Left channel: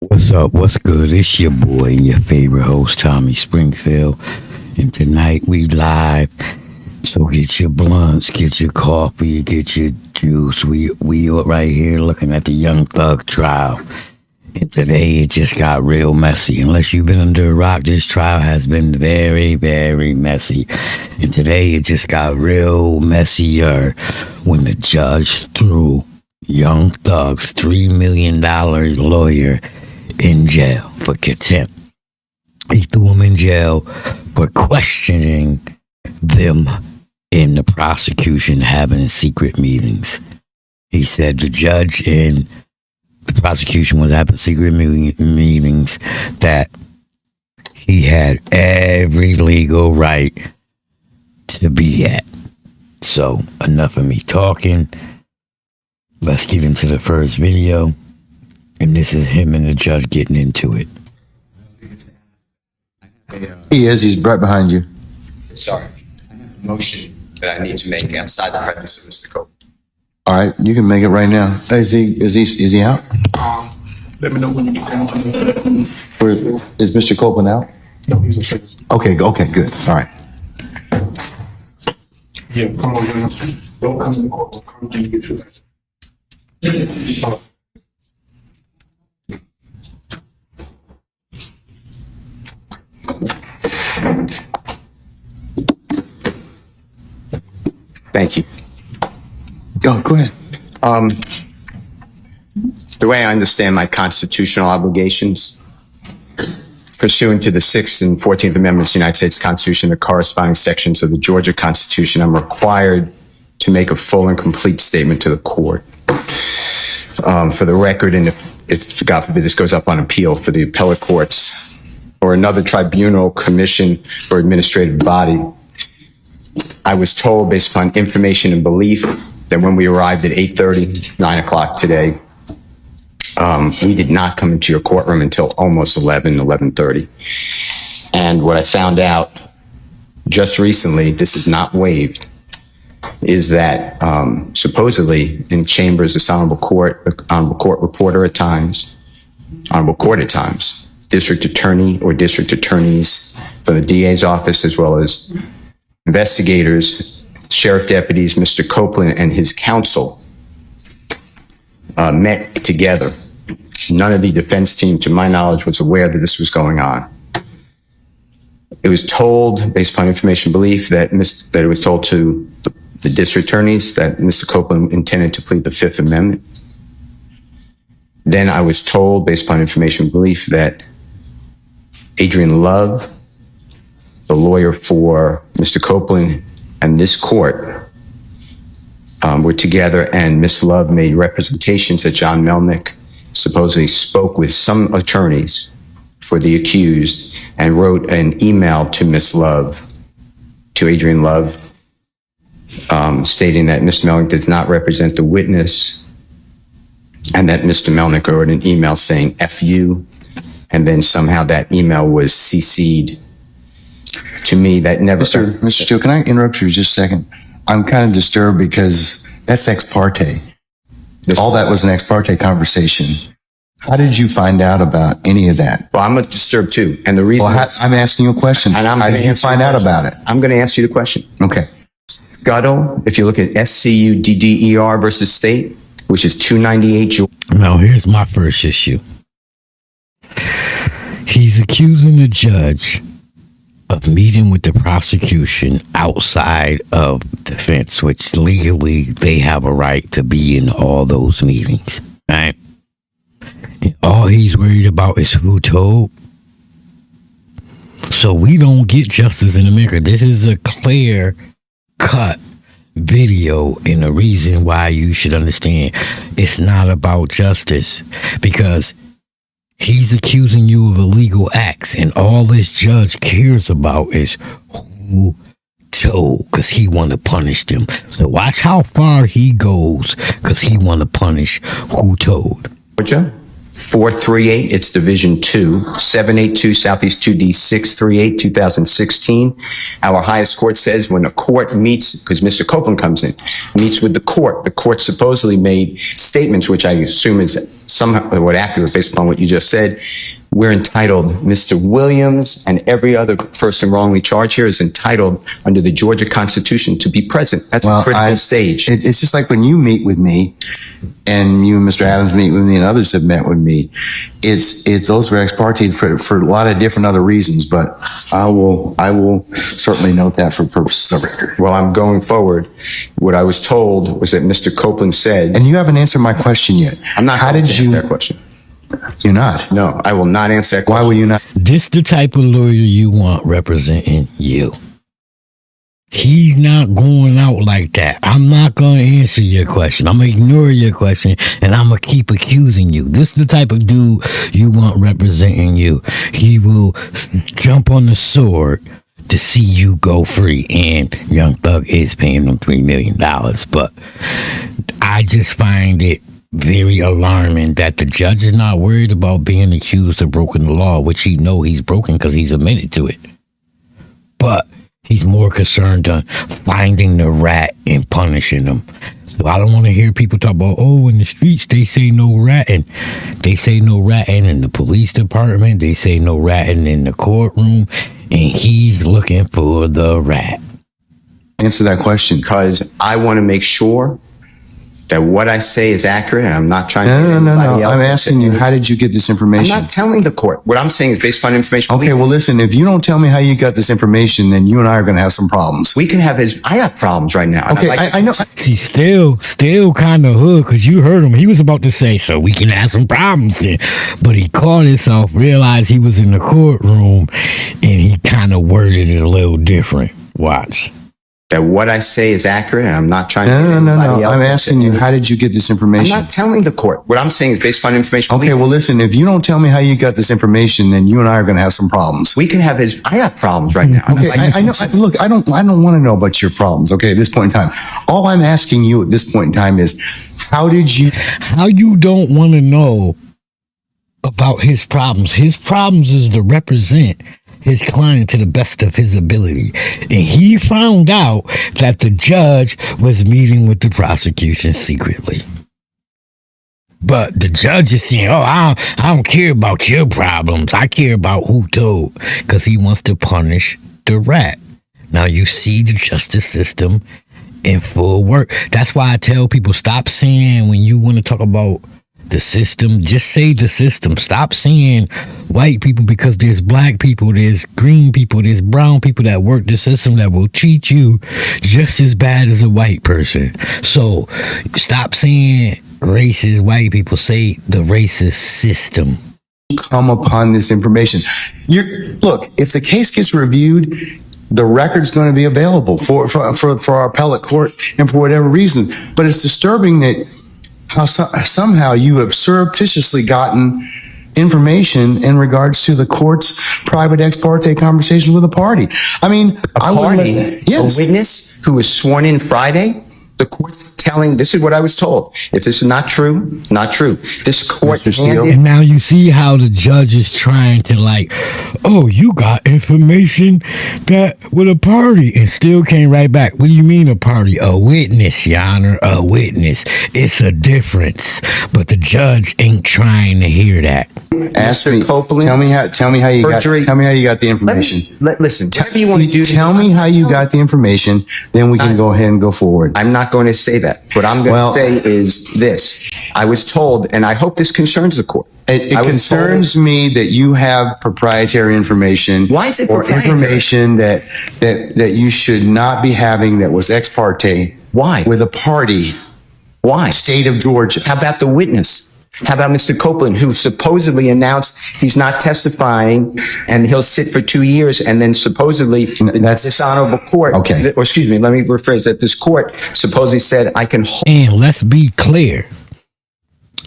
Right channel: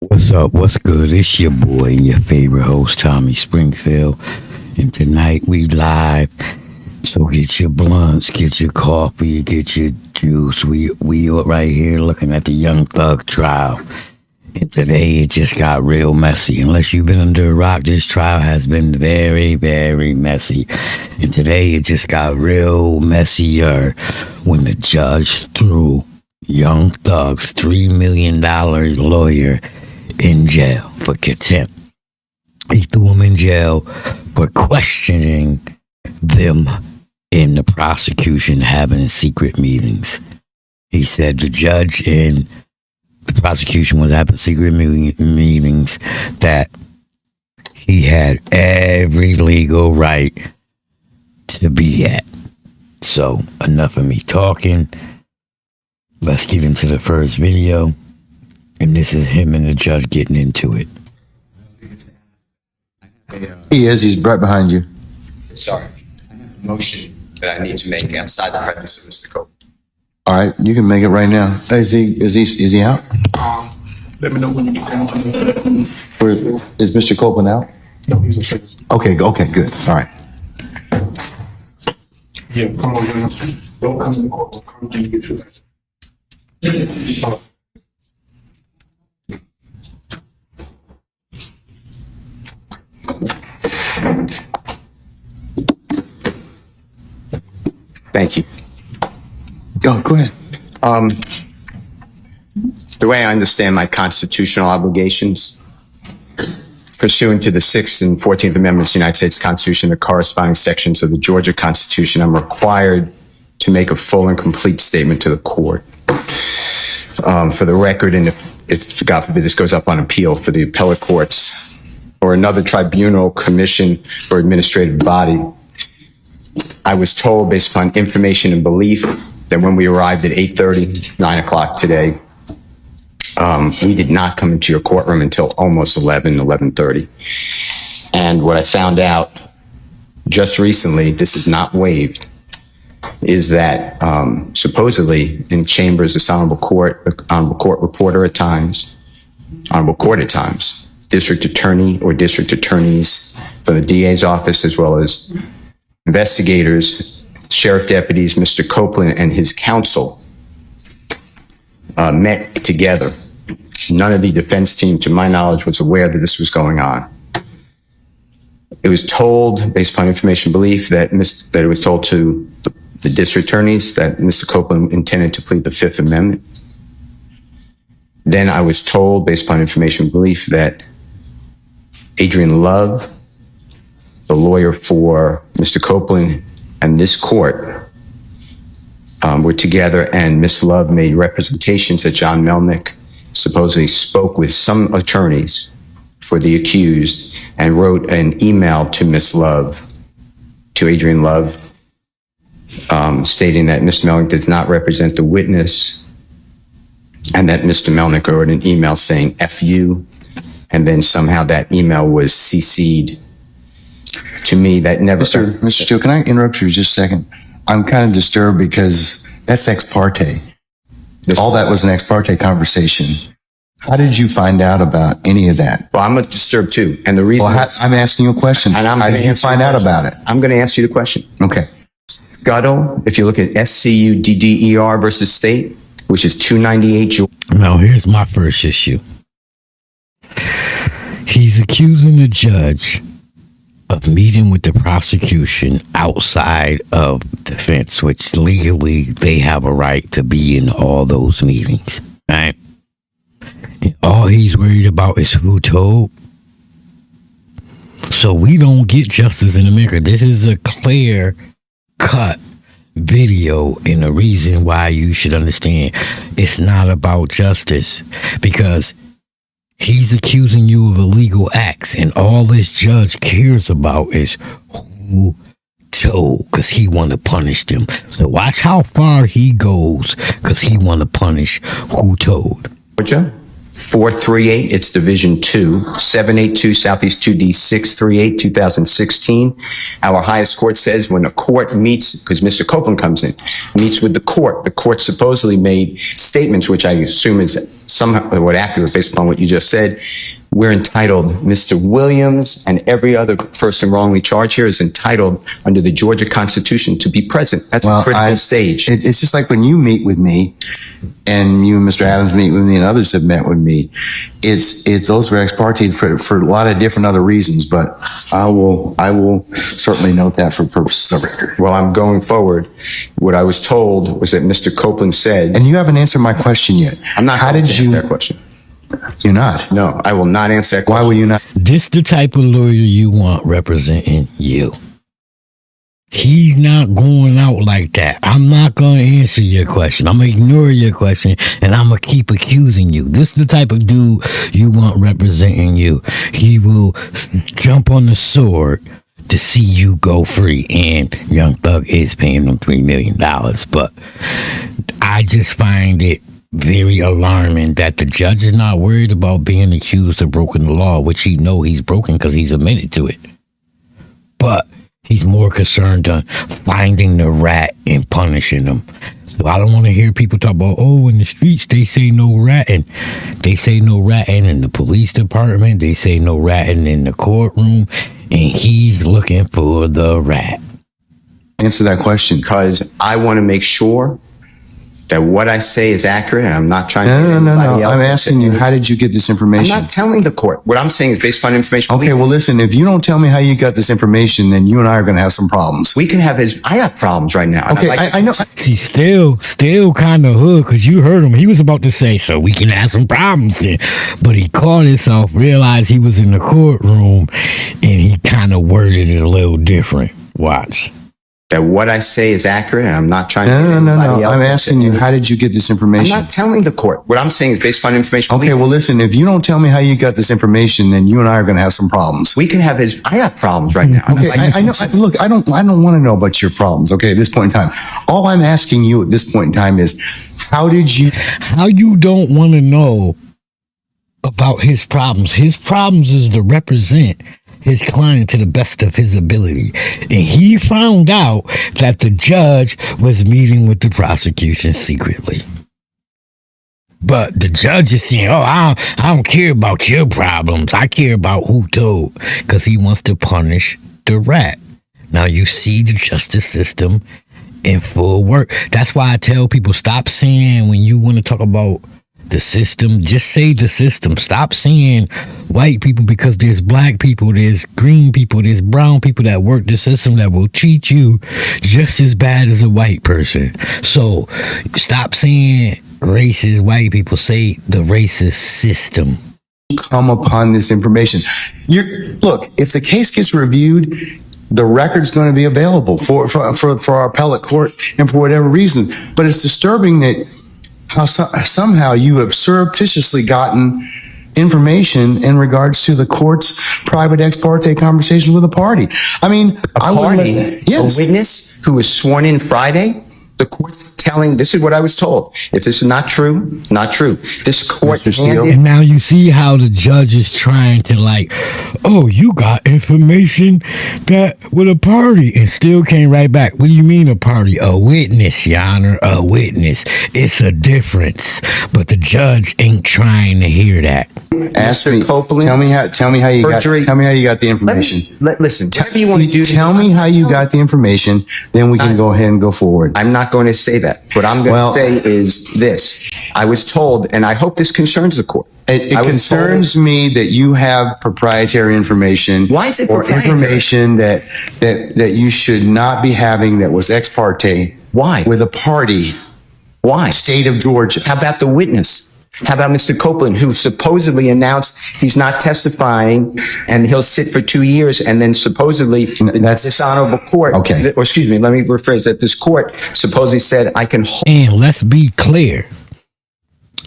What's up? What's good? It's your boy and your favorite host, Tommy Springfield. And tonight we live. So get your blunts, get your coffee, get your juice. We are right here looking at the Young Thug trial. And today it just got real messy. Unless you've been under a rock, this trial has been very, very messy. And today it just got real messier when the judge threw Young Thug's $3 million lawyer in jail for contempt. He threw him in jail for questioning them in the prosecution having secret meetings. He said the judge and the prosecution was having secret meetings that he had every legal right to be at. So enough of me talking. Let's get into the first video. And this is him and the judge getting into it. He is. He's right behind you. Sorry. Motion that I need to make outside the presence of Mr. Cope. All right, you can make it right now. Is he out? Let me know when you get down. Is Mr. Copeland out? No, he's a face. Okay, good. All right. Yeah, come on, man. Don't come in the court. Come and get your license. Thank you. Go ahead. The way I understand my constitutional obligations, pursuant to the 6th and 14th Amendments of the United States Constitution, the corresponding sections of the Georgia Constitution, I'm required to make a full and complete statement to the court. For the record, and if God forbid this goes up on appeal for the appellate courts or another tribunal, commission, or administrative body, I was told, based upon information and belief, that when we arrived at 8:30, 9 o'clock today, we did not come into your courtroom until almost 11:30. And what I found out just recently, this is not waived, is that supposedly in chambers, this honorable court reporter at times, honorable court at times, district attorney or district attorneys from the DA's office, as well as investigators, sheriff deputies, Mr. Copeland and his counsel met together. None of the defense team, to my knowledge, was aware that this was going on. It was told, based upon information belief, that it was told to the district attorneys that Mr. Copeland intended to plead the Fifth Amendment. Then I was told, based upon information belief, that Adrian Love, the lawyer for Mr. Copeland and this court, were together, and Miss Love made representations that John Melnick supposedly spoke with some attorneys for the accused and wrote an email to Miss Love, to Adrian Love, stating that Mr. Melnick does not represent the witness, and that Mr. Melnick wrote an email saying F you, and then somehow that email was CC'd to me. That never. Mr. Steele, can I interrupt you just a second? I'm kind of disturbed because that's ex parte. All that was an ex parte conversation. How did you find out about any of that? Well, I'm disturbed too. And the reason I'm asking you a question. And how did you find out about it? I'm going to answer you the question. Okay. Gutto, if you look at SCUDDER versus state, which is 298. Now, here's my first issue. He's accusing the judge of meeting with the prosecution outside of defense, which legally they have a right to be in all those meetings, right? And all he's worried about is who told. So we don't get justice in America. This is a clear cut video, and the reason why you should understand it's not about justice, because he's accusing you of illegal acts, and all this judge cares about is who told, because he want to punish them. So watch how far he goes, because he want to punish who told. Georgia, 438, it's Division 2, 782 Southeast 2D 638, 2016. Our highest court says when a court meets, because Mr. Copeland comes in, meets with the court supposedly made statements, which I assume is somewhat accurate based upon what you just said. We're entitled, Mr. Williams and every other person wrongly charged here is entitled under the Georgia Constitution to be present. That's a critical stage. It's just like when you meet with me, and you and Mr. Adams meet with me, and others have met with me. It's those are ex parte for a lot of different other reasons, but I will certainly note that for purposes of record. Well, I'm going forward. What I was told was that Mr. Copeland said, And you haven't answered my question yet. I'm not going to answer that question. You're not. No, I will not answer that question. Why will you not? This the type of lawyer you want representing you. He's not going out like that. I'm not going to answer your question. I'm going to ignore your question, and I'm going to keep accusing you. This is the type of dude you want representing you. He will jump on the sword to see you go free, and Young Thug is paying him $3 million. But I just find it very alarming that the judge is not worried about being accused of breaking the law, which he know he's broken because he's admitted to it. But he's more concerned on finding the rat and punishing them. So I don't want to hear people talk about, oh, in the streets, they say no ratting. They say no ratting in the police department. They say no ratting in the courtroom. And he's looking for the rat. Answer that question. Because I want to make sure that what I say is accurate, and I'm not trying to... No. I'm asking you, how did you get this information? I'm not telling the court. What I'm saying is based upon information. Okay, well, listen, if you don't tell me how you got this information, then you and I are going to have some problems. We can have I got problems right now. Okay, I know. See, still kind of hood, because you heard him. He was about to say, so we can have some problems then. But he caught himself, realized he was in the courtroom, and he kind of worded it a little different. Watch. That what I say is accurate, and I'm not trying to... No. I'm asking you, how did you get this information? I'm not telling the court. What I'm saying is based upon information. Okay, well, listen, if you don't tell me how you got this information, then you and I are going to have some problems. We can have I got problems right now. Okay, I know. Look, I don't want to know about your problems. Okay, at this point in time, all I'm asking you at this point in time is, how you don't want to know about his problems? His problems is to represent his client to the best of his ability. And he found out that the judge was meeting with the prosecution secretly. But the judge is saying, oh, I don't care about your problems. I care about who told, because he wants to punish the rat. Now you see the justice system in full work. That's why I tell people, stop saying when you want to talk about the system, just say the system. Stop saying white people, because there's black people, there's green people, there's brown people that work the system that will treat you just as bad as a white person. So stop saying racist white people, say the racist system. Come upon this information. Look, if the case gets reviewed, the record's going to be available for our appellate court and for whatever reason. But it's disturbing that somehow you have surreptitiously gotten information in regards to the court's private ex parte conversation with a party. I mean, a witness who was sworn in Friday. The court's telling, this is what I was told. If this is not true, not true. This court is... And now you see how the judge is trying to oh, you got information that with a party, and still came right back. What do you mean a party? A witness, Your Honor, a witness. It's a difference. But the judge ain't trying to hear that. Ask me, Copeland, tell me how you got the information. Listen, whatever you want to do. Tell me how you got the information, then we can go ahead and go forward. I'm not going to say that. What I'm going to say is this. I was told, and I hope this concerns the court. It concerns me that you have proprietary information. Why is it proprietary? Or information that you should not be having that was ex parte. Why? With a party. Why? State of Georgia. How about the witness? How about Mr. Copeland, who supposedly announced he's not testifying and he'll sit for 2 years, and then supposedly that's this honorable court, okay. Or excuse me, let me rephrase that. This court supposedly said I can hold. And let's be clear.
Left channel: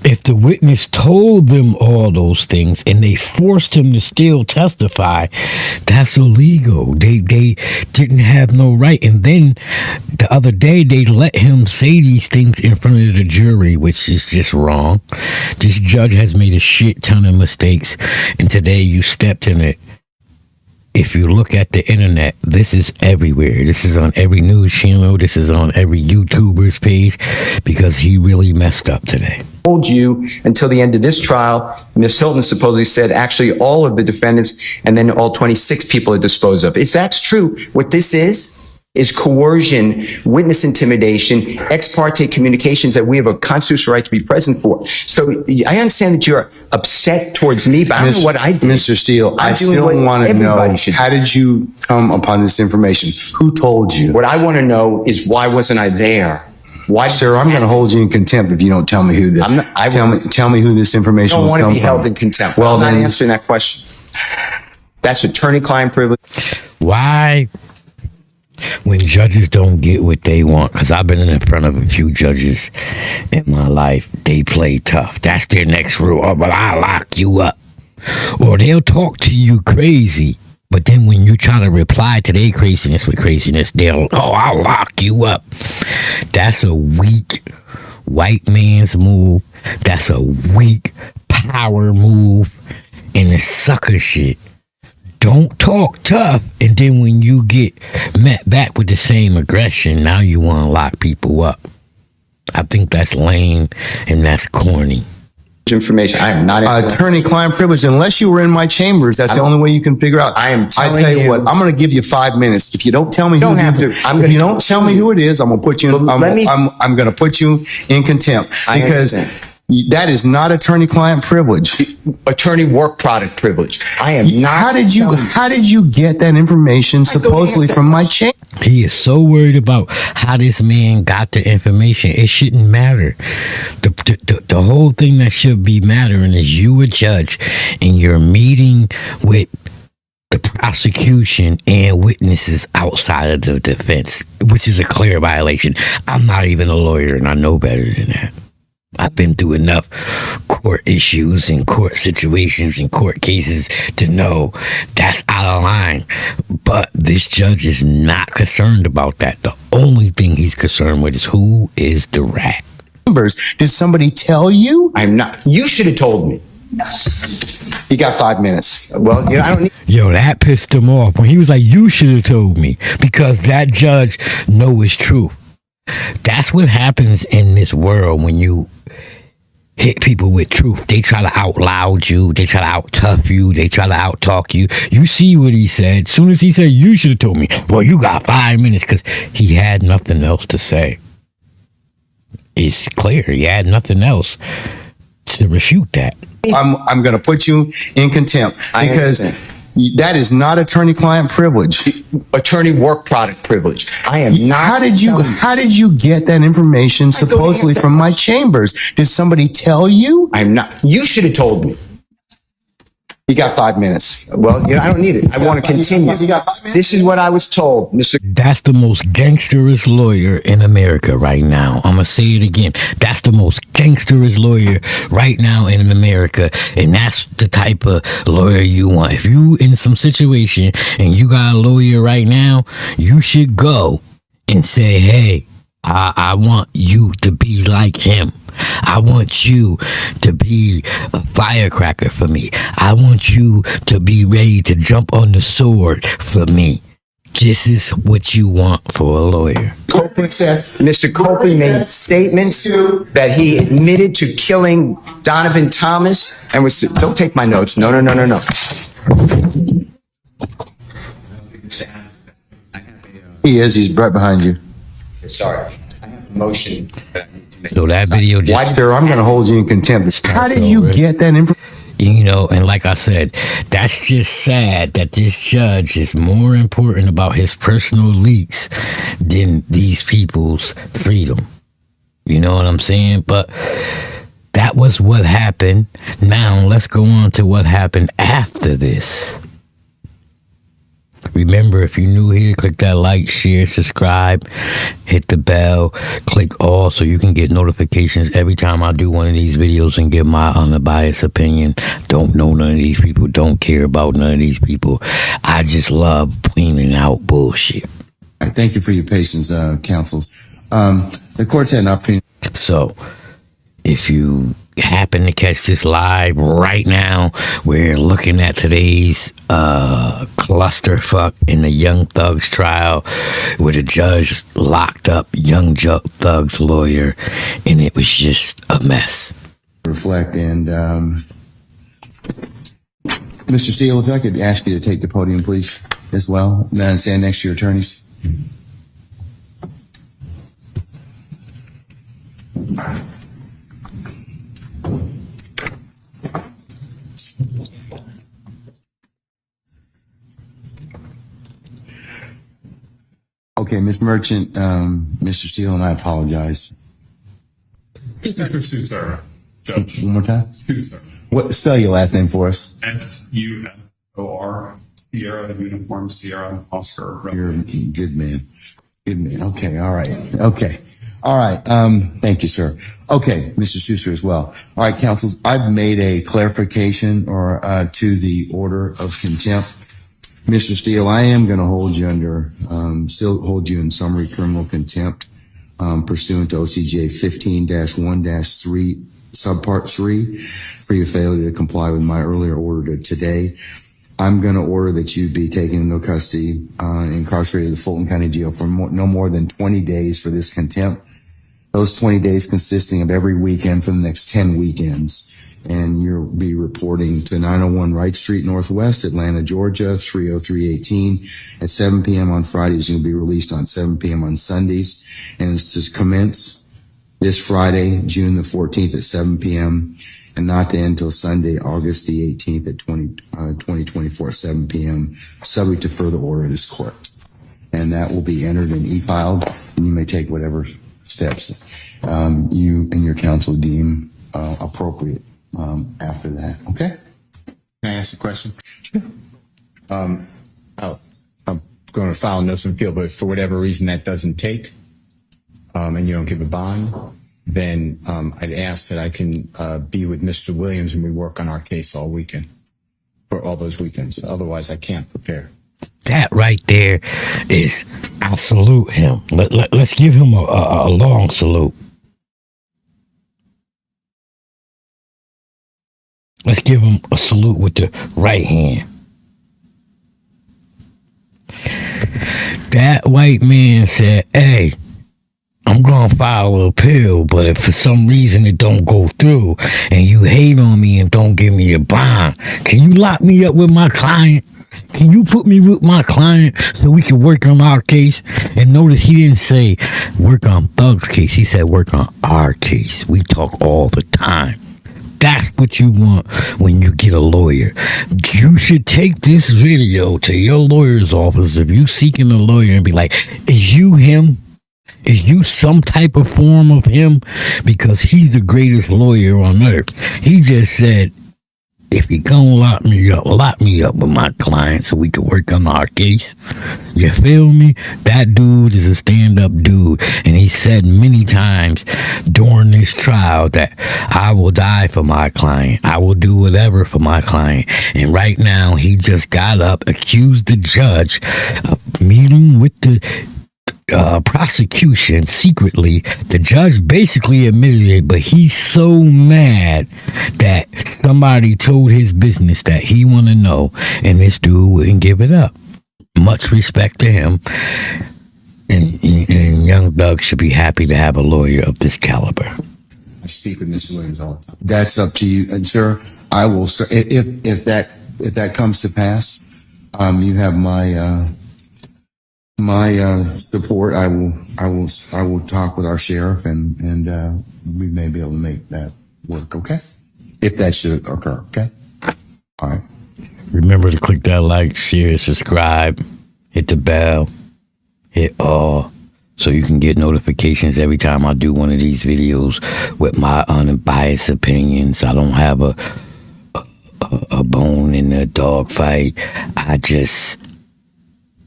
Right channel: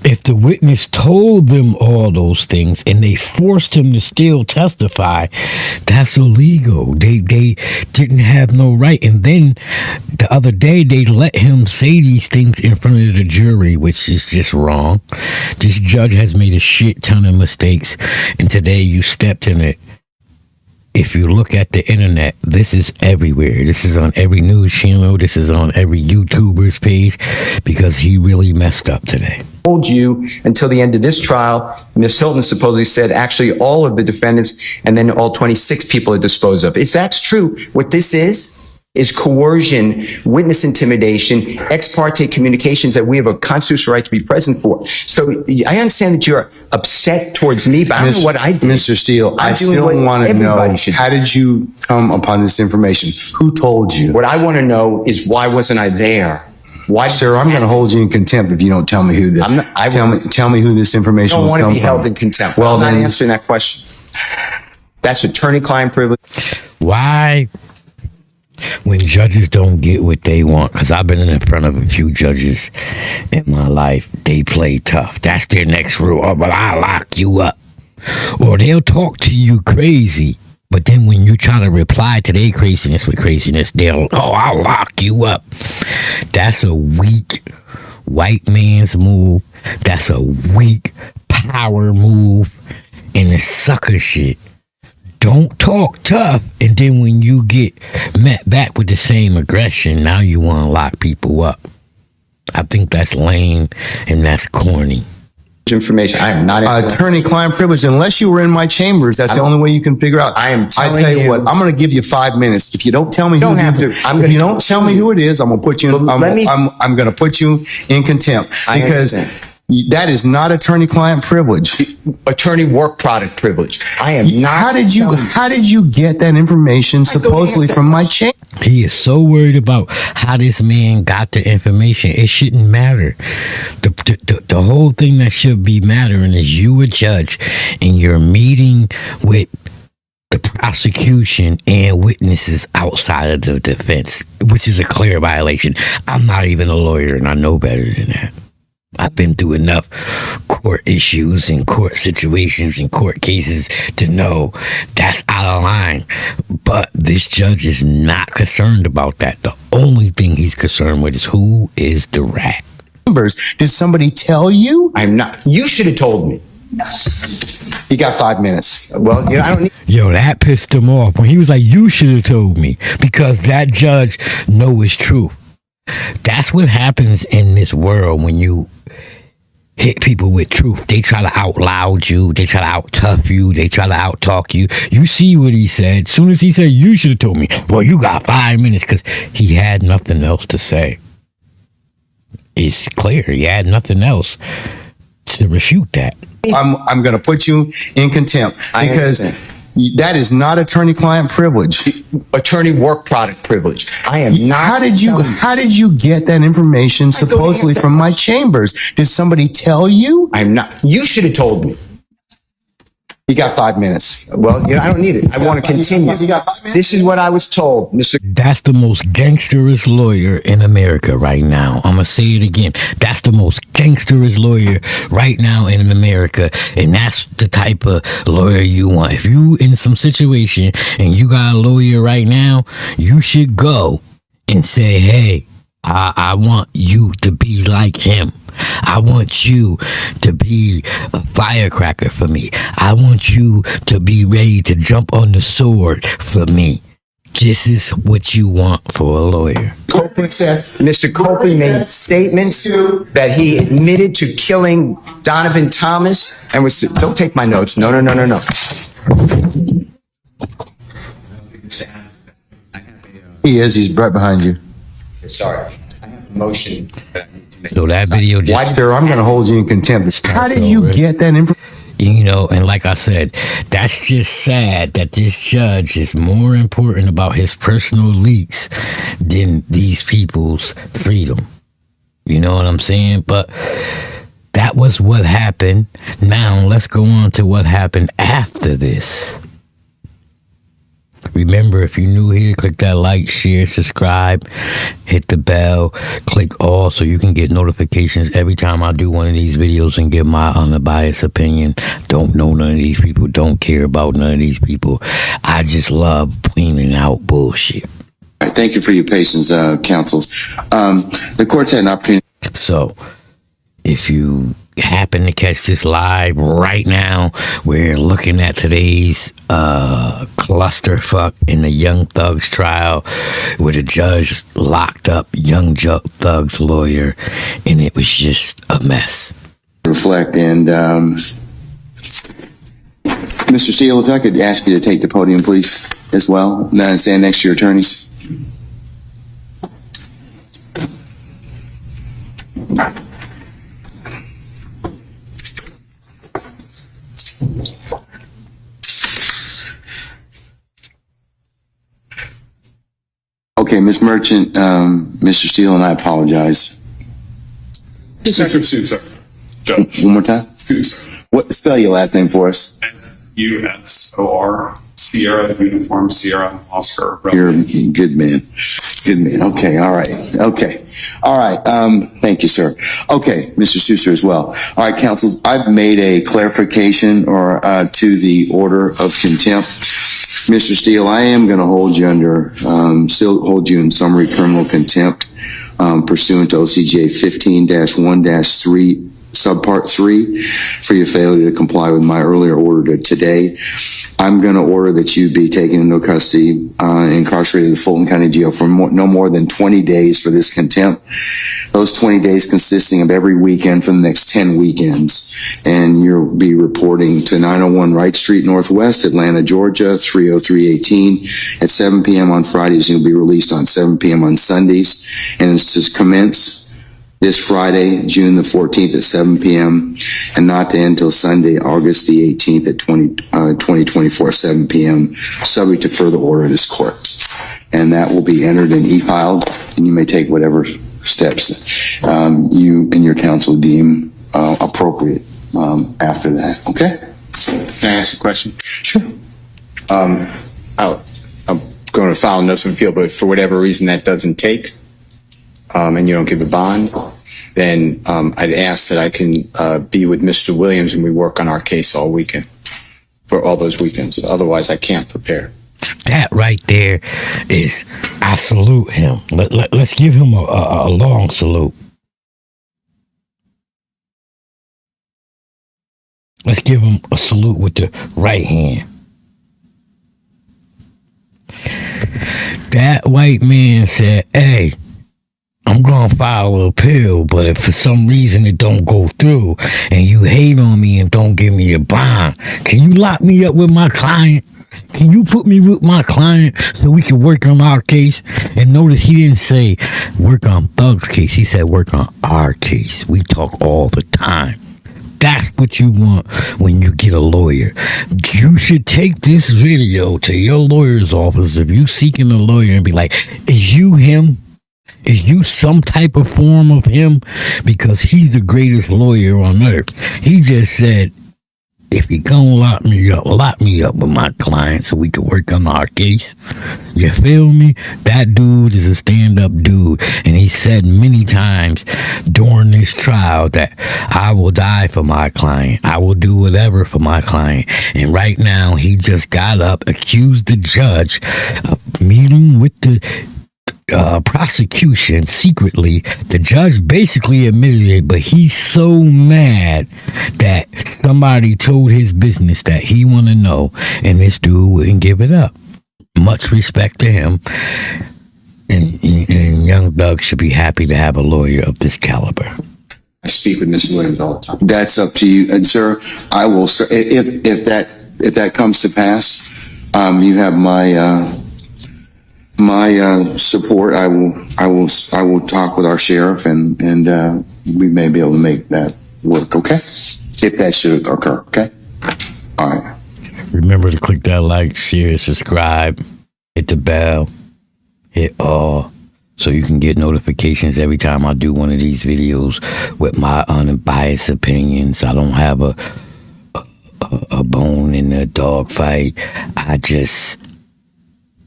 If the witness told them all those things and they forced him to still testify, that's illegal. They didn't have no right. And then the other day they let him say these things in front of the jury, which is just wrong. This judge has made a shit ton of mistakes, and today you stepped in it. If you look at the internet, this is everywhere. This is on every news channel. This is on every YouTuber's page, because he really messed up today. Hold you until the end of this trial. Ms. Hilton supposedly said actually all of the defendants and then all 26 people are disposed of. If that's true, what this is coercion, witness intimidation, ex parte communications that we have a constitutional right to be present for. So I understand that you're upset towards me, but I don't know what I did. Mr. Steele, I still want to know, how did you come upon this information? Who told you? What I want to know is, why wasn't I there? Why, sir? I'm going to hold you in contempt if you don't tell me who this. Tell me who this information was. I don't want to be held in contempt. Well, I'm not answering that question. That's attorney-client privilege. Why? When judges don't get what they want, because I've been in front of a few judges in my life, they play tough. That's their next rule. Oh, but I'll lock you up. Or they'll talk to you crazy, but then when you try to reply to their craziness with craziness, I'll lock you up. That's a weak white man's move. That's a weak power move, and it's sucker shit. Don't talk tough, and then when you get met back with the same aggression, now you want to lock people up. I think that's lame and that's corny. Information. I am not attorney-client privilege. Unless you were in my chambers, that's the only way you can figure out. I tell you what, I'm going to give you 5 minutes. If you don't tell me who it is, I'm going to put you in, I'm going to put you in contempt, because that is not attorney-client privilege. Attorney work product privilege. I am not. How did you get that information supposedly from my chamber? He is so worried about how this man got the information. It shouldn't matter. The whole thing that should be mattering is you a judge and you're meeting with the prosecution and witnesses outside of the defense, which is a clear violation. I'm not even a lawyer, and I know better than that. I've been through enough court issues and court situations and court cases to know that's out of line. But this judge is not concerned about that. The only thing he's concerned with is who is the rat. Did somebody tell you? I'm not. You should have told me. You got 5 minutes. Well, I don't need. Yo, that pissed him off when he was like, you should have told me, because that judge knows it's true. That's what happens in this world when you hit people with truth. They try to out-loud you. They try to out-tough you. They try to out-talk you. You see what he said. As soon as he said, you should have told me. Well, you got 5 minutes, because he had nothing else to say. It's clear. He had nothing else to refute that. I'm going to put you in contempt, because that is not attorney-client privilege. Attorney work product privilege. I am not. How did you get that information supposedly from my chambers? Did somebody tell you? I'm not. You should have told me. You got 5 minutes. Well, I don't need it. I want to continue. You got 5 minutes? This is what I was told, Mr. That's the most gangsterous lawyer in America right now. I'm going to say it again. That's the most gangsterous lawyer right now in America. And that's the type of lawyer you want. If you in some situation and you got a lawyer right now, you should go and say, hey, I want you to be like him. I want you to be a firecracker for me. I want you to be ready to jump on the sword for me. This is what you want for a lawyer. Copeland said, Mr. Copeland made statements that he admitted to killing Donovan Thomas and was, don't take my notes. No. He's right behind you. Sorry. I have a motion. So that video just... Sir, I'm going to hold you in contempt. How did you get that information? And like I said, that's just sad that this judge is more important about his personal leaks than these people's freedom. You know what I'm saying? But that was what happened. Now let's go on to what happened after this. Remember, if you're new here, click that like, share, subscribe, hit the bell, click all so you can get notifications every time I do one of these videos and give my unbiased opinion. Don't know none of these people, don't care about none of these people. I just love cleaning out bullshit. All right, thank you for your patience, counsels. The court's had an opportunity. So, if you happen to catch this live right now, we're looking at today's clusterfuck in the Young Thug's trial, where the judge locked up Young Thug's lawyer, and it was just a mess. Reflect, and Mr. Steele, if I could ask you to take the podium, please, as well, and stand next to your attorneys. Okay, Ms. Merchant, Mr. Steele, and I apologize. Sue, sir. Judge. One more time. Sue, sir. What, spell your last name for us? SUSOR. Sierra, Uniform, Sierra, Oscar. You're a good man. Good man. Okay. All right. Okay. All right. Thank you, sir. Okay. Mr. Sousa as well. All right, counsel, I've made a clarification or to the order of contempt. Mr. Steele, I am going to hold you still hold you in summary criminal contempt, pursuant to OCJ 15-1-3, subpart 3, for your failure to comply with my earlier order today. I'm going to order that you be taken into custody, incarcerated in the Fulton County Jail for no more than 20 days for this contempt. Those 20 days consisting of every weekend for the next 10 weekends. And you'll be reporting to 901 Wright Street Northwest, Atlanta, Georgia, 30318 at 7 p.m. on Fridays. You'll be released on 7 p.m. on Sundays. And it's to commence this Friday, June the 14th at 7 p.m. and not to end until Sunday, August the 18th at 2024 at 7 p.m., subject to further order of this court. And that will be entered and e-filed, and you may take whatever steps you and your counsel deem appropriate after that. Okay? Can I ask a question? Sure. I'm going to file a notice of appeal, but for whatever reason that doesn't take, and you don't give a bond, then I'd ask that I can be with Mr. Williams and we work on our case all weekend, for all those weekends. Otherwise, I can't prepare. That right there is, I salute him. Let's give him a long salute. Let's give him a salute with the right hand. That white man said, hey, I'm going to file an appeal, but if for some reason it don't go through and you hate on me and don't give me a bond, can you lock me up with my client? Can you put me with my client so we can work on our case? And notice he didn't say work on Thug's case. He said work on our case. We talk all the time. That's what you want when you get a lawyer. You should take this video to your lawyer's office if you seeking a lawyer and be like, is you him? Is you some type of form of him? Because he's the greatest lawyer on earth. He just said, if you gonna lock me up with my client so we can work on our case. You feel me? That dude is a stand-up dude. And he said many times during this trial that I will die for my client. I will do whatever for my client. And right now, he just got up, accused the judge of meeting with the prosecution secretly. The judge basically admitted it, but he's so mad that somebody told his business that he want to know, and this dude wouldn't give it up. Much respect to him, and Young Thug should be happy to have a lawyer of this caliber. I speak with Mr. Williams all the time. That's up to you. And sir, I will, if that comes to pass, you have my support. I will talk with our sheriff and we may be able to make that work. Okay. If that should occur. Okay. All right. Remember to click that like, share, subscribe, hit the bell, hit all, so you can get notifications every time I do one of these videos with my unbiased opinions. I don't have a bone in the dog fight. I just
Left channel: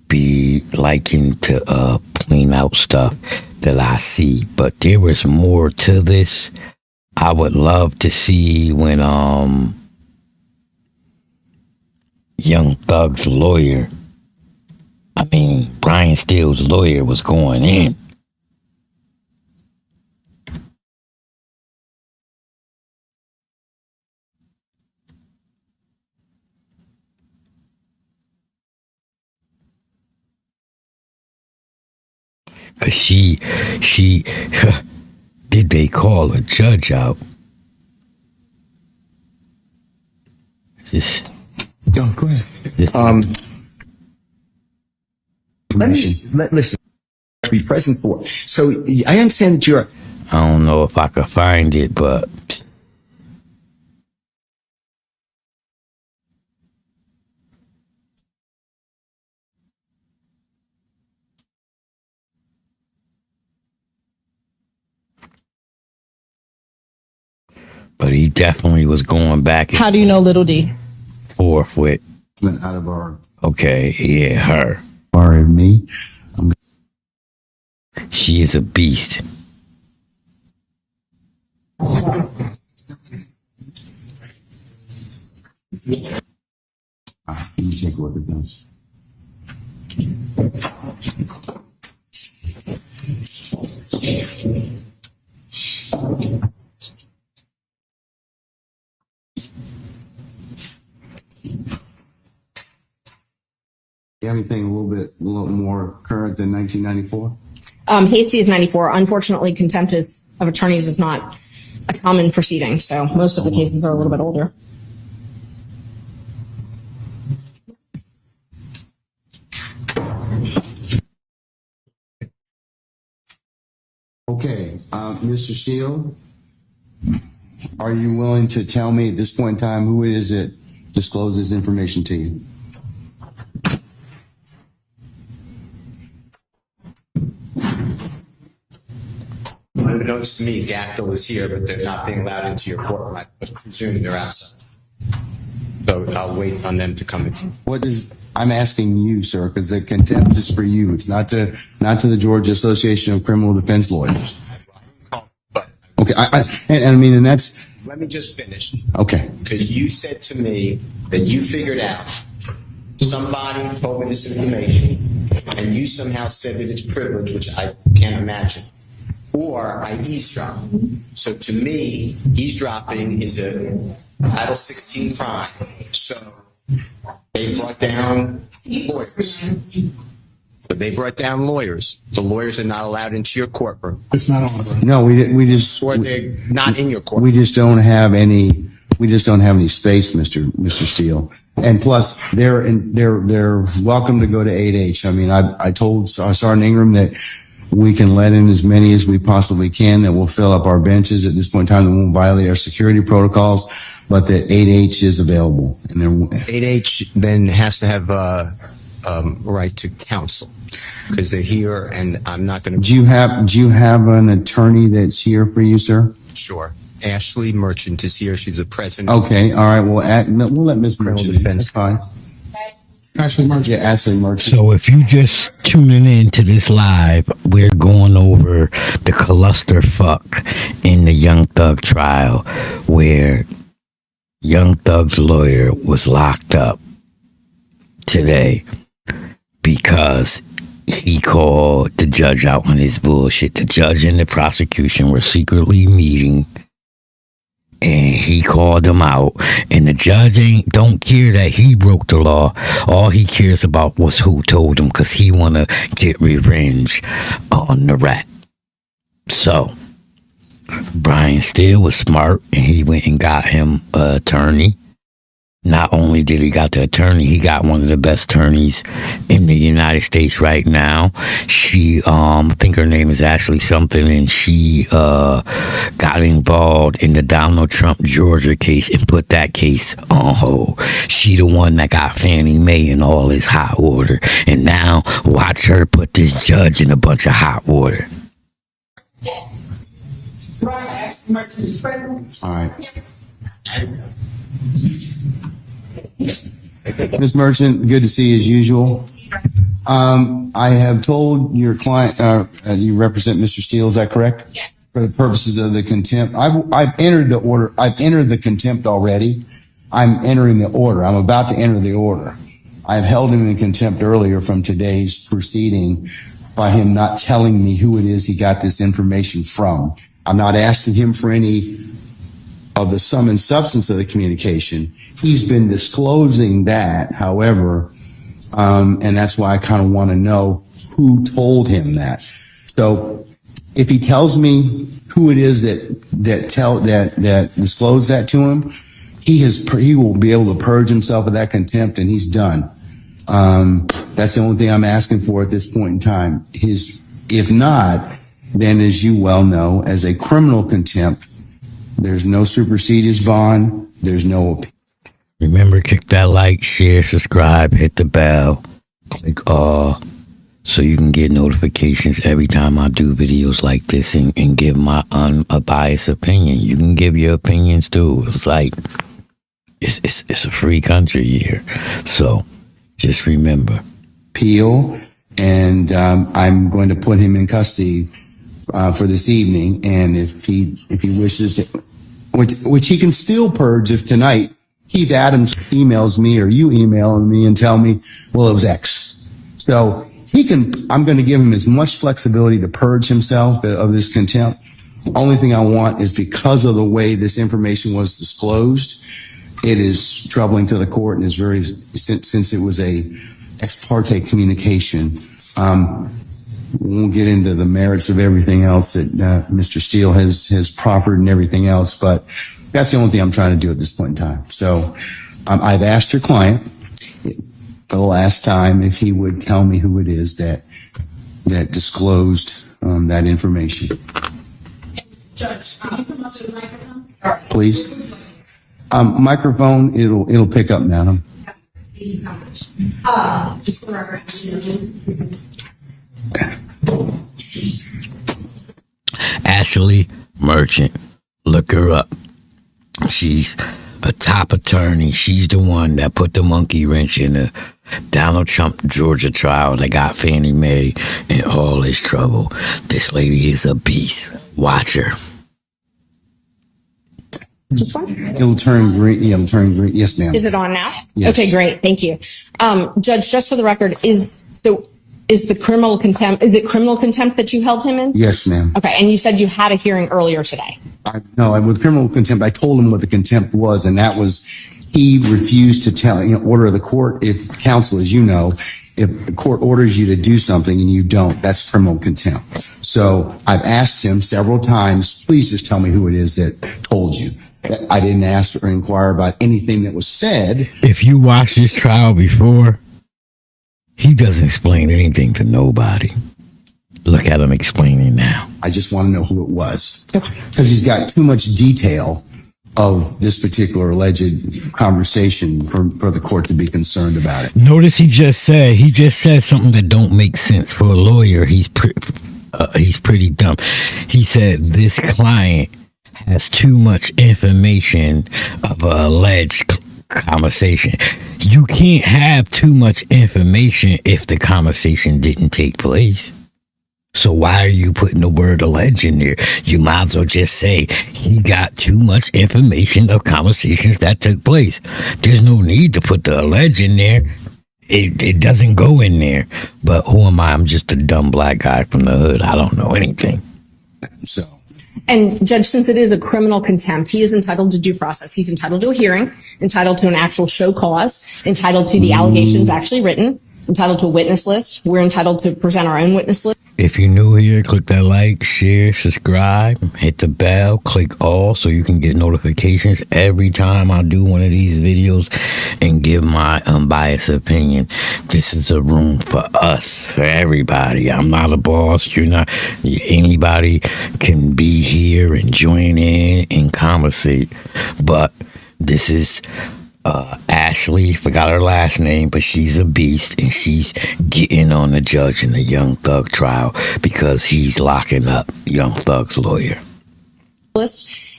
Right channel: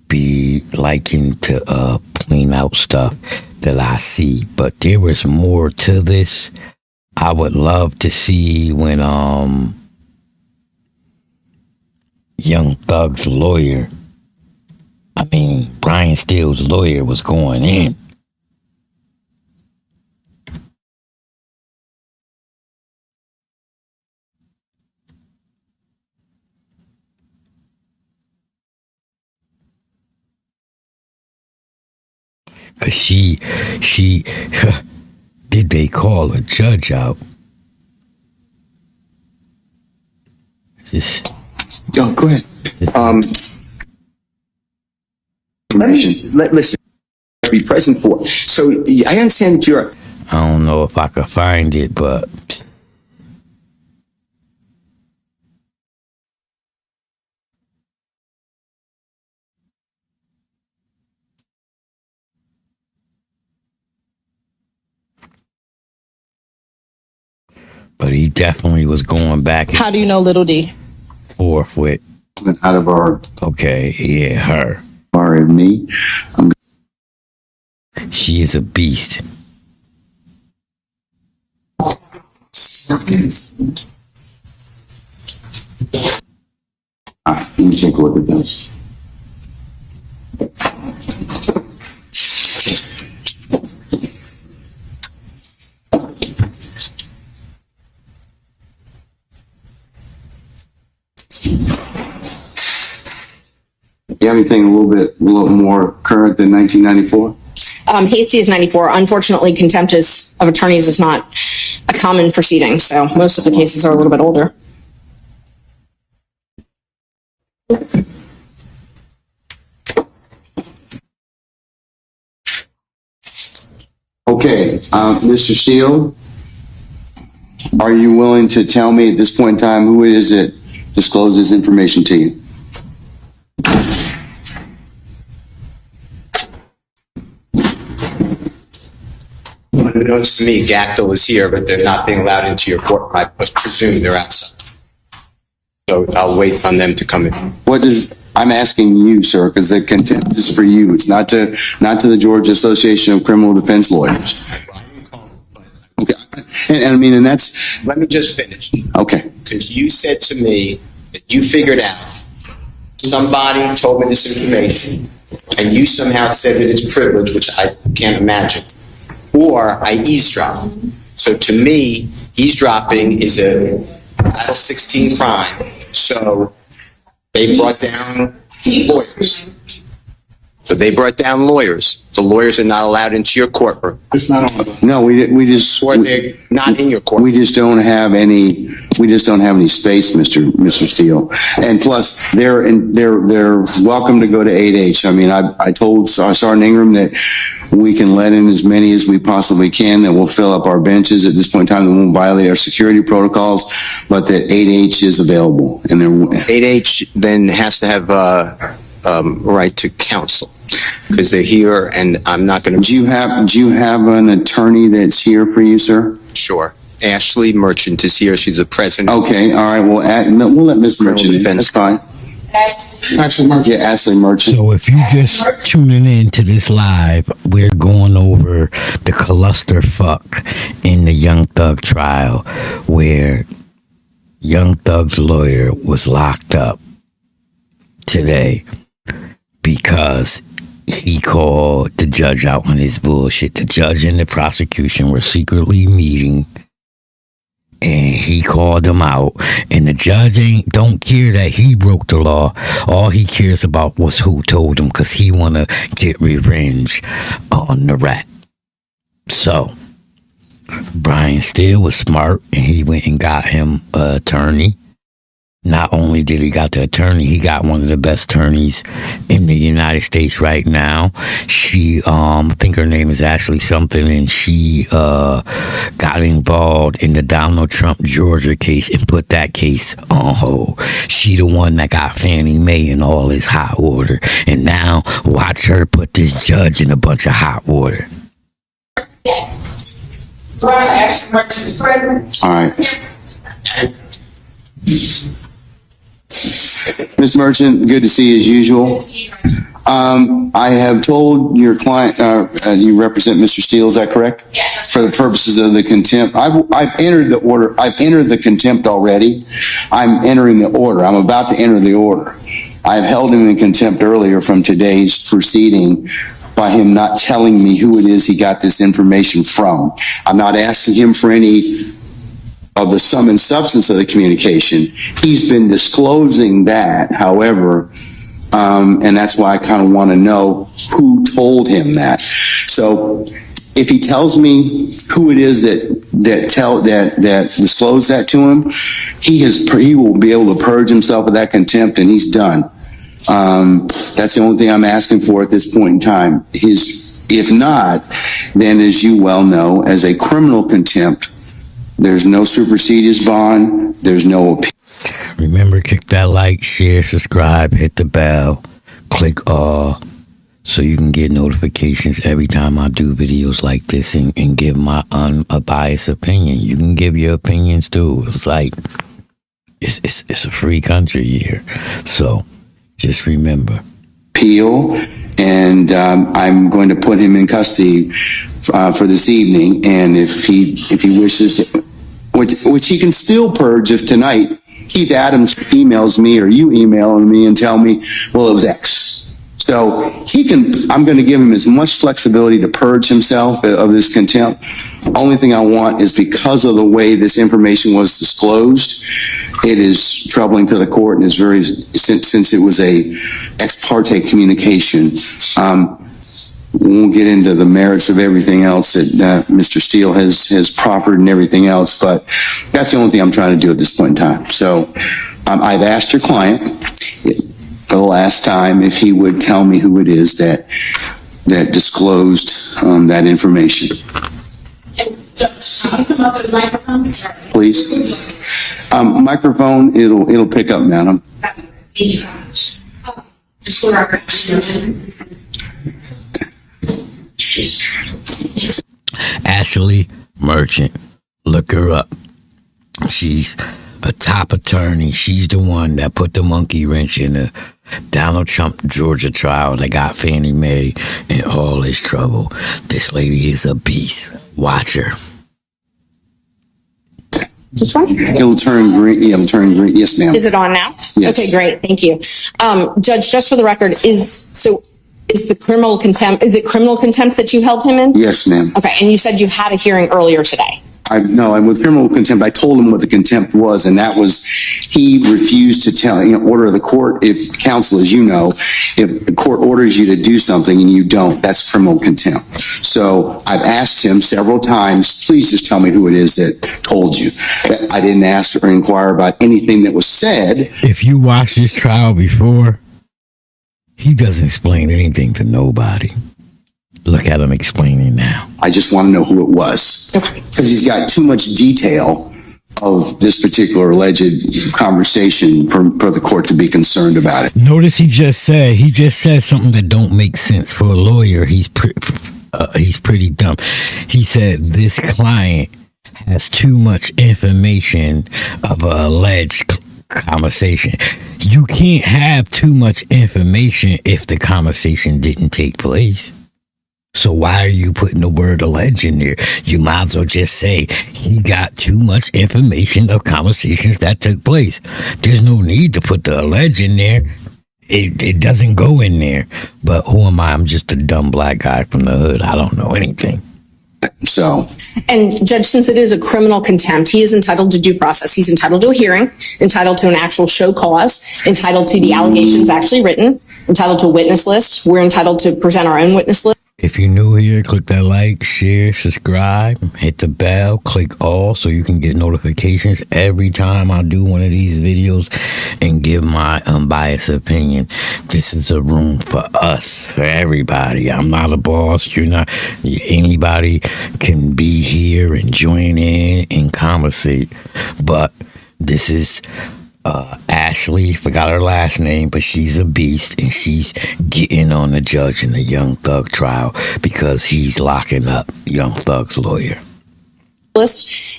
be liking to point out stuff that I see, but there was more to this. I would love to see when Young Thug's lawyer, Brian Steele's lawyer, was going in. Cause she did they call a judge out? Just Go ahead. Listen, be present for. So I understand that you're. I don't know if I could find it, but he definitely was going back and How do you know Little D? forth with. Out of our Okay, yeah, her. bar and me. She is a beast. Let me take a look at this. You have anything a little more current than 1994? Hasty is 94. Unfortunately, contempt of attorneys is not a common proceeding, so most of the cases are a little bit older. Okay, Mr. Steele, are you willing to tell me at this point in time who it is that disclosed this information to you? Unbeknownst to me, Gactyl is here, but they're not being allowed into your court. I presume they're outside. So I'll wait on them to come in. I'm asking you, sir, because the contempt is for you. It's not to the Georgia Association of Criminal Defense Lawyers. Okay, and that's. Let me just finish. Okay. Because you said to me that you figured out somebody told me this information, and you somehow said that it's privilege, which I can't imagine, or I eavesdrop. So to me, eavesdropping is a Title 16 crime. So they brought down lawyers. The lawyers are not allowed into your courtroom. It's not on. No, we just. Or they're not in your courtroom. We just don't have any space, Mr. Steele. And plus, they're welcome to go to 8H. I told Sergeant Ingram that we can let in as many as we possibly can, that we'll fill up our benches at this point in time, that won't violate our security protocols, but that 8H is available. And 8H then has to have right to counsel because they're here, and I'm not going to. Do you have an attorney that's here for you, sir? Sure. Ashley Merchant is here. She's the president. Okay. All right. We'll let Ms. Merchant in. That's fine. Ashley Merchant. Yeah, Ashley Merchant. So if you just tuning in to this live, we're going over the clusterfuck in the Young Thug trial, where Young Thug's lawyer was locked up today because he called the judge out on his bullshit. The judge and the prosecution were secretly meeting, and he called them out. And the judge don't care that he broke the law. All he cares about was who told him, because he want to get revenge on the rat. So Brian Steele was smart, and he went and got him an attorney. Not only did he got the attorney, he got one of the best attorneys in the United States right now. She, I think her name is Ashley something, and she got involved in the Donald Trump Georgia case and put that case on hold. She the one that got Fannie Mae in all this hot water, and now watch her put this judge in a bunch of hot water. All right. Ms. Merchant, good to see you as usual. I have told your client, you represent Mr. Steele, is that correct? Yes. For the purposes of the contempt, I've entered the order. I've entered the contempt already. I'm entering the order. I'm about to enter the order. I've held him in contempt earlier from today's proceeding by him not telling me who it is he got this information from. I'm not asking him for any of the sum and substance of the communication. He's been disclosing that, however, and that's why I kind of want to know who told him that. So if he tells me who it is that disclosed that to him, he will be able to purge himself of that contempt, and he's done. That's the only thing I'm asking for at this point in time. If not, then as you well know, as a criminal contempt, there's no supersedious bond, there's no appeal. Remember, click that like, share, subscribe, hit the bell, click all, so you can get notifications every time I do videos like this and give my unbiased opinion. You can give your opinions too. It's like, it's a free country here. So just remember. Appeal, and I'm going to put him in custody for this evening. And if he wishes, which he can still purge if tonight Keith Adams emails me or you email me and tell me, well, it was X. So I'm going to give him as much flexibility to purge himself of this contempt. Only thing I want is, because of the way this information was disclosed, it is troubling to the court, and is very, since it was a ex parte communication. We won't get into the merits of everything else that Mr. Steele has proffered and everything else, but that's the only thing I'm trying to do at this point in time. So I've asked your client for the last time if he would tell me who it is that disclosed that information. Judge, can you come up with the microphone? Sorry. Please. Microphone, it'll pick up, madam. Thank you so much. Just for our Ashley Merchant, look her up. She's a top attorney. She's the one that put the monkey wrench in the Donald Trump Georgia trial that got Fannie Mae in all his trouble. This lady is a beast. Watch her. Which one? It'll turn green. Yeah, it'll turn green. Yes, ma'am. Is it on now? Yes. Okay, great. Thank you. Judge, just for the record, is the criminal contempt, is it criminal contempt that you held him in? Yes, ma'am. Okay, and you said you had a hearing earlier today. I'm with criminal contempt. I told him what the contempt was, and that was he refused to tell, order of the court. If counsel, as you know, if the court orders you to do something and you don't, that's criminal contempt. So I've asked him several times, please just tell me who it is that told you. I didn't ask or inquire about anything that was said. If you watched this trial before, he doesn't explain anything to nobody. Look at him explaining now. I just want to know who it was. Okay. Because he's got too much detail of this particular alleged conversation for the court to be concerned about it. Notice he just said something that don't make sense. For a lawyer, he's pretty dumb. He said this client has too much information of an alleged conversation. You can't have too much information if the conversation didn't take place. So why are you putting the word alleged in there? You might as well just say he got too much information of conversations that took place. There's no need to put the alleged in there. It doesn't go in there. But who am I? I'm just a dumb black guy from the hood. I don't know anything. So, And Judge, since it is a criminal contempt, he is entitled to due process. He's entitled to a hearing, entitled to an actual show cause, entitled to the allegations actually written, entitled to a witness list. We're entitled to present our own witness list. If you're new here, click that like, share, subscribe, hit the bell, click all so you can get notifications every time I do one of these videos and give my unbiased opinion. This is a room for us, for everybody. I'm not a boss. You're not. Anybody can be here and join in and conversate. But this is Ashley, forgot her last name, but she's a beast, and she's getting on the judge in the Young Thug trial because he's locking up Young Thug's lawyer. List,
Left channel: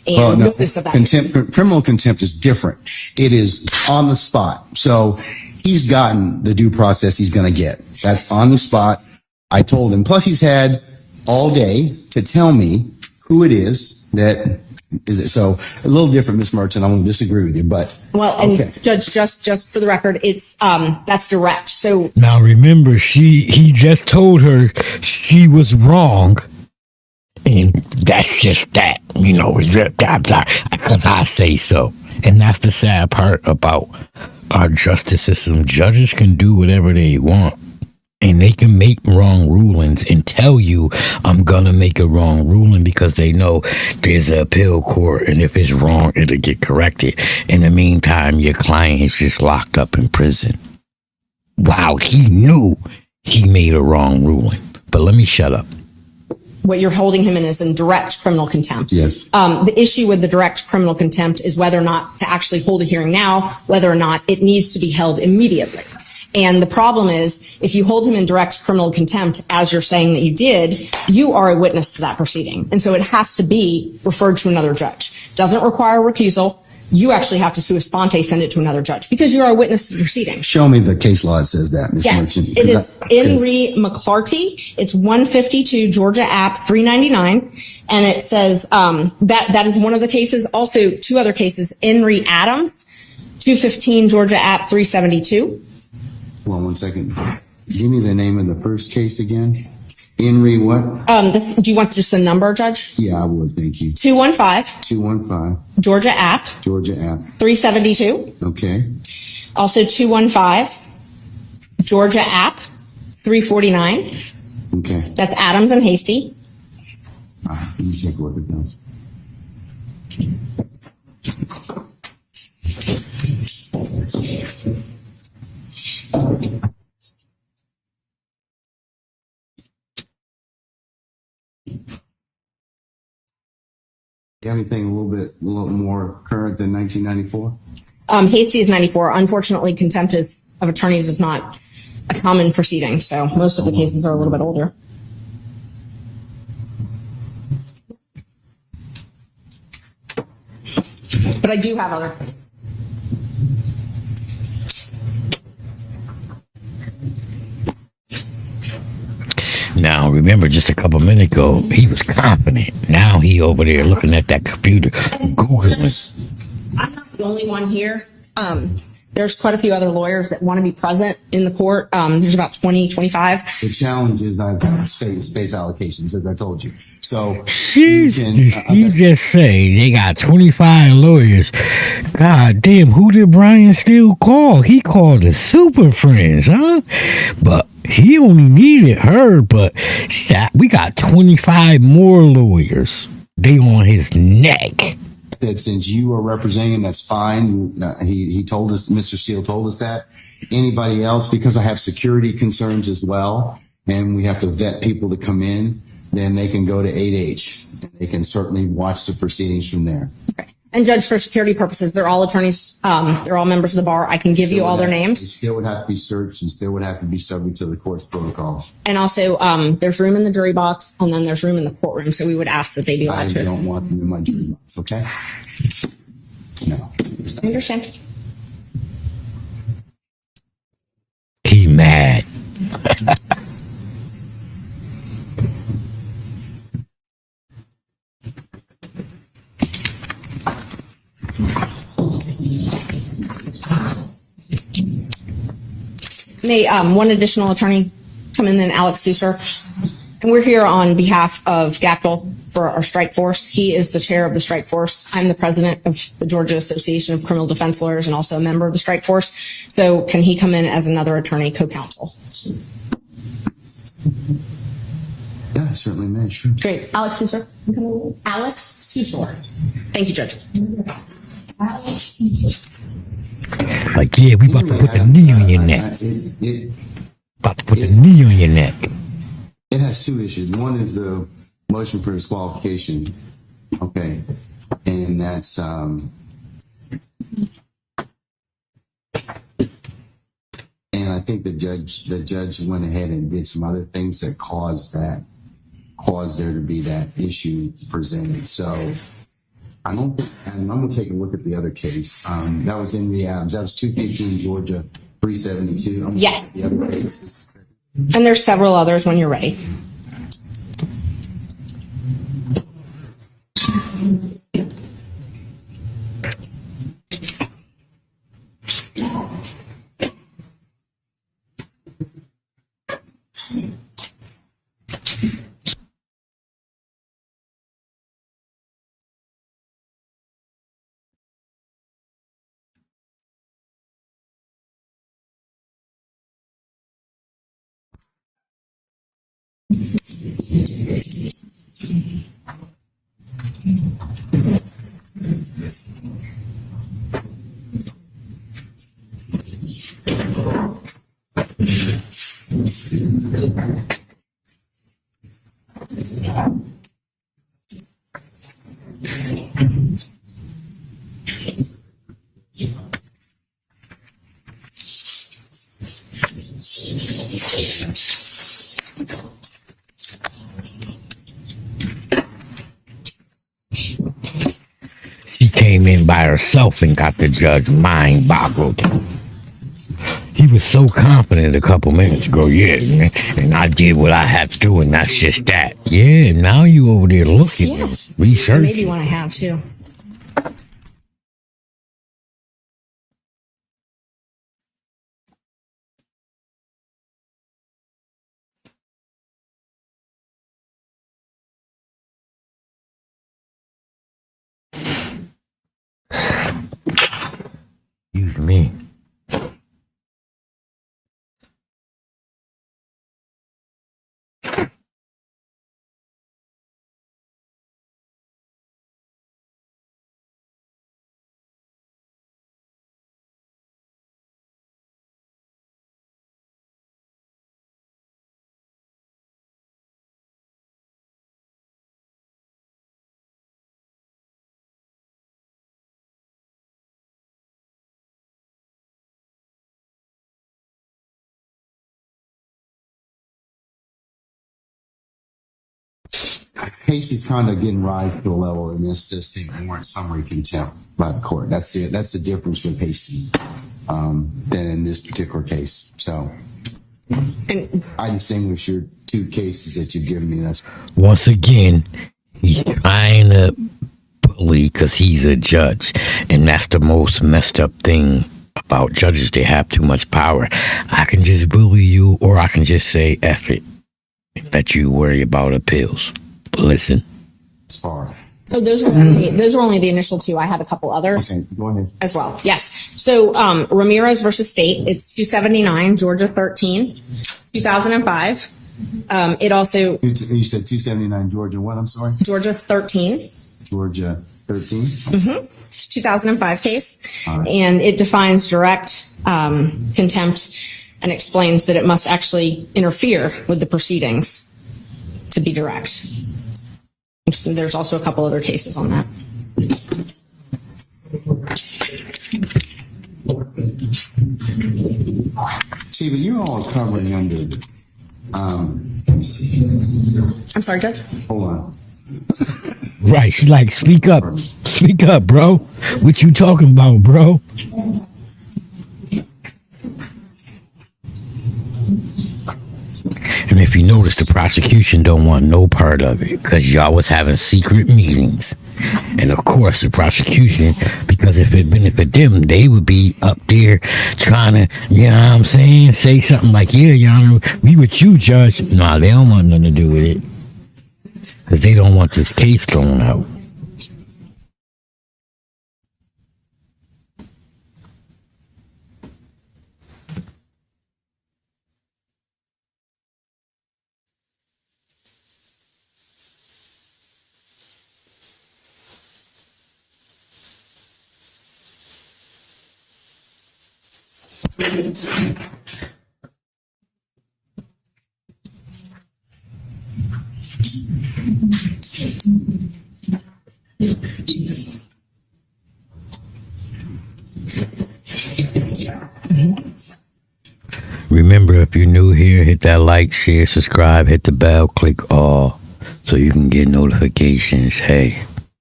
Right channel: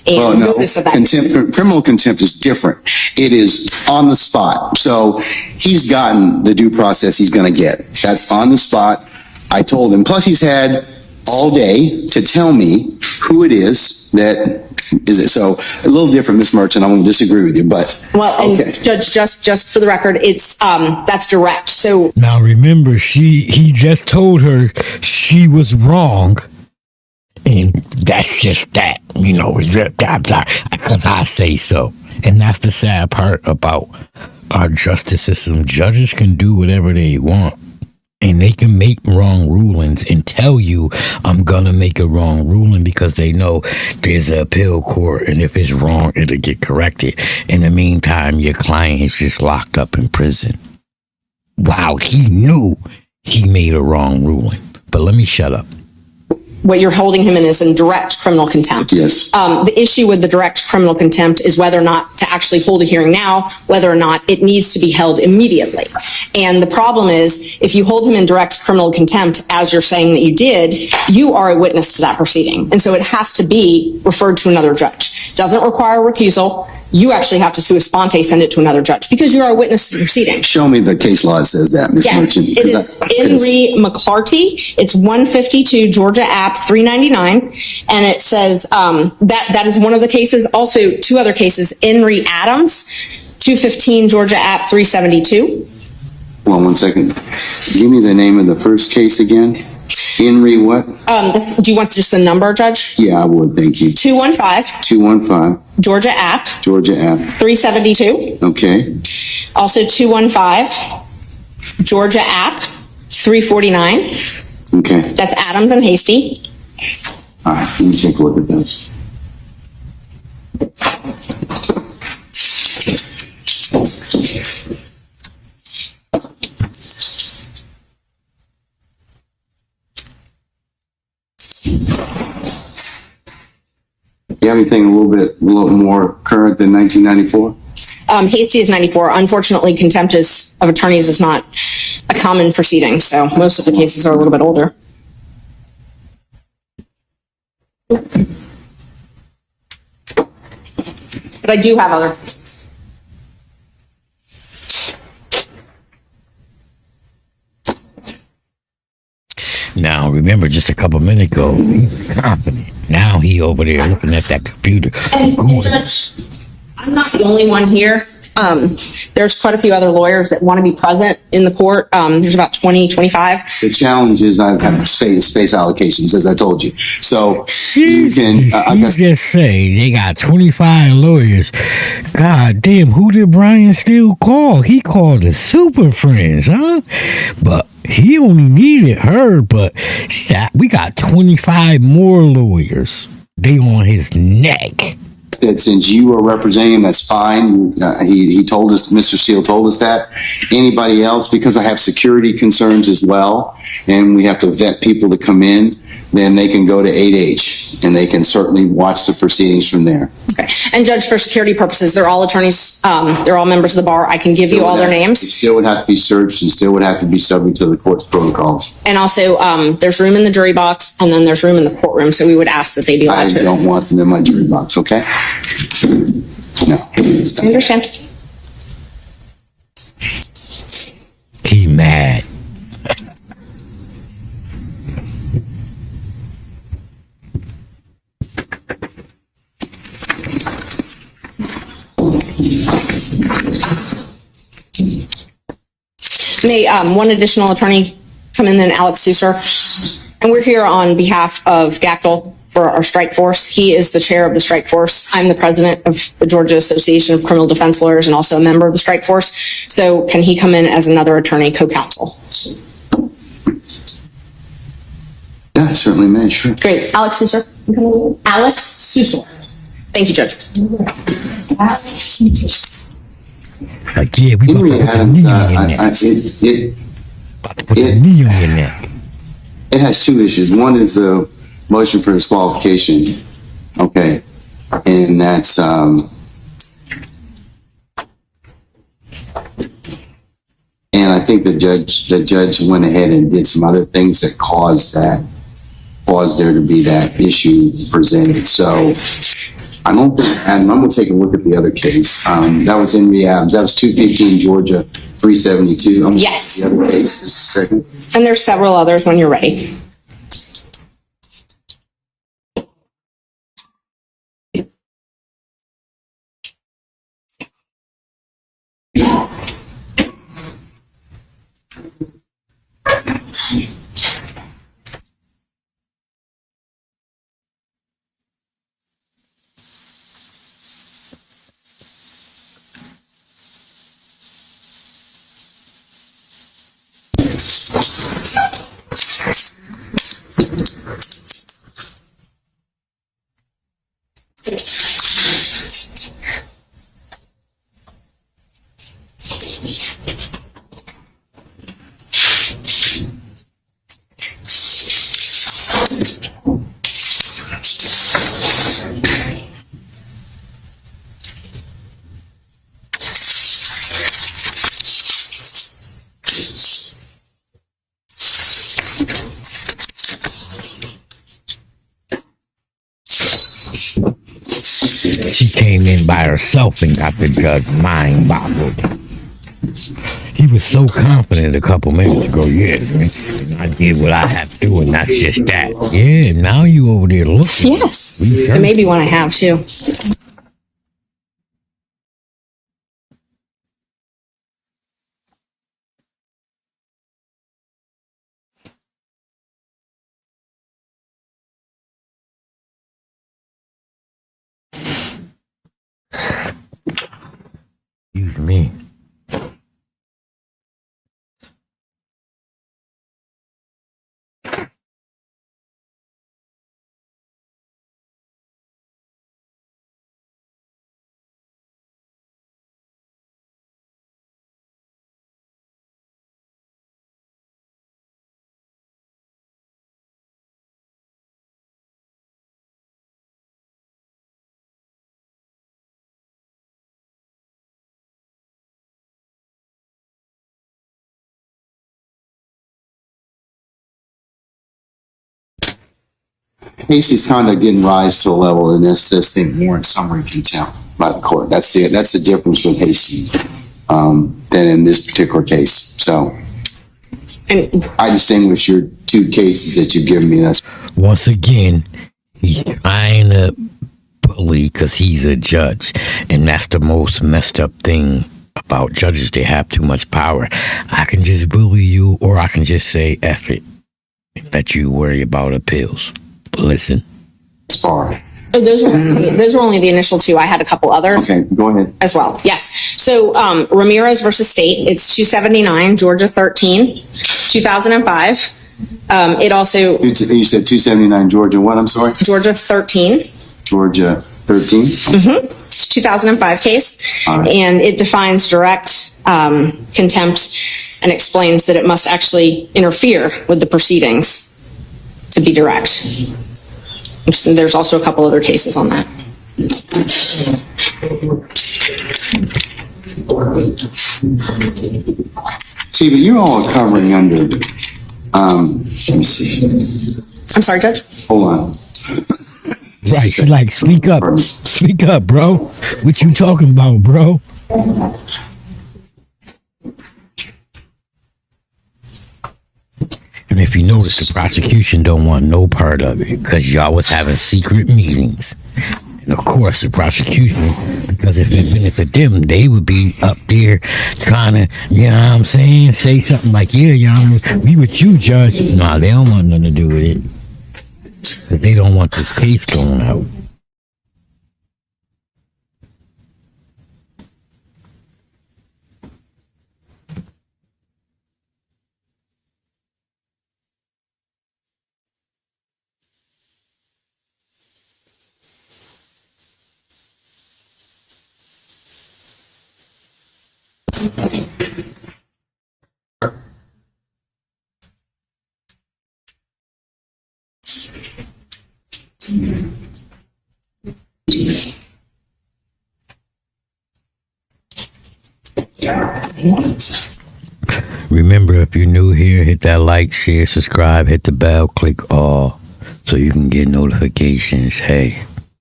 Well, and no, notice of that. criminal contempt is different. It is on the spot. So he's gotten the due process he's going to get. That's on the spot. I told him. Plus, he's had all day to tell me who it is that is it. So a little different, Ms. Merchant. I'm going to disagree with you, but Well, and okay. Judge, just for the record, it's that's direct. So Now remember, he just told her she was wrong, and that's just that, because I say so. And that's the sad part about our justice system. Judges can do whatever they want, and they can make wrong rulings and tell you, I'm gonna make a wrong ruling, because they know there's an appeal court, and if it's wrong, it'll get corrected. In the meantime, your client is just locked up in prison. Wow, he knew he made a wrong ruling. But let me shut up. what you're holding him in is in direct criminal contempt. Yes. The issue with the direct criminal contempt is whether or not to actually hold a hearing now, whether or not it needs to be held immediately. And the problem is, if you hold him in direct criminal contempt, as you're saying that you did, you are a witness to that proceeding. And so it has to be referred to another judge. Doesn't require recusal. You actually have to sua sponte send it to another judge because you are a witness to the proceeding. Show me the case law that says that, Ms. Yes, Merchant. it is Henry McClarty. It's 152 Georgia App 399, and it says that is one of the cases. Also, two other cases: Henry Adams, 215 Georgia App 372. Hold on one second. Give me the name of the first case again. Henry what? Do you want just the number, Judge? Yeah, I would. Thank you. 215 215 Georgia App Georgia App. 372. Okay. Also 215 Georgia App 349. Okay. That's Adams and Hasty. All right. Let me take a look at this. You have anything a little more current than 1994? Hasty is 94. Unfortunately, contempt of attorneys is not a common proceeding, so most of the cases are a little bit older. But I do have other cases. Now, remember, just a couple minutes ago, he was confident. Now he over there looking at that computer, And Googling. Judge, I'm not the only one here. There's quite a few other lawyers that want to be present in the court. There's about 20, 25. The challenge is I have space allocations, as I told you. So She I guess just say they got 25 lawyers. God damn, who did Brian Steele call? He called the Super Friends, huh? But he only needed her, but we got 25 more lawyers. They on his neck. that since you are representing him, that's fine. He told us, Mr. Steele told us that. Anybody else, because I have security concerns as well, and we have to vet people to come in, then they can go to 8H and they can certainly watch the proceedings from there. Okay. And Judge, for security purposes, they're all attorneys. They're all members of the bar. I can give you all their They names. still would have to be searched and still would have to be subject to the court's protocols. And also, there's room in the jury box, and then there's room in the courtroom. So we would ask that they be I allowed to. don't want them in my jury box, okay? No. I understand. He mad. May one additional attorney come in, then Alex Susser. And we're here on behalf of Gackel for our strike force. He is the chair of the strike force. I'm the president of the Georgia Association of Criminal Defense Lawyers and also a member of the strike force. So can he come in as another attorney co-counsel? Yeah, certainly may, sure. Great. Alex Susser. Alex Susser. Thank you, Judge. Like, yeah, we about to put the knee on your neck. About to put the knee on your neck. It has two issues. One is the motion for disqualification. Okay. And that's, and I think the judge went ahead and did some other things that caused there to be that issue presented. So I don't think, and I'm gonna take a look at the other case. That was in Rehabs. That was 215 Georgia 372. I'm Yes. The other case, just a second. And there's several others when you're ready. She came in by herself and got the judge mind boggled. He was so confident a couple minutes ago, yeah, man, and I did what I had to do, and that's just that. Yeah, now you over there looking, Yes. researching. Maybe one I have too. Excuse me. Hasty's conduct didn't rise to the level in this system warrant summary contempt by the court. That's the difference with Hasty than in this particular case. So And I distinguish your two cases that you've given me. That's Once again, he's trying to bully because he's a judge, and that's the most messed up thing about judges. They have too much power. I can just bully you, or I can just say F it and let you worry about appeals. Listen. far. oh, those were only the initial two. I had a couple others. Okay, go ahead. As well. Yes. So Ramirez versus State, it's 279, Georgia 13, 2005. It also, You said 279 Georgia. What? I'm sorry. Georgia 13. Georgia 13. It's a 2005 case. All right. And it defines direct contempt and explains that it must actually interfere with the proceedings to be direct. And there's also a couple other cases on that. See, but you're all covering under. Let me see. I'm sorry, Judge? Hold on. Right. She like, speak up. Speak up, bro. What you talking about, bro? And if you notice, the prosecution don't want no part of it because y'all was having secret meetings. And of course, the prosecution, because if it benefit them, they would be up there trying to, you know what I'm saying, say something like, yeah, y'all, we with you, Judge. No, they don't want nothing to do with it because they don't want this case thrown out. Remember, if you're new here, hit that like, share, subscribe, hit the bell, click all so you can get notifications. Hey,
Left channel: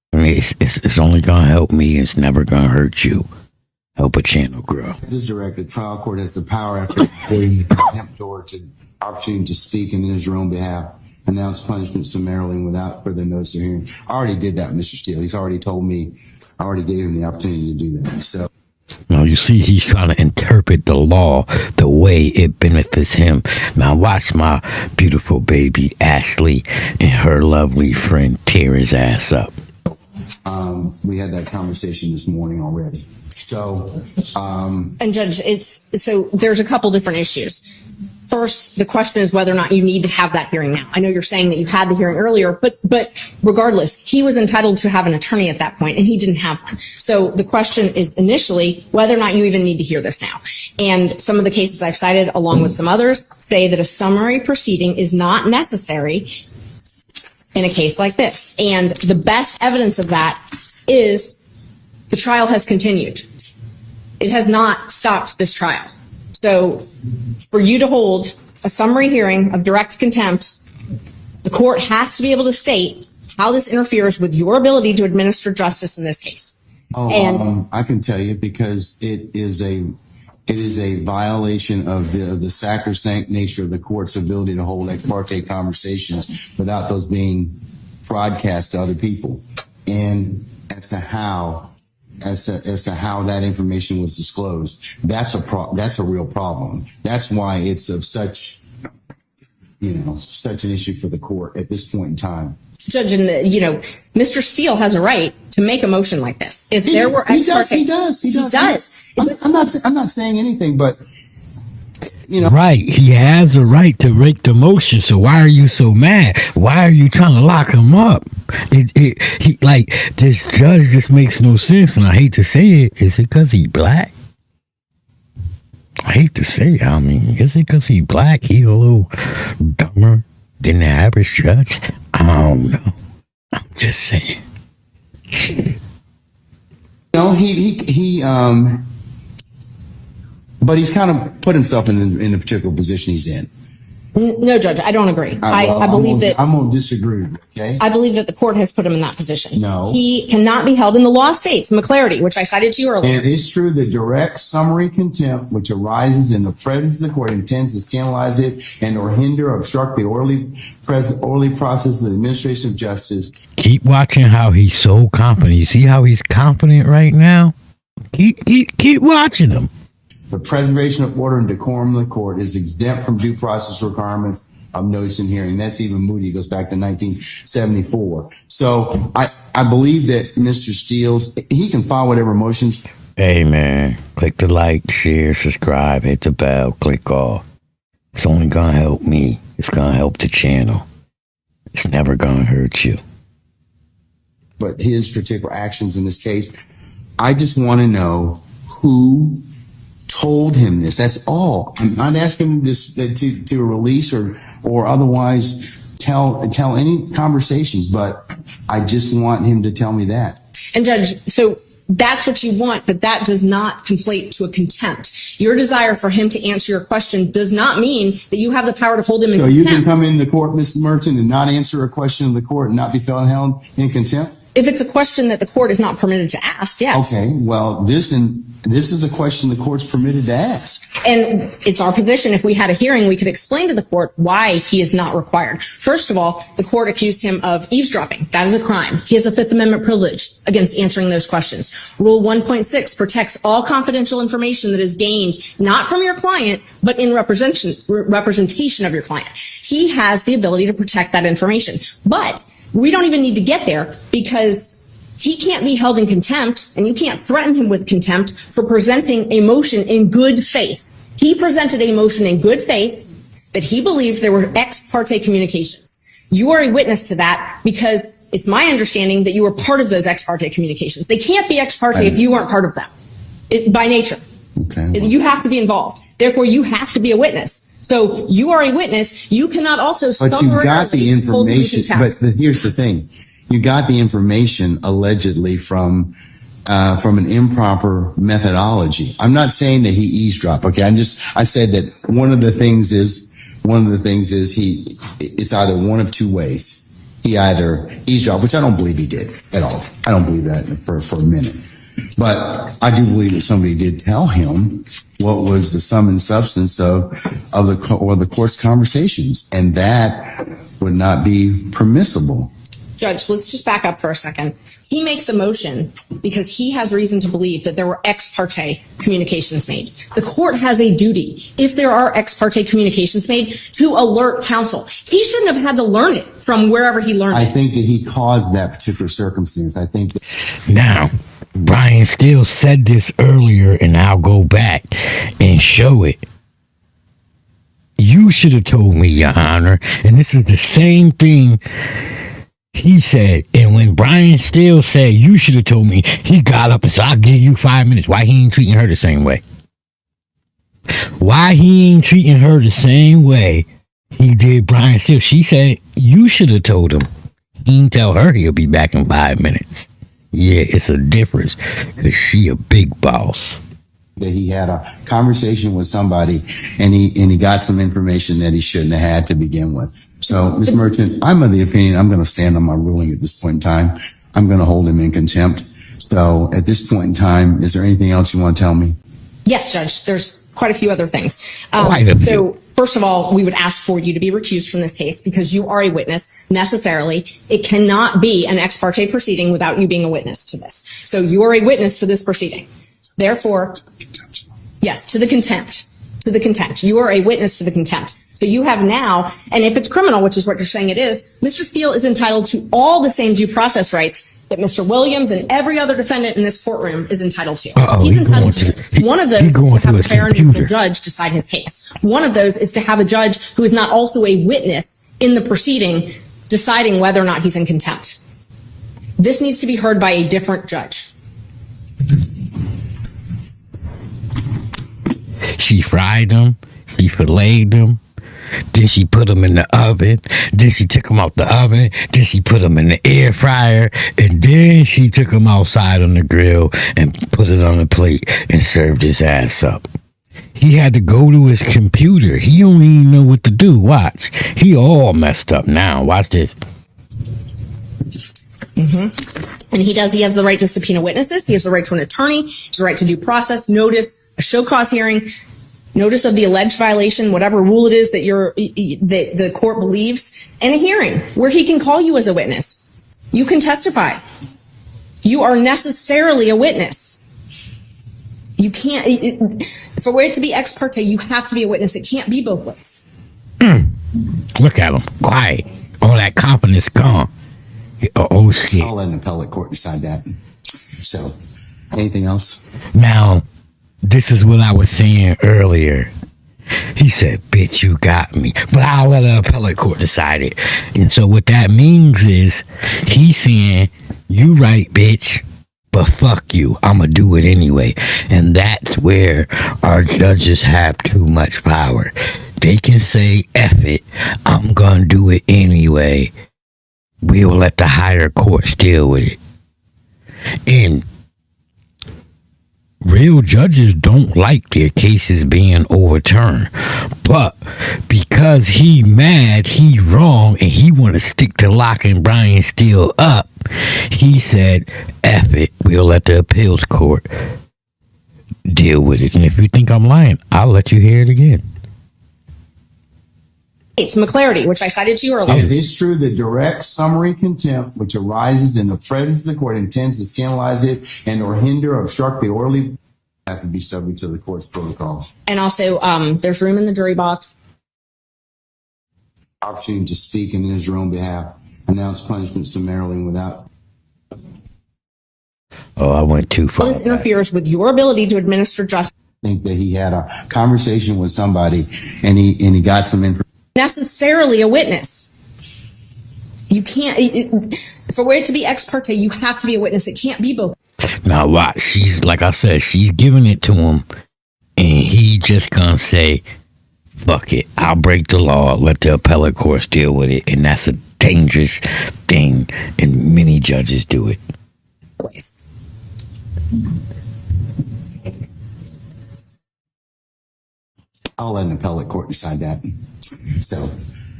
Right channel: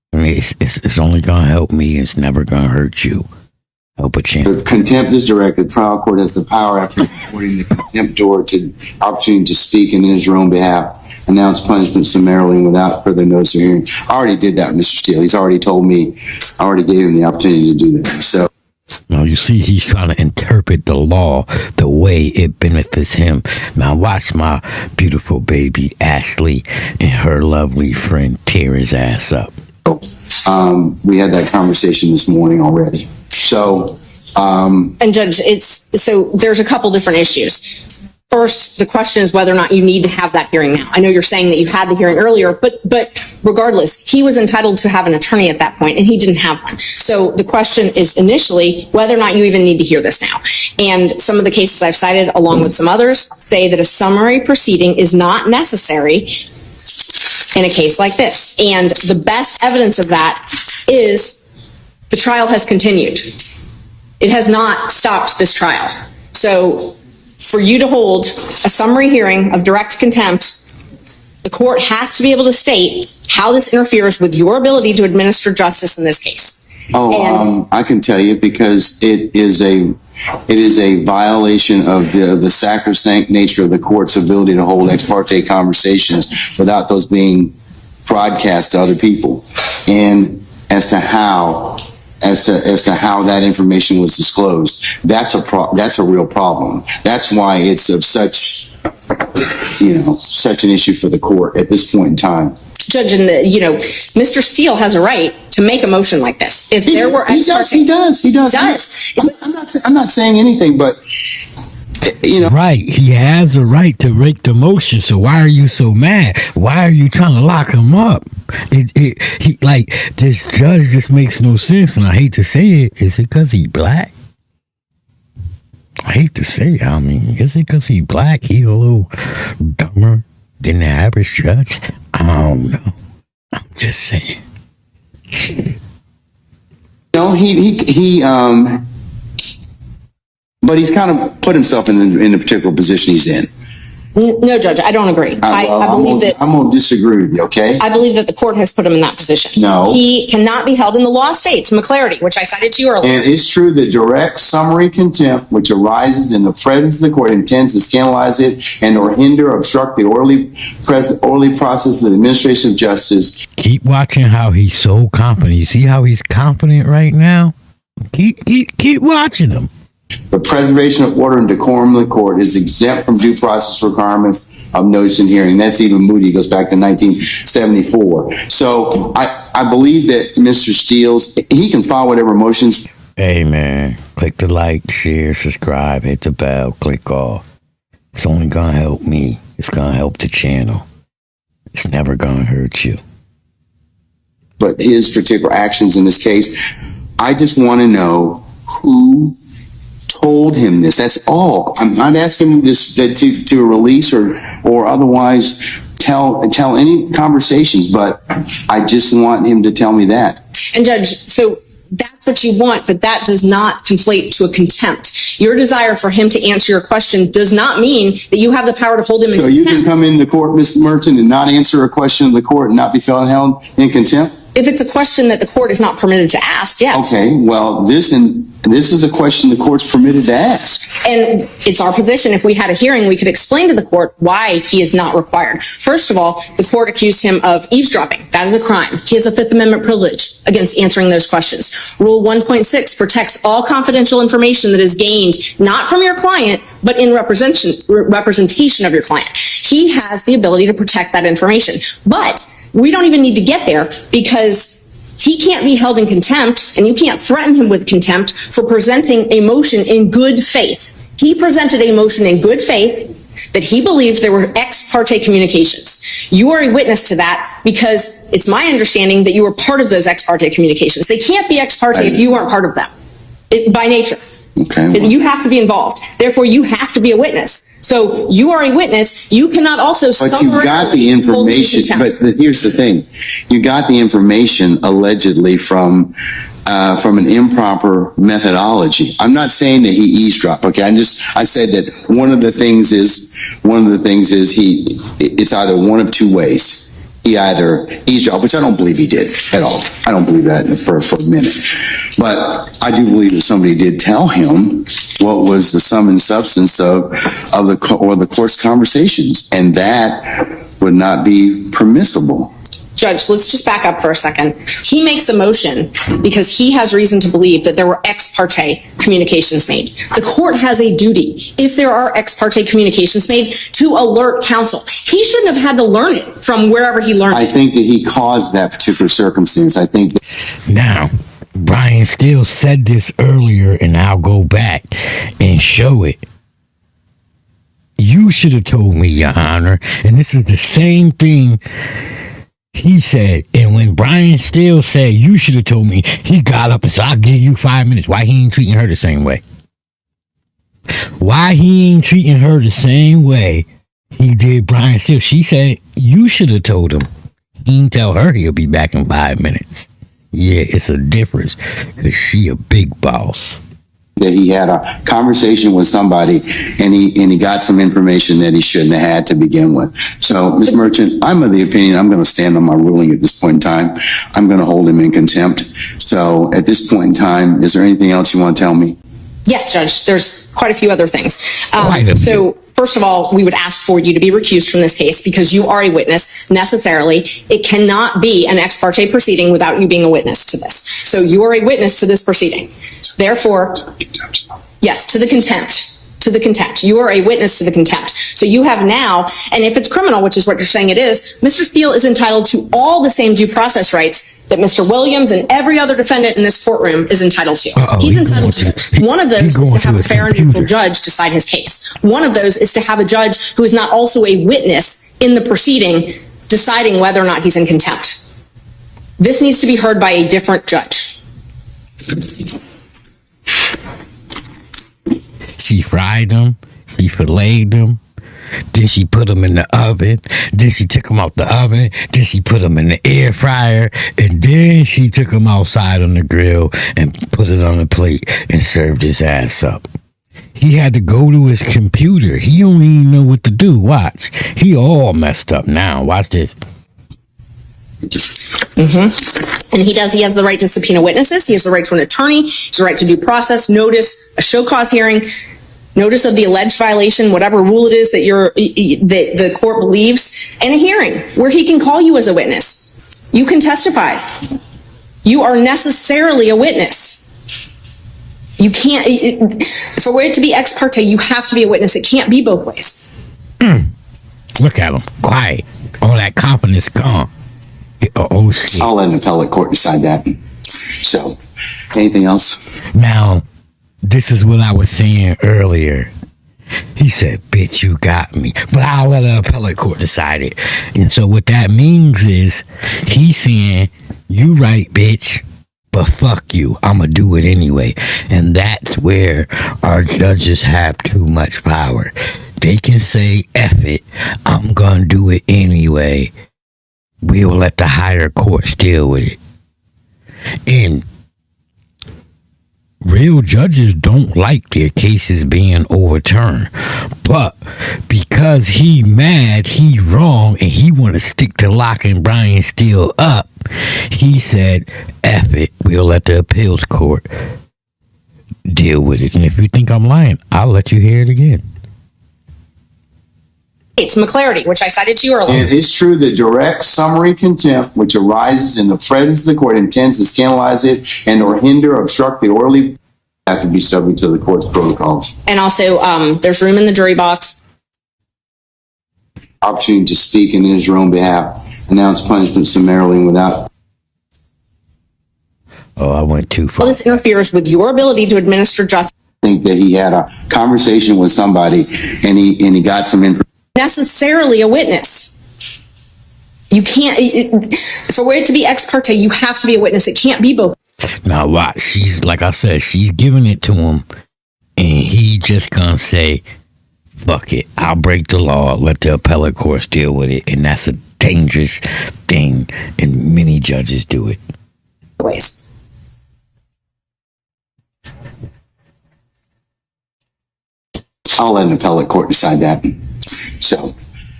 I mean, it's only gonna help me. It's never gonna hurt you. Help a champ. Contempt is directed. Trial court has the power after reporting the contempt order to opportunity to speak in his own behalf, announce punishment summarily and without further notice or hearing. I already did that, Mr. Steele. He's already told me. I already gave him the opportunity to do that. So. Now, you see, he's trying to interpret the law the way it benefits him. Now, watch my beautiful baby Ashley and her lovely friend tear his ass up. We had that conversation this morning already. So, And Judge, there's a couple different issues. First, the question is whether or not you need to have that hearing now. I know you're saying that you had the hearing earlier, but regardless, he was entitled to have an attorney at that point, and he didn't have one. So the question is initially whether or not you even need to hear this now. And some of the cases I've cited, along with some others, say that a summary proceeding is not necessary in a case like this. And the best evidence of that is the trial has continued. It has not stopped this trial. So for you to hold a summary hearing of direct contempt, the court has to be able to state how this interferes with your ability to administer justice in this case. I can tell you because it is a violation of the sacrosanct nature of the court's ability to hold ex parte conversations without those being broadcast to other people. And as to how that information was disclosed, that's a real problem. That's why it's of such an issue for the court at this point in time. Judge, Mr. Steele has a right to make a motion like this. If there were ex parte, he does. I'm not saying anything, but Right, he has a right to make the motion. So why are you so mad? Why are you trying to lock him up? This judge just makes no sense, and I hate to say it. Is it because he black? I hate to say it. I mean, is it because he black? He a little dumber than the average judge? I don't know. I'm just saying. But he's kind of put himself in the particular position he's in. No, Judge, I don't agree. I believe that I'm going to disagree with you, okay? I believe that the court has put him in that position. No. He cannot be held in the law states, McClarity, which I cited to you earlier. And it's true that direct summary contempt, which arises in the presence of the court, intends to scandalize it and or hinder or obstruct the orderly process of the administration of justice. Keep watching how he's so confident. You see how he's confident right now? Keep watching him. The preservation of order and decorum in the court is exempt from due process requirements of notice and hearing. That's even Moody, goes back to 1974. So I believe that Mr. Steele's, he can file whatever motions. Hey, man, click the like, share, subscribe, hit the bell, click off. It's only going to help me. It's going to help the channel. It's never going to hurt you. But his particular actions in this case, I just want to know who told him this. That's all. I'm not asking him this to release or otherwise tell any conversations, but I just want him to tell me that. And Judge, so that's what you want, but that does not conflate to a contempt. Your desire for him to answer your question does not mean that you have the power to hold him in contempt. So you can come into court, Mr. Merton, and not answer a question of the court and not be held in contempt? If it's a question that the court is not permitted to ask, yes. Okay, well, this is a question the court's permitted to ask. And it's our position, if we had a hearing, we could explain to the court why he is not required. First of all, the court accused him of eavesdropping. That is a crime. He has a Fifth Amendment privilege against answering those questions. Rule 1.6 protects all confidential information that is gained not from your client, but in representation of your client. He has the ability to protect that information. But we don't even need to get there because he can't be held in contempt and you can't threaten him with contempt for presenting a motion in good faith. He presented a motion in good faith that he believed there were ex parte communications. You are a witness to that because it's my understanding that you were part of those ex parte communications. They can't be ex parte if you aren't part of them by nature. Okay. Well. You have to be involved. Therefore, you have to be a witness. So you are a witness. You cannot also. But you got the information. But here's the thing: you got the information allegedly from an improper methodology. I'm not saying that he eavesdropped. Okay, I said that one of the things is it's either one of two ways. he either eavesdropped, which I don't believe he did at all. I don't believe that for a minute. But I do believe that somebody did tell him what was the sum and substance of the court's conversations, and that would not be permissible. Judge, let's just back up for a second. He makes a motion because he has reason to believe that there were ex parte communications made. The court has a duty, if there are ex parte communications made, to alert counsel. He shouldn't have had to learn it from wherever he learned I it. think that he caused that particular circumstance. I think that Now, Brian Steele said this earlier, and I'll go back and show it. You should have told me, Your Honor, and this is the same thing he said. And when Brian Steele said, you should have told me, he got up and said, I'll give you 5 minutes. Why he ain't treating her the same way? Why he ain't treating her the same way he did Brian Steele? She said, you should have told him. He didn't tell her he'll be back in 5 minutes. Yeah, it's a difference, because she a big boss. that he had a conversation with somebody and he got some information that he shouldn't have had to begin with. So, Ms. Merchant, I'm of the opinion I'm going to stand on my ruling at this point in time. I'm going to hold him in contempt. So at this point in time, is there anything else you want to tell me? Yes, Judge, there's quite a few other things. Quite a few. So, first of all, we would ask for you to be recused from this case because you are a witness necessarily. It cannot be an ex parte proceeding without you being a witness to this. So you are a witness to this proceeding. Therefore, yes, to the contempt. To the contempt. You are a witness to the contempt. So you have now, and if it's criminal, which is what you're saying it is, Mr. Steele is entitled to all the same due process rights that Mr. Williams and every other defendant in this courtroom is entitled to. He's entitled to. One of those is to have a fair and neutral judge decide his case. One of those is to have a judge who is not also a witness in the proceeding deciding whether or not he's in contempt. This needs to be heard by a different judge. She fried them, she filleted them, then she put them in the oven, then she took them out the oven, then she put them in the air fryer, and then she took them outside on the grill and put it on a plate and served his ass up. He had to go to his computer. He don't even know what to do. Watch. He all messed up now. Watch this. And he has the right to subpoena witnesses. He has the right to an attorney. He has the right to due process, notice, a show cause hearing, notice of the alleged violation, whatever rule it is that that the court believes, and a hearing where he can call you as a witness. You can testify. You are necessarily a witness. You can't, for it to be ex parte, you have to be a witness. It can't be both ways. Look at him. Quiet. All that confidence gone. Oh, shit. I'll let an appellate court decide that. So, anything else? Now, this is what I was saying earlier. He said, bitch, you got me. But I'll let an appellate court decide it. And so what that means is he's saying, you right, bitch, but fuck you. I'm going to do it anyway. And that's where our judges have too much power. They can say, F it, I'm going to do it anyway. We'll let the higher courts deal with it. And real judges don't like their cases being overturned. But because he mad, he wrong, and he want to stick to locking Brian Steele up, he said, F it, we'll let the appeals court deal with it. And if you think I'm lying, I'll let you hear it again. It's McClarity, which I cited to you earlier. It is true that direct summary contempt, which arises in the presence of the court, intends to scandalize it and or hinder or obstruct the orderly, have to be subject to the court's protocols. And also, there's room in the jury box. Opportunity to speak in his own behalf, announce punishment summarily and without. Oh, I went too far. This interferes with your ability to administer justice. Think that he had a conversation with somebody and he got some information. Necessarily a witness. You can't, for it to be ex parte, you have to be a witness. It can't be both. Now watch, she's, like I said, she's giving it to him, and he just gonna say, fuck it, I'll break the law, let the appellate courts deal with it. And that's a dangerous thing, and many judges do it. Ways. I'll let an appellate court decide that. So,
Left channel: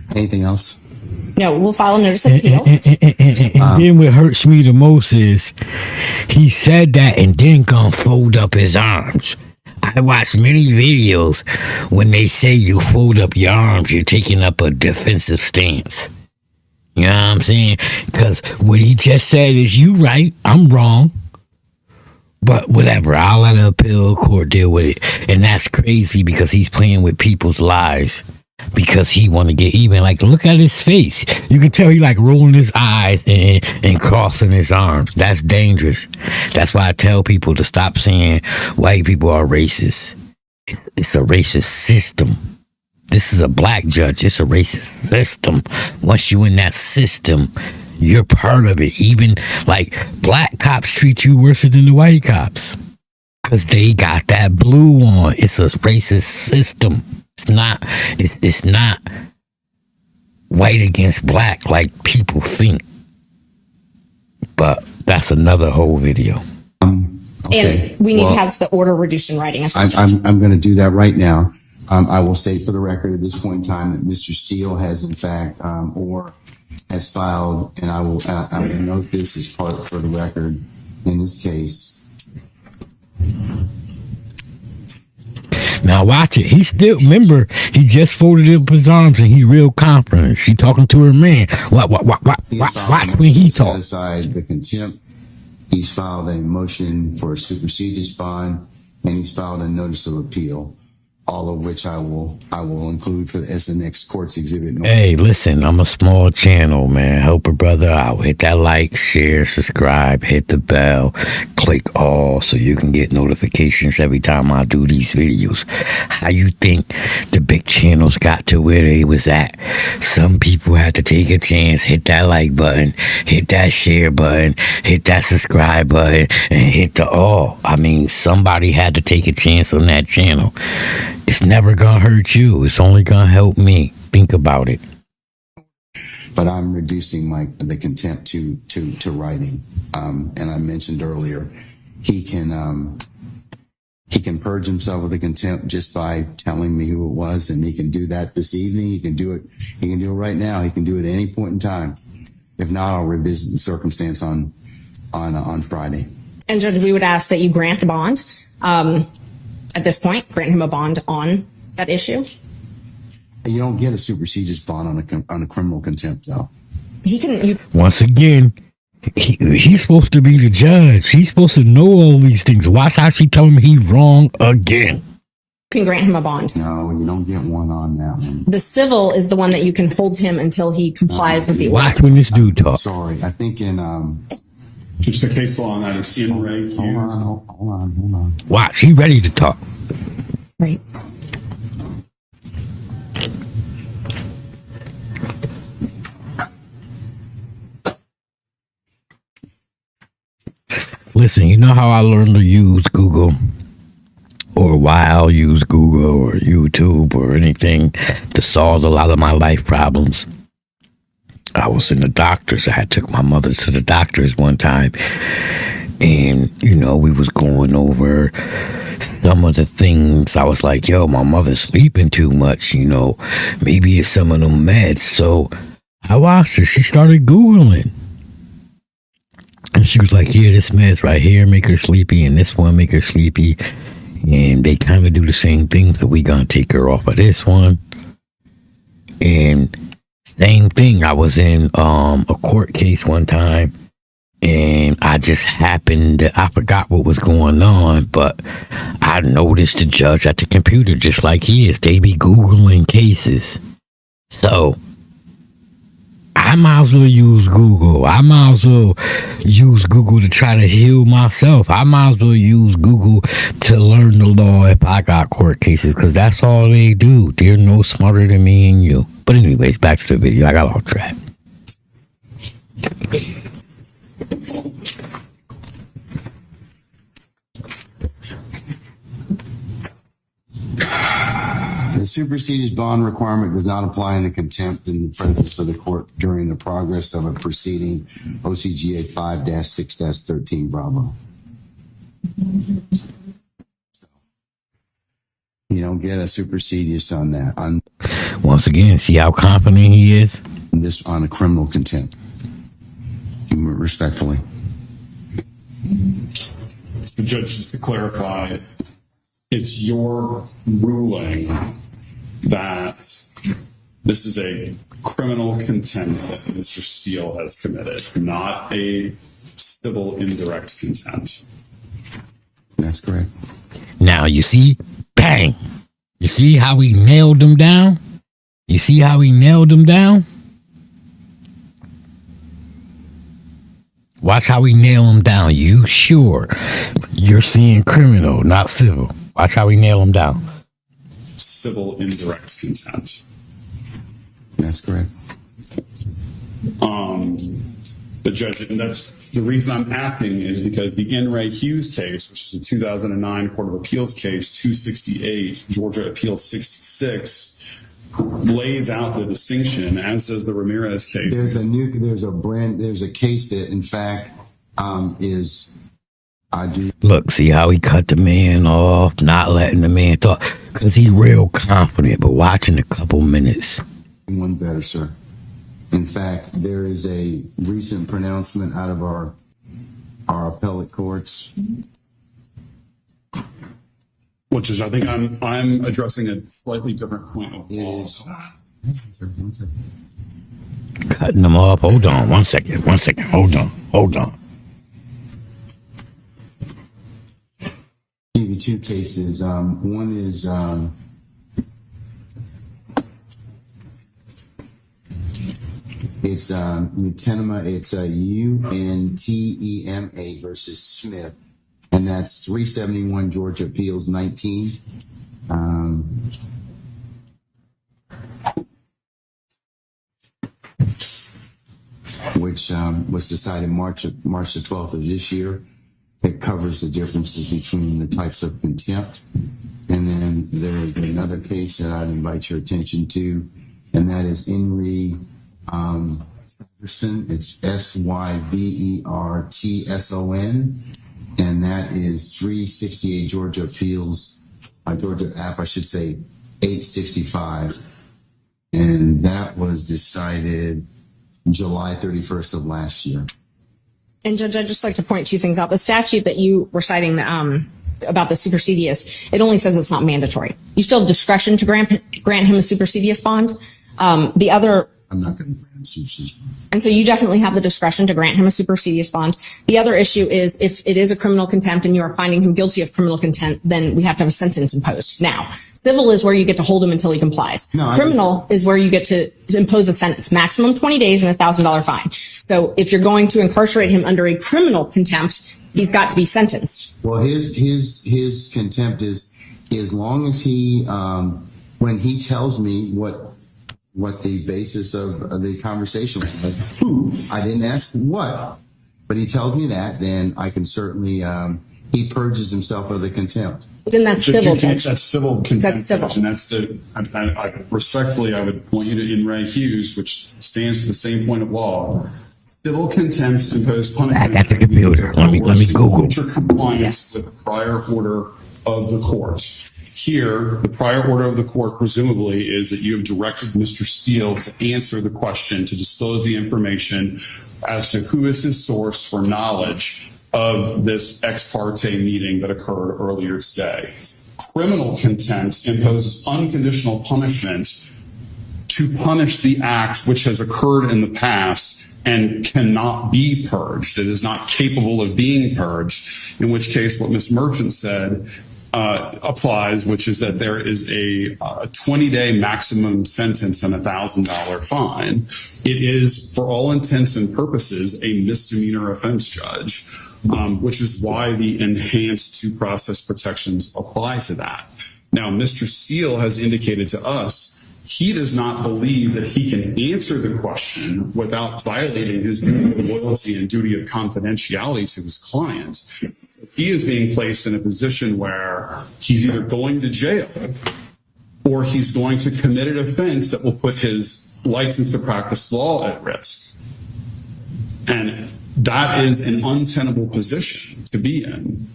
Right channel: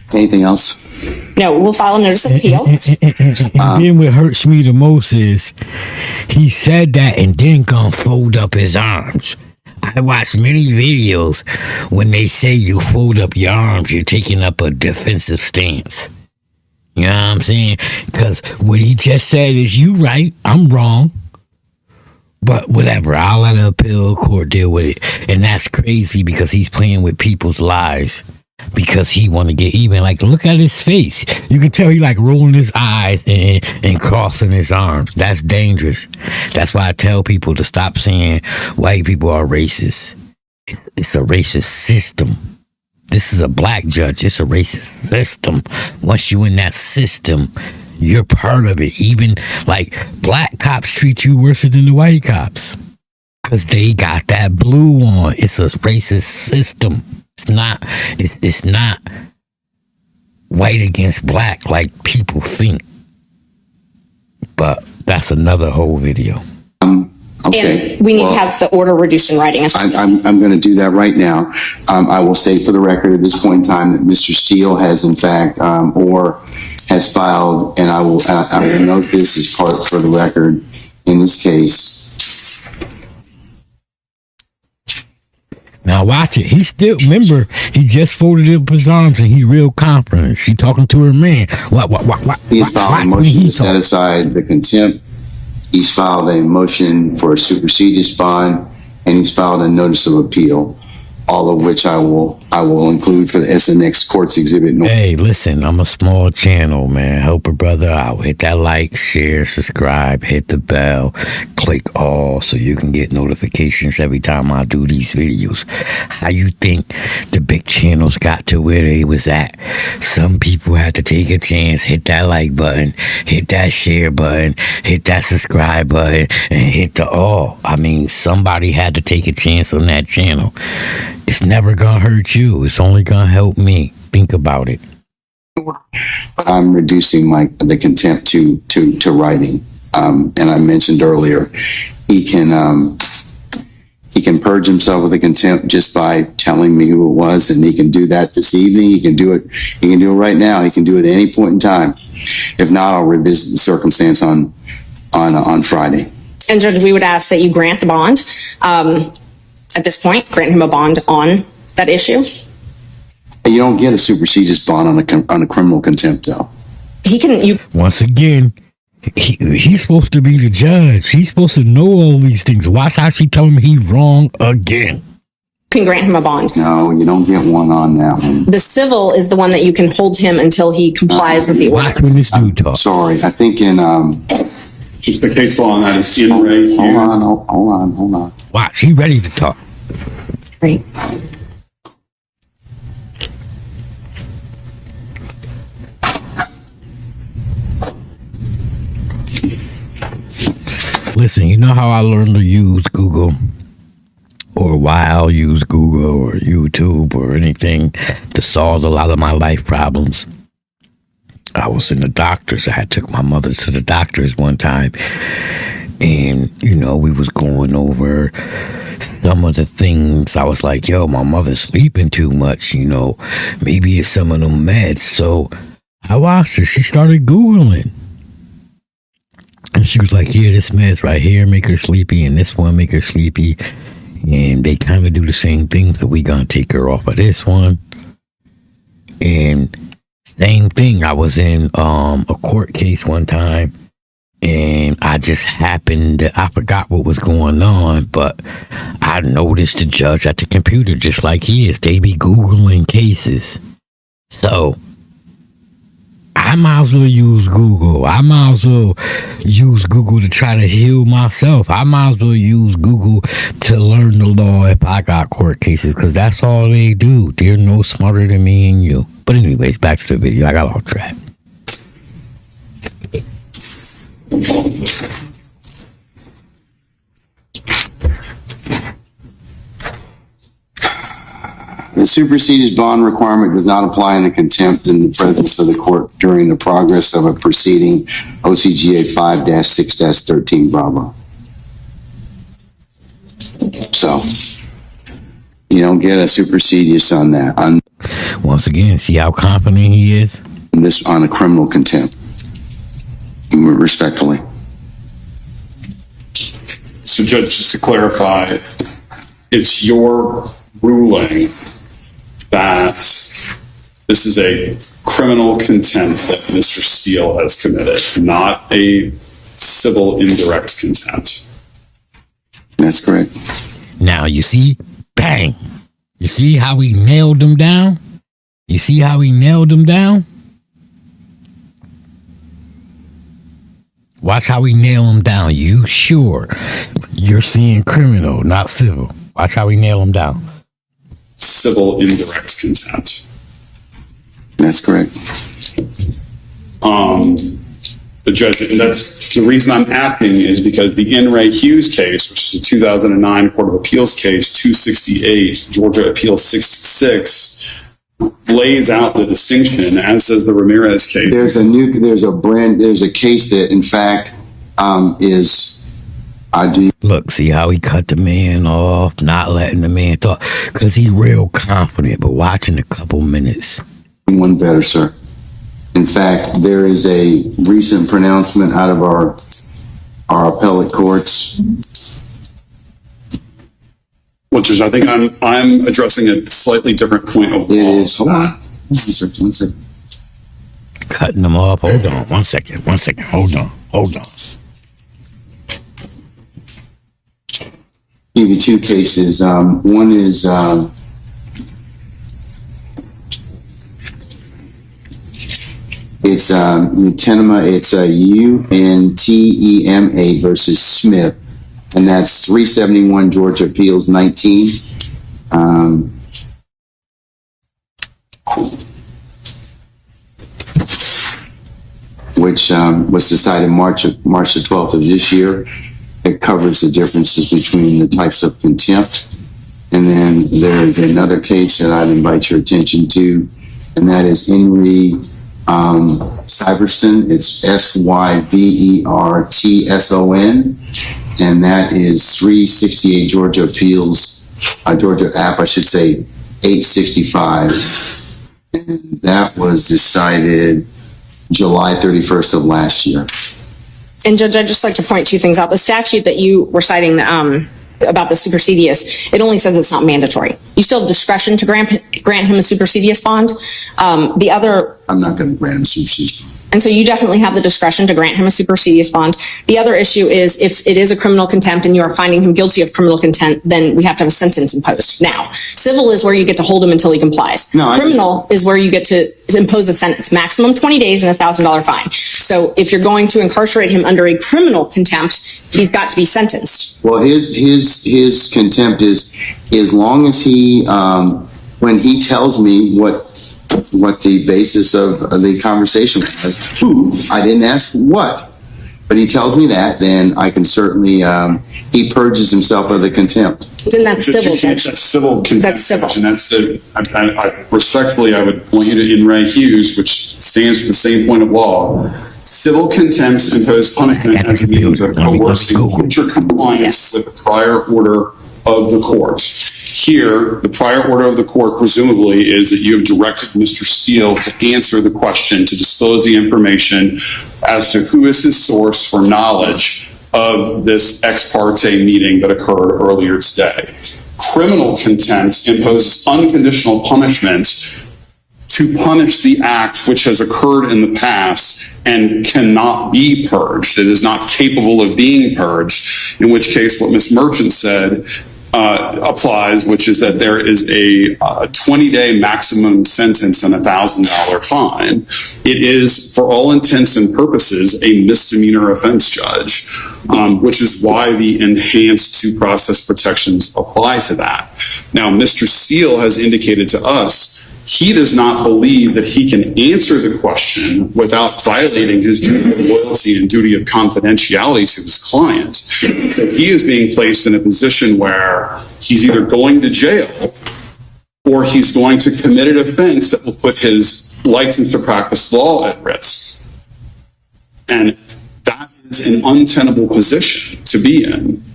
Anything else? No, we'll file a notice of appeal. And then what hurts me the most is he said that and then gonna fold up his arms. I watched many videos when they say you fold up your arms, you're taking up a defensive stance. You know what I'm saying? Because what he just said is you right, I'm wrong. But whatever, I'll let the appeal court deal with it. And that's crazy because he's playing with people's lives. Because he want to get even. Like, look at his face. You can tell he like rolling his eyes and crossing his arms. That's dangerous. That's why I tell people to stop saying white people are racist. It's a racist system. This is a black judge. It's a racist system. Once you in that system, you're part of it. Even like black cops treat you worse than the white cops. Because they got that blue on. It's a racist system. It's not white against black like people think. But that's another whole video. Okay. And we need to have the order reduced in writing as well. I'm going to do that right now. I will say for the record at this point in time that Mr. Steele has in fact, or has filed, and I will note this as part for the record in this case. Now watch it. He still, remember, he just folded up his arms and he real confident. She talking to her man. He's filed Watch a when motion he to set talk. aside the contempt. He's filed a motion for a supersedious bond, and he's filed a notice of appeal. All of which I will include for the SNX Courts Exhibit. Hey, listen, I'm a small channel, man. Help a brother out. Hit that like, share, subscribe, hit the bell, click all so you can get notifications every time I do these videos. How you think the big channels got to where they was at? Some people had to take a chance, hit that like button, hit that share button, hit that subscribe button, and hit the all. I mean, somebody had to take a chance on that channel. It's never gonna hurt you. It's only gonna help me. Think about it. But I'm reducing the contempt to writing. And I mentioned earlier, he can purge himself of the contempt just by telling me who it was, and he can do that this evening. He can do it. He can do it right now. He can do it at any point in time. If not, I'll revisit the circumstance on Friday. And Judge, we would ask that you grant the bond. At this point, grant him a bond on that issue. You don't get a supersedious bond on a criminal contempt, though. He can. Once again, he's supposed to be the judge. He's supposed to know all these things. Watch how she tell him he's wrong again. Can grant him a bond. No, you don't get one on that one. The civil is the one that you can hold him until he complies with the order. Watch when this dude talks. Sorry, I think in Just the case law on that is in right here. hold on. Watch, he ready to talk. Right. Listen, you know how I learned to use Google, or why I'll use Google or YouTube or anything to solve a lot of my life problems. I was in the doctor's. I had took my mother to the doctor's one time, and we was going over some of the things. I was like, yo, my mother's sleeping too much, maybe it's some of them meds. So I watched her. She started Googling. And she was like, yeah, this meds right here make her sleepy, and this one make her sleepy. And they kind of do the same thing, so we gonna take her off of this one. And same thing, I was in a court case one time, and I just happened to, I forgot what was going on, but I noticed the judge at the computer, just like he is. They be Googling cases. So I might as well use Google. I might as well use Google to try to heal myself. I might as well use Google to learn the law if I got court cases, because that's all they do. They're no smarter than me and you. But anyways, back to the video. I got off track. The superseded bond requirement does not apply in the contempt in the presence of the court during the progress of a proceeding, OCGA 5-6-13 Bravo. So you don't get a supersedious on that. Once again, see how confident he is? This on a criminal contempt. Respectfully. So Judge, just to clarify, it's your ruling that this is a criminal contempt that Mr. Steele has committed, not a civil indirect contempt. That's correct. Now, you see? Bang! You see how we nailed him down? You see how we nailed him down? Watch how we nail him down. You sure you're seeing criminal, not civil? Watch how we nail him down. Civil indirect contempt. That's correct. The judge, that's the reason I'm asking is because the In re Hughes case, which is a 2009 Court of Appeals case, 268, Georgia Appeals 66, lays out the distinction, as does the Ramirez case. There's a case that, in fact, Look, see how he cut the man off, not letting the man talk, because he's real confident, but watching a couple minutes. one better, sir. In fact, there is a recent pronouncement out of our appellate courts. Well, Judge, I think I'm addressing a slightly different point of law. It is. Hold on. One second. Cutting them off. Hold on. One second. Hold on. Give you two cases. One is it's Untema. It's UNTEMA versus Smith, and that's 371 Georgia Appeals 19. Which was decided March the 12th of this year. It covers the differences between the types of contempt. And then there's another case that I'd invite your attention to, and that is Henry Syverson. It's SYVERTSON, and that is 368 Georgia Appeals, Georgia App, I should say, 865. And that was decided July 31st of last year. And Judge, I'd just like to point two things out. The statute that you were citing about the supersedious, it only says it's not mandatory. You still have discretion to grant him a supersedious bond. The other... I'm not going to grant him supersedious. And so you definitely have the discretion to grant him a supersedious bond. The other issue is if it is a criminal contempt and you are finding him guilty of criminal contempt, then we have to have a sentence imposed. Now, civil is where you get to hold him until he complies. Criminal is where you get to impose a sentence, maximum 20 days and $1,000 fine. So if you're going to incarcerate him under a criminal contempt, he's got to be sentenced. Well, his contempt is as long as he, when he tells me what the basis of the conversation was, I didn't ask what, but he tells me that, then I can certainly, he purges himself of the contempt. Then that's civil, Judge. That's civil contempt. That's civil. And that's respectfully, I would point you to In re Hughes, which stands for the same point of law. Civil contempts impose punishment as a means of coercing future compliance with the prior order of the court. Here, the prior order of the court presumably is that you have directed Mr. Steele to answer the question, to disclose the information as to who is his source for knowledge of this ex parte meeting that occurred earlier today. Criminal contempt imposes unconditional punishment to punish the act which has occurred in the past and cannot be purged. It is not capable of being purged, in which case what Ms. Merchant said applies, which is that there is a 20-day maximum sentence and $1,000 fine. It is, for all intents and purposes, a misdemeanor offense, Judge, which is why the enhanced due process protections apply to that. Now, Mr. Steele has indicated to us he does not believe that he can answer the question without violating his duty of loyalty and duty of confidentiality to his client. So he is being placed in a position where he's either going to jail or he's going to commit an offense that will put his license to practice law at risk. And that is an untenable position to be in.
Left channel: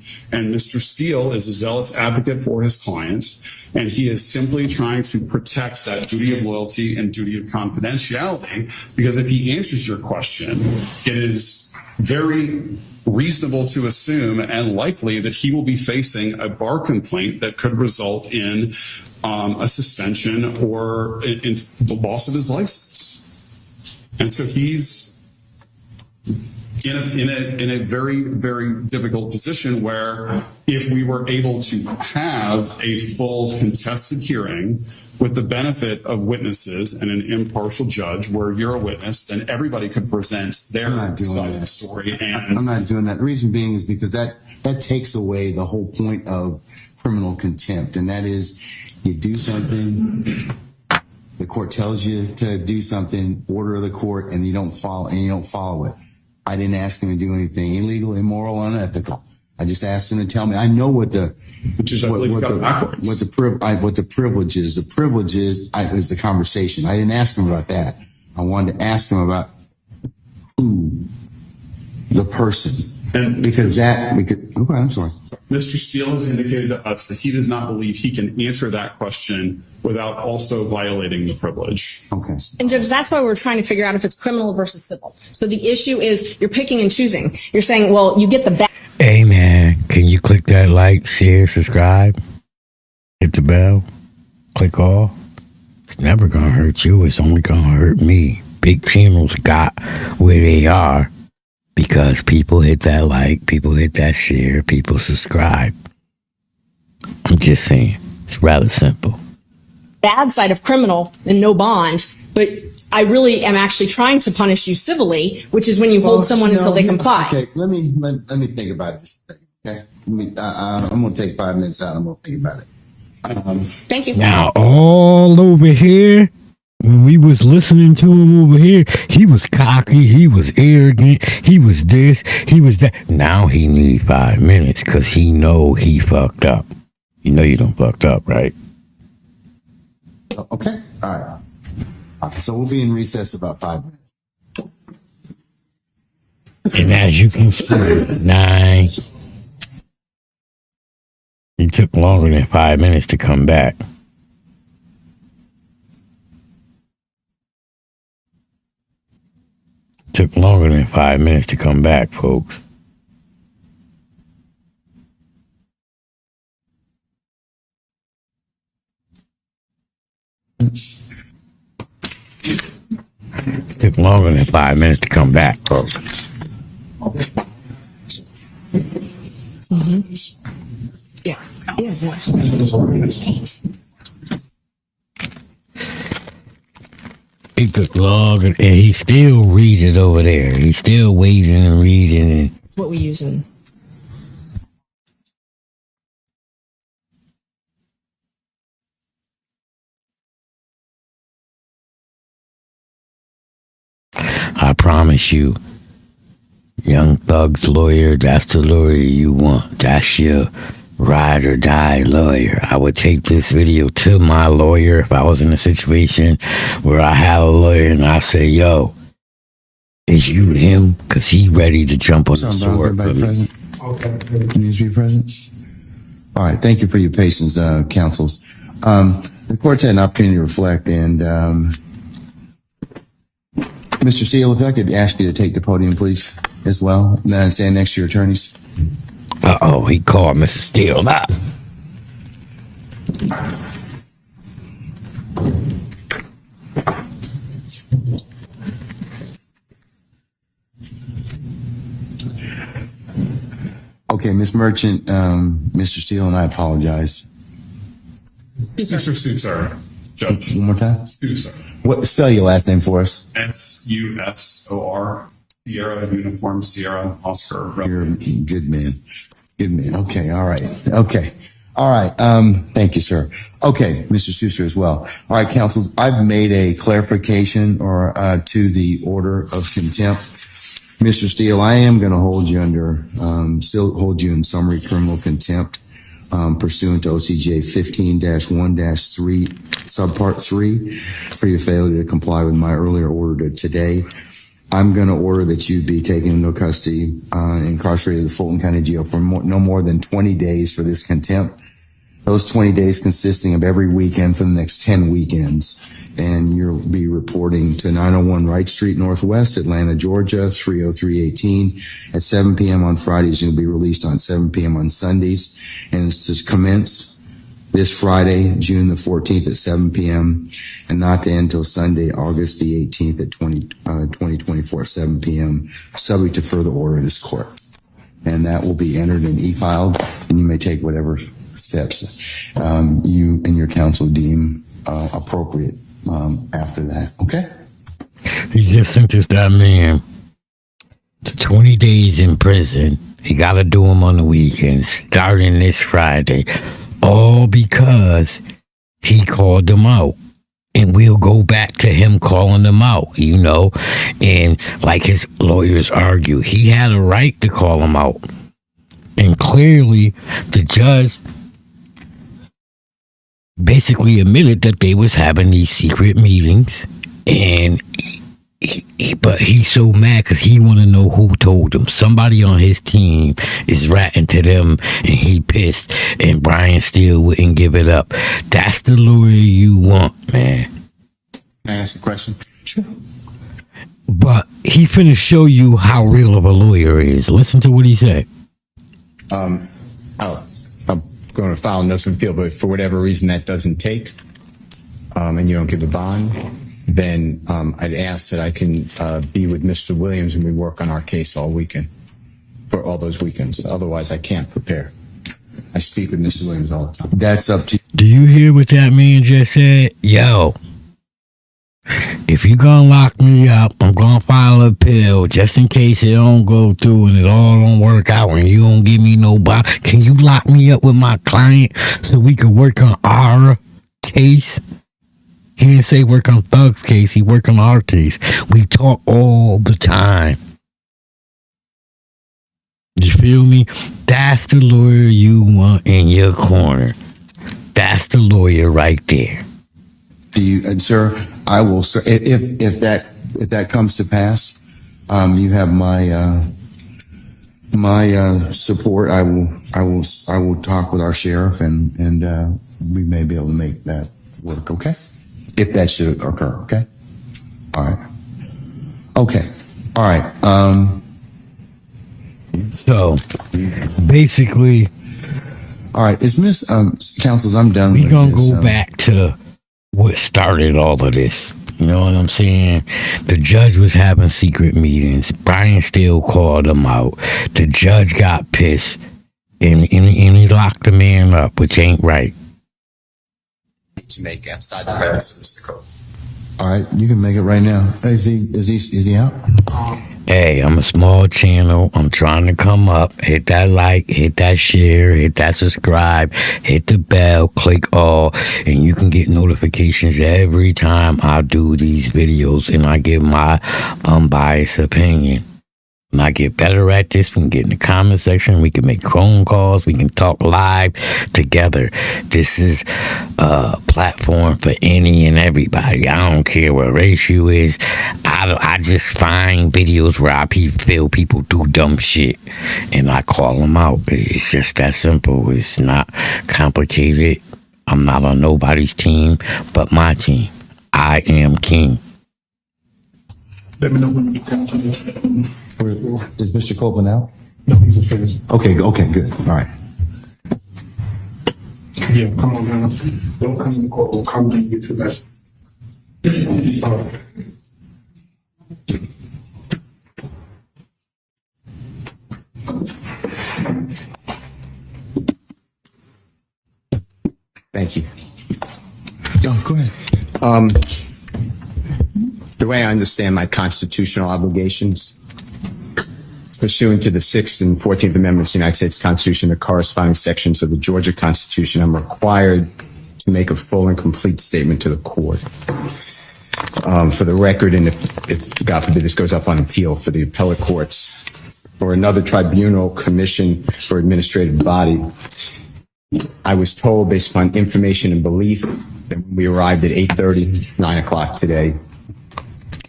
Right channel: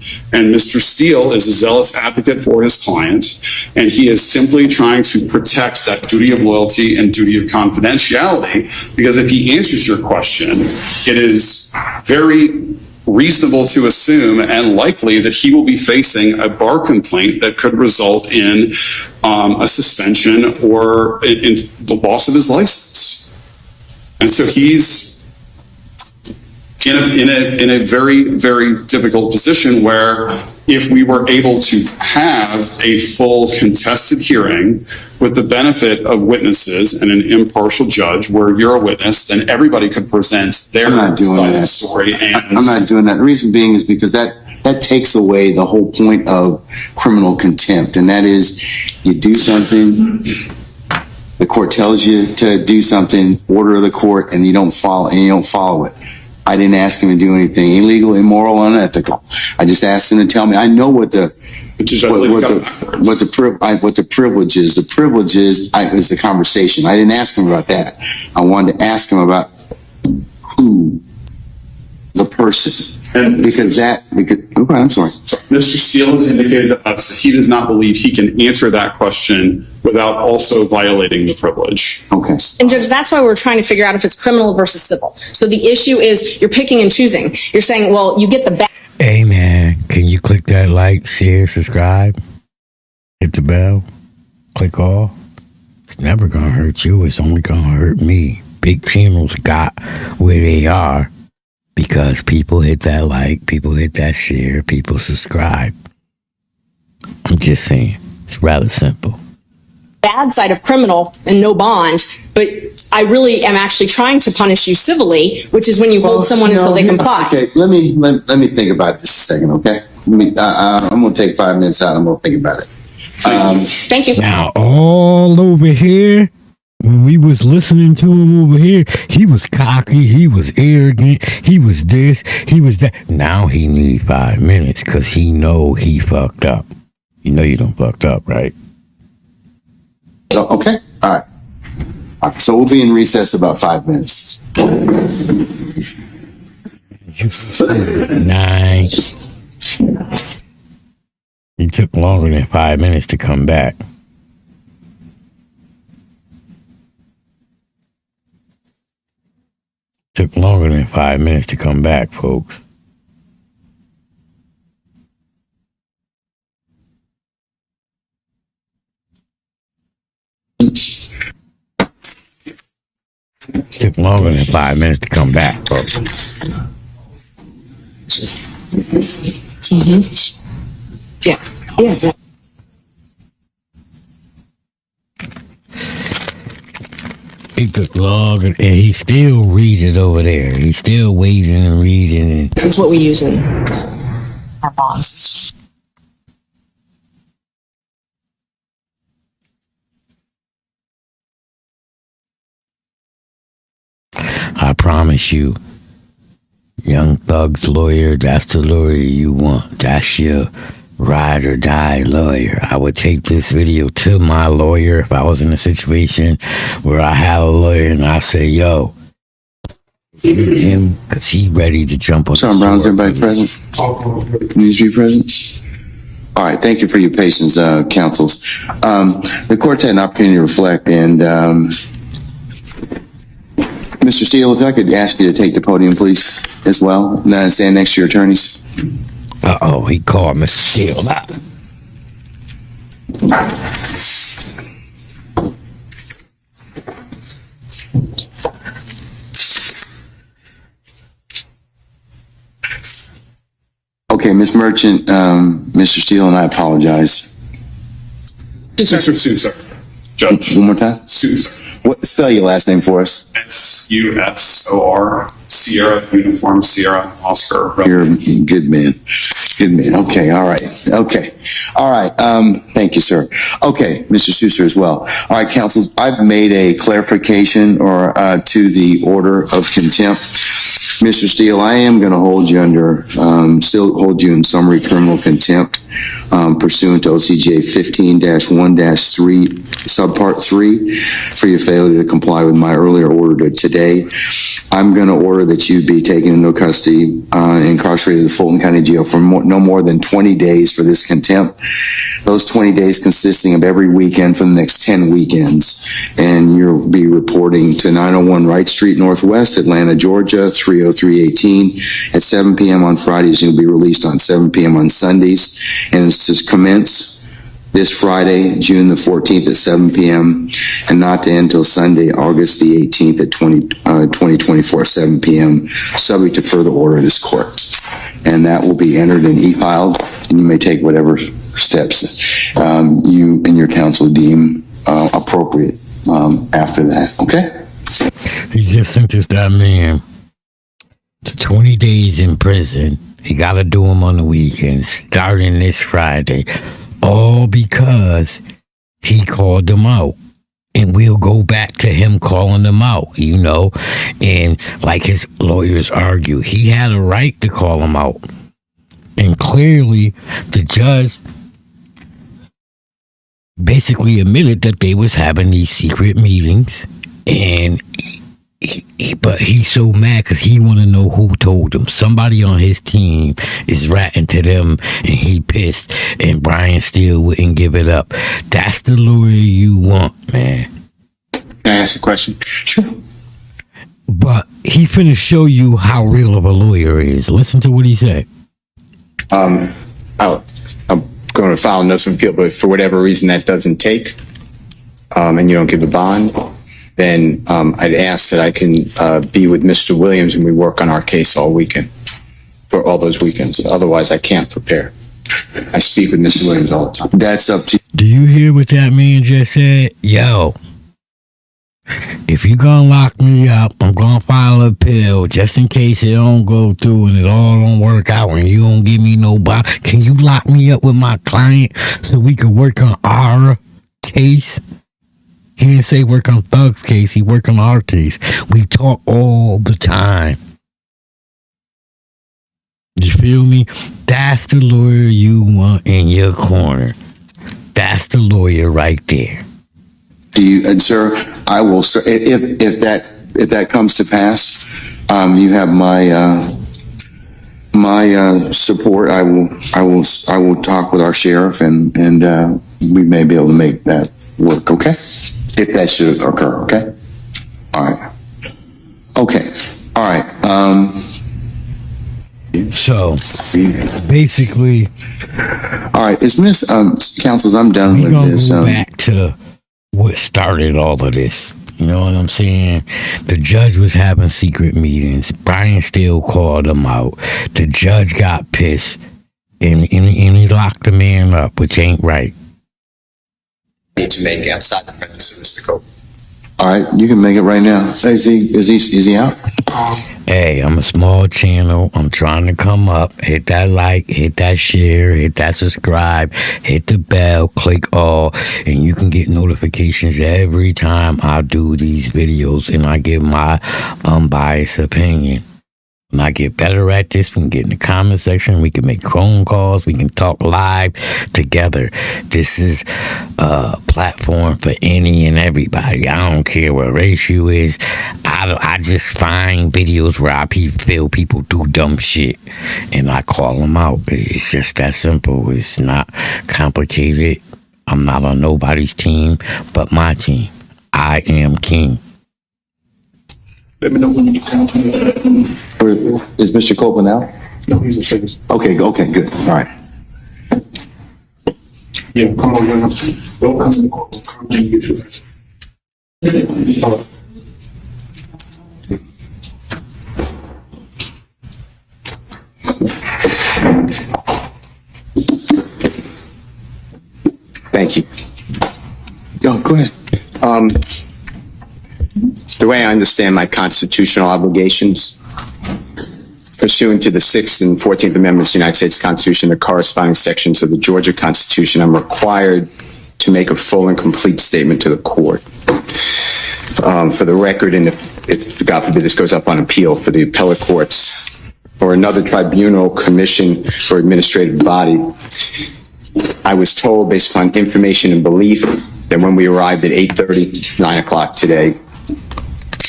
And Mr. Steele is a zealous advocate for his client, and he is simply trying to protect that duty of loyalty and duty of confidentiality, because if he answers your question, it is very reasonable to assume and likely that he will be facing a bar complaint that could result in a suspension or in the loss of his license. And so he's in a very, very difficult position where if we were able to have a full contested hearing with the benefit of witnesses and an impartial judge where you're a witness, then everybody could present their side of the story. And I'm not doing that. The reason being is because that takes away the whole point of criminal contempt. And that is, you do something, the court tells you to do something, order of the court, and you don't follow it. I didn't ask him to do anything illegal, immoral, unethical. I just asked him to tell me. I know what the privilege is. The privilege is the conversation. I didn't ask him about that. I wanted to ask him about who the person. And okay, I'm sorry. Mr. Steele has indicated to us that he does not believe he can answer that question without also violating the privilege. Okay. And Judge, that's why we're trying to figure out if it's criminal versus civil. So the issue is you're picking and choosing. You're saying, well, you get the bad. Hey, man, can you click that like, share, subscribe? Hit the bell. Click all. It's never going to hurt you. It's only going to hurt me. Big channels got where they are because people hit that like, people hit that share, people subscribe. I'm just saying. It's rather simple. Bad side of criminal and no bond, but I really am actually trying to punish you civilly, which is when you hold someone until they comply. Okay, let me think about this a second, okay? I'm going to take 5 minutes out. I'm going to think about it. Thank you. Now, all over here, when we was listening to him over here, he was cocky, he was arrogant, he was this, he was that. Now he need 5 minutes because he know he fucked up. You know you done fucked up, right? Okay, all right. So we'll be in recess about 5 minutes. And as you can see, 9. It took longer than 5 minutes to come back. Took longer than 5 minutes to come back, folks. Took longer than 5 minutes to come back, folks. Yeah. He took longer, and he still reads it over there. He's still waiting and reading it. This is what we use in our bonds. I promise you, Young Thug's lawyer, that's the lawyer you want. That's your ride or die lawyer. I would take this video to my lawyer if I was in a situation where I have a lawyer and I say, yo, is you him? Because he ready to jump on Sergeant Brown's everybody present? Needs to be present? All right, thank you for your patience, counsels. The court's had an opportunity to reflect, and Mr. Steele, if I could ask you to take the podium, please, as well, and stand next to your attorneys. Uh-oh, he called Mr. Steele up. Okay, Ms. Merchant, Mr. Steele, and I apologize. Sue, sir. Judge. One more time? Sue, sir. What? Spell your last name for us. SUSOR, Sierra, Uniform, Sierra, Oscar. You're a good man. Good man. Okay. All right. Okay. All right. Thank you, sir. Okay. Mr. Sousa as well. All right, counsels, I've made a clarification to the order of contempt. Mr. Steele, I am going to hold you still hold you in summary criminal contempt, pursuant to OCGA 15-1-3, subpart 3, for your failure to comply with my earlier order today. I'm going to order that you be taken into custody, incarcerated at Fulton County Jail for no more than 20 days for this contempt. Those 20 days consisting of every weekend for the next 10 weekends. And you'll be reporting to 901 Wright Street Northwest, Atlanta, Georgia, 30318 at 7 p.m. on Fridays. You'll be released on 7 p.m. on Sundays. And it's to commence this Friday, June the 14th at 7 p.m. and not to end until Sunday, August the 18th at 2024 at 7 p.m. subject to further order of this court. And that will be entered and e-filed, and you may take whatever steps you and your counsel deem appropriate after that. Okay? He just sentenced that man to 20 days in prison. He got to do them on the weekend, starting this Friday. All because he called them out. And we'll go back to him calling them out, you know. And like his lawyers argue, he had a right to call them out. And clearly, the judge basically admitted that they was having these secret meetings. And but he's so mad because he want to know who told him. Somebody on his team is ratting to them, and he pissed. And Brian still wouldn't give it up. That's the lawyer you want, man. Can I ask a question? Sure. But he finna show you how real of a lawyer is. Listen to what he said. I'm going to file a notice of appeal, but for whatever reason that doesn't take, and you don't give a bond, then I'd ask that I can be with Mr. Williams and we work on our case all weekend, for all those weekends. Otherwise, I can't prepare. I speak with Mr. Williams all the time. That's up to you. Do you hear what that man just said? Yo, if you gonna lock me up, I'm gonna file an appeal just in case it don't go through and it all don't work out and you don't give me no bond. Can you lock me up with my client so we can work on our case? He didn't say work on Thug's case. He work on our case. We talk all the time. You feel me? That's the lawyer you want in your corner. That's the lawyer right there. Do you, and sir, I will, sir, if that comes to pass, you have my support. I will talk with our sheriff and we may be able to make that work. Okay. If that should occur. Okay. All right. Okay. All right. So basically, all right. Is Miss Counsels, I'm done we with gonna this. go back to what started all of this. You know what I'm saying? The judge was having secret meetings. Brian still called him out. The judge got pissed and he locked the man up, which ain't right. Need to make outside the premises, Mr. Cope. All right. You can make it right now. Is he out? Hey, I'm a small channel. I'm trying to come up. Hit that like, hit that share, hit that subscribe, hit the bell, click all, and you can get notifications every time I do these videos and I give my unbiased opinion. When I get better at this, we can get in the comment section. We can make phone calls. We can talk live together. This is a platform for any and everybody. I don't care what race you is. I just find videos where I feel people do dumb shit and I call them out. It's just that simple. It's not complicated. I'm not on nobody's team but my team. I am king. Let me know when you come. Is Mr. Copeland out? No, he's a citizen. Okay, good. All right. Yeah, come on, man. Don't come in the courtroom. Come and get your best. All right. Thank you. Go ahead. The way I understand my constitutional obligations, pursuant to the 6th and 14th Amendments of the United States Constitution, the corresponding sections of the Georgia Constitution, I'm required to make a full and complete statement to the court. For the record, and if God forbid this goes up on appeal for the appellate courts or another tribunal, commission, or administrative body, I was told, based upon information and belief, that when we arrived at 8:30, 9 o'clock today,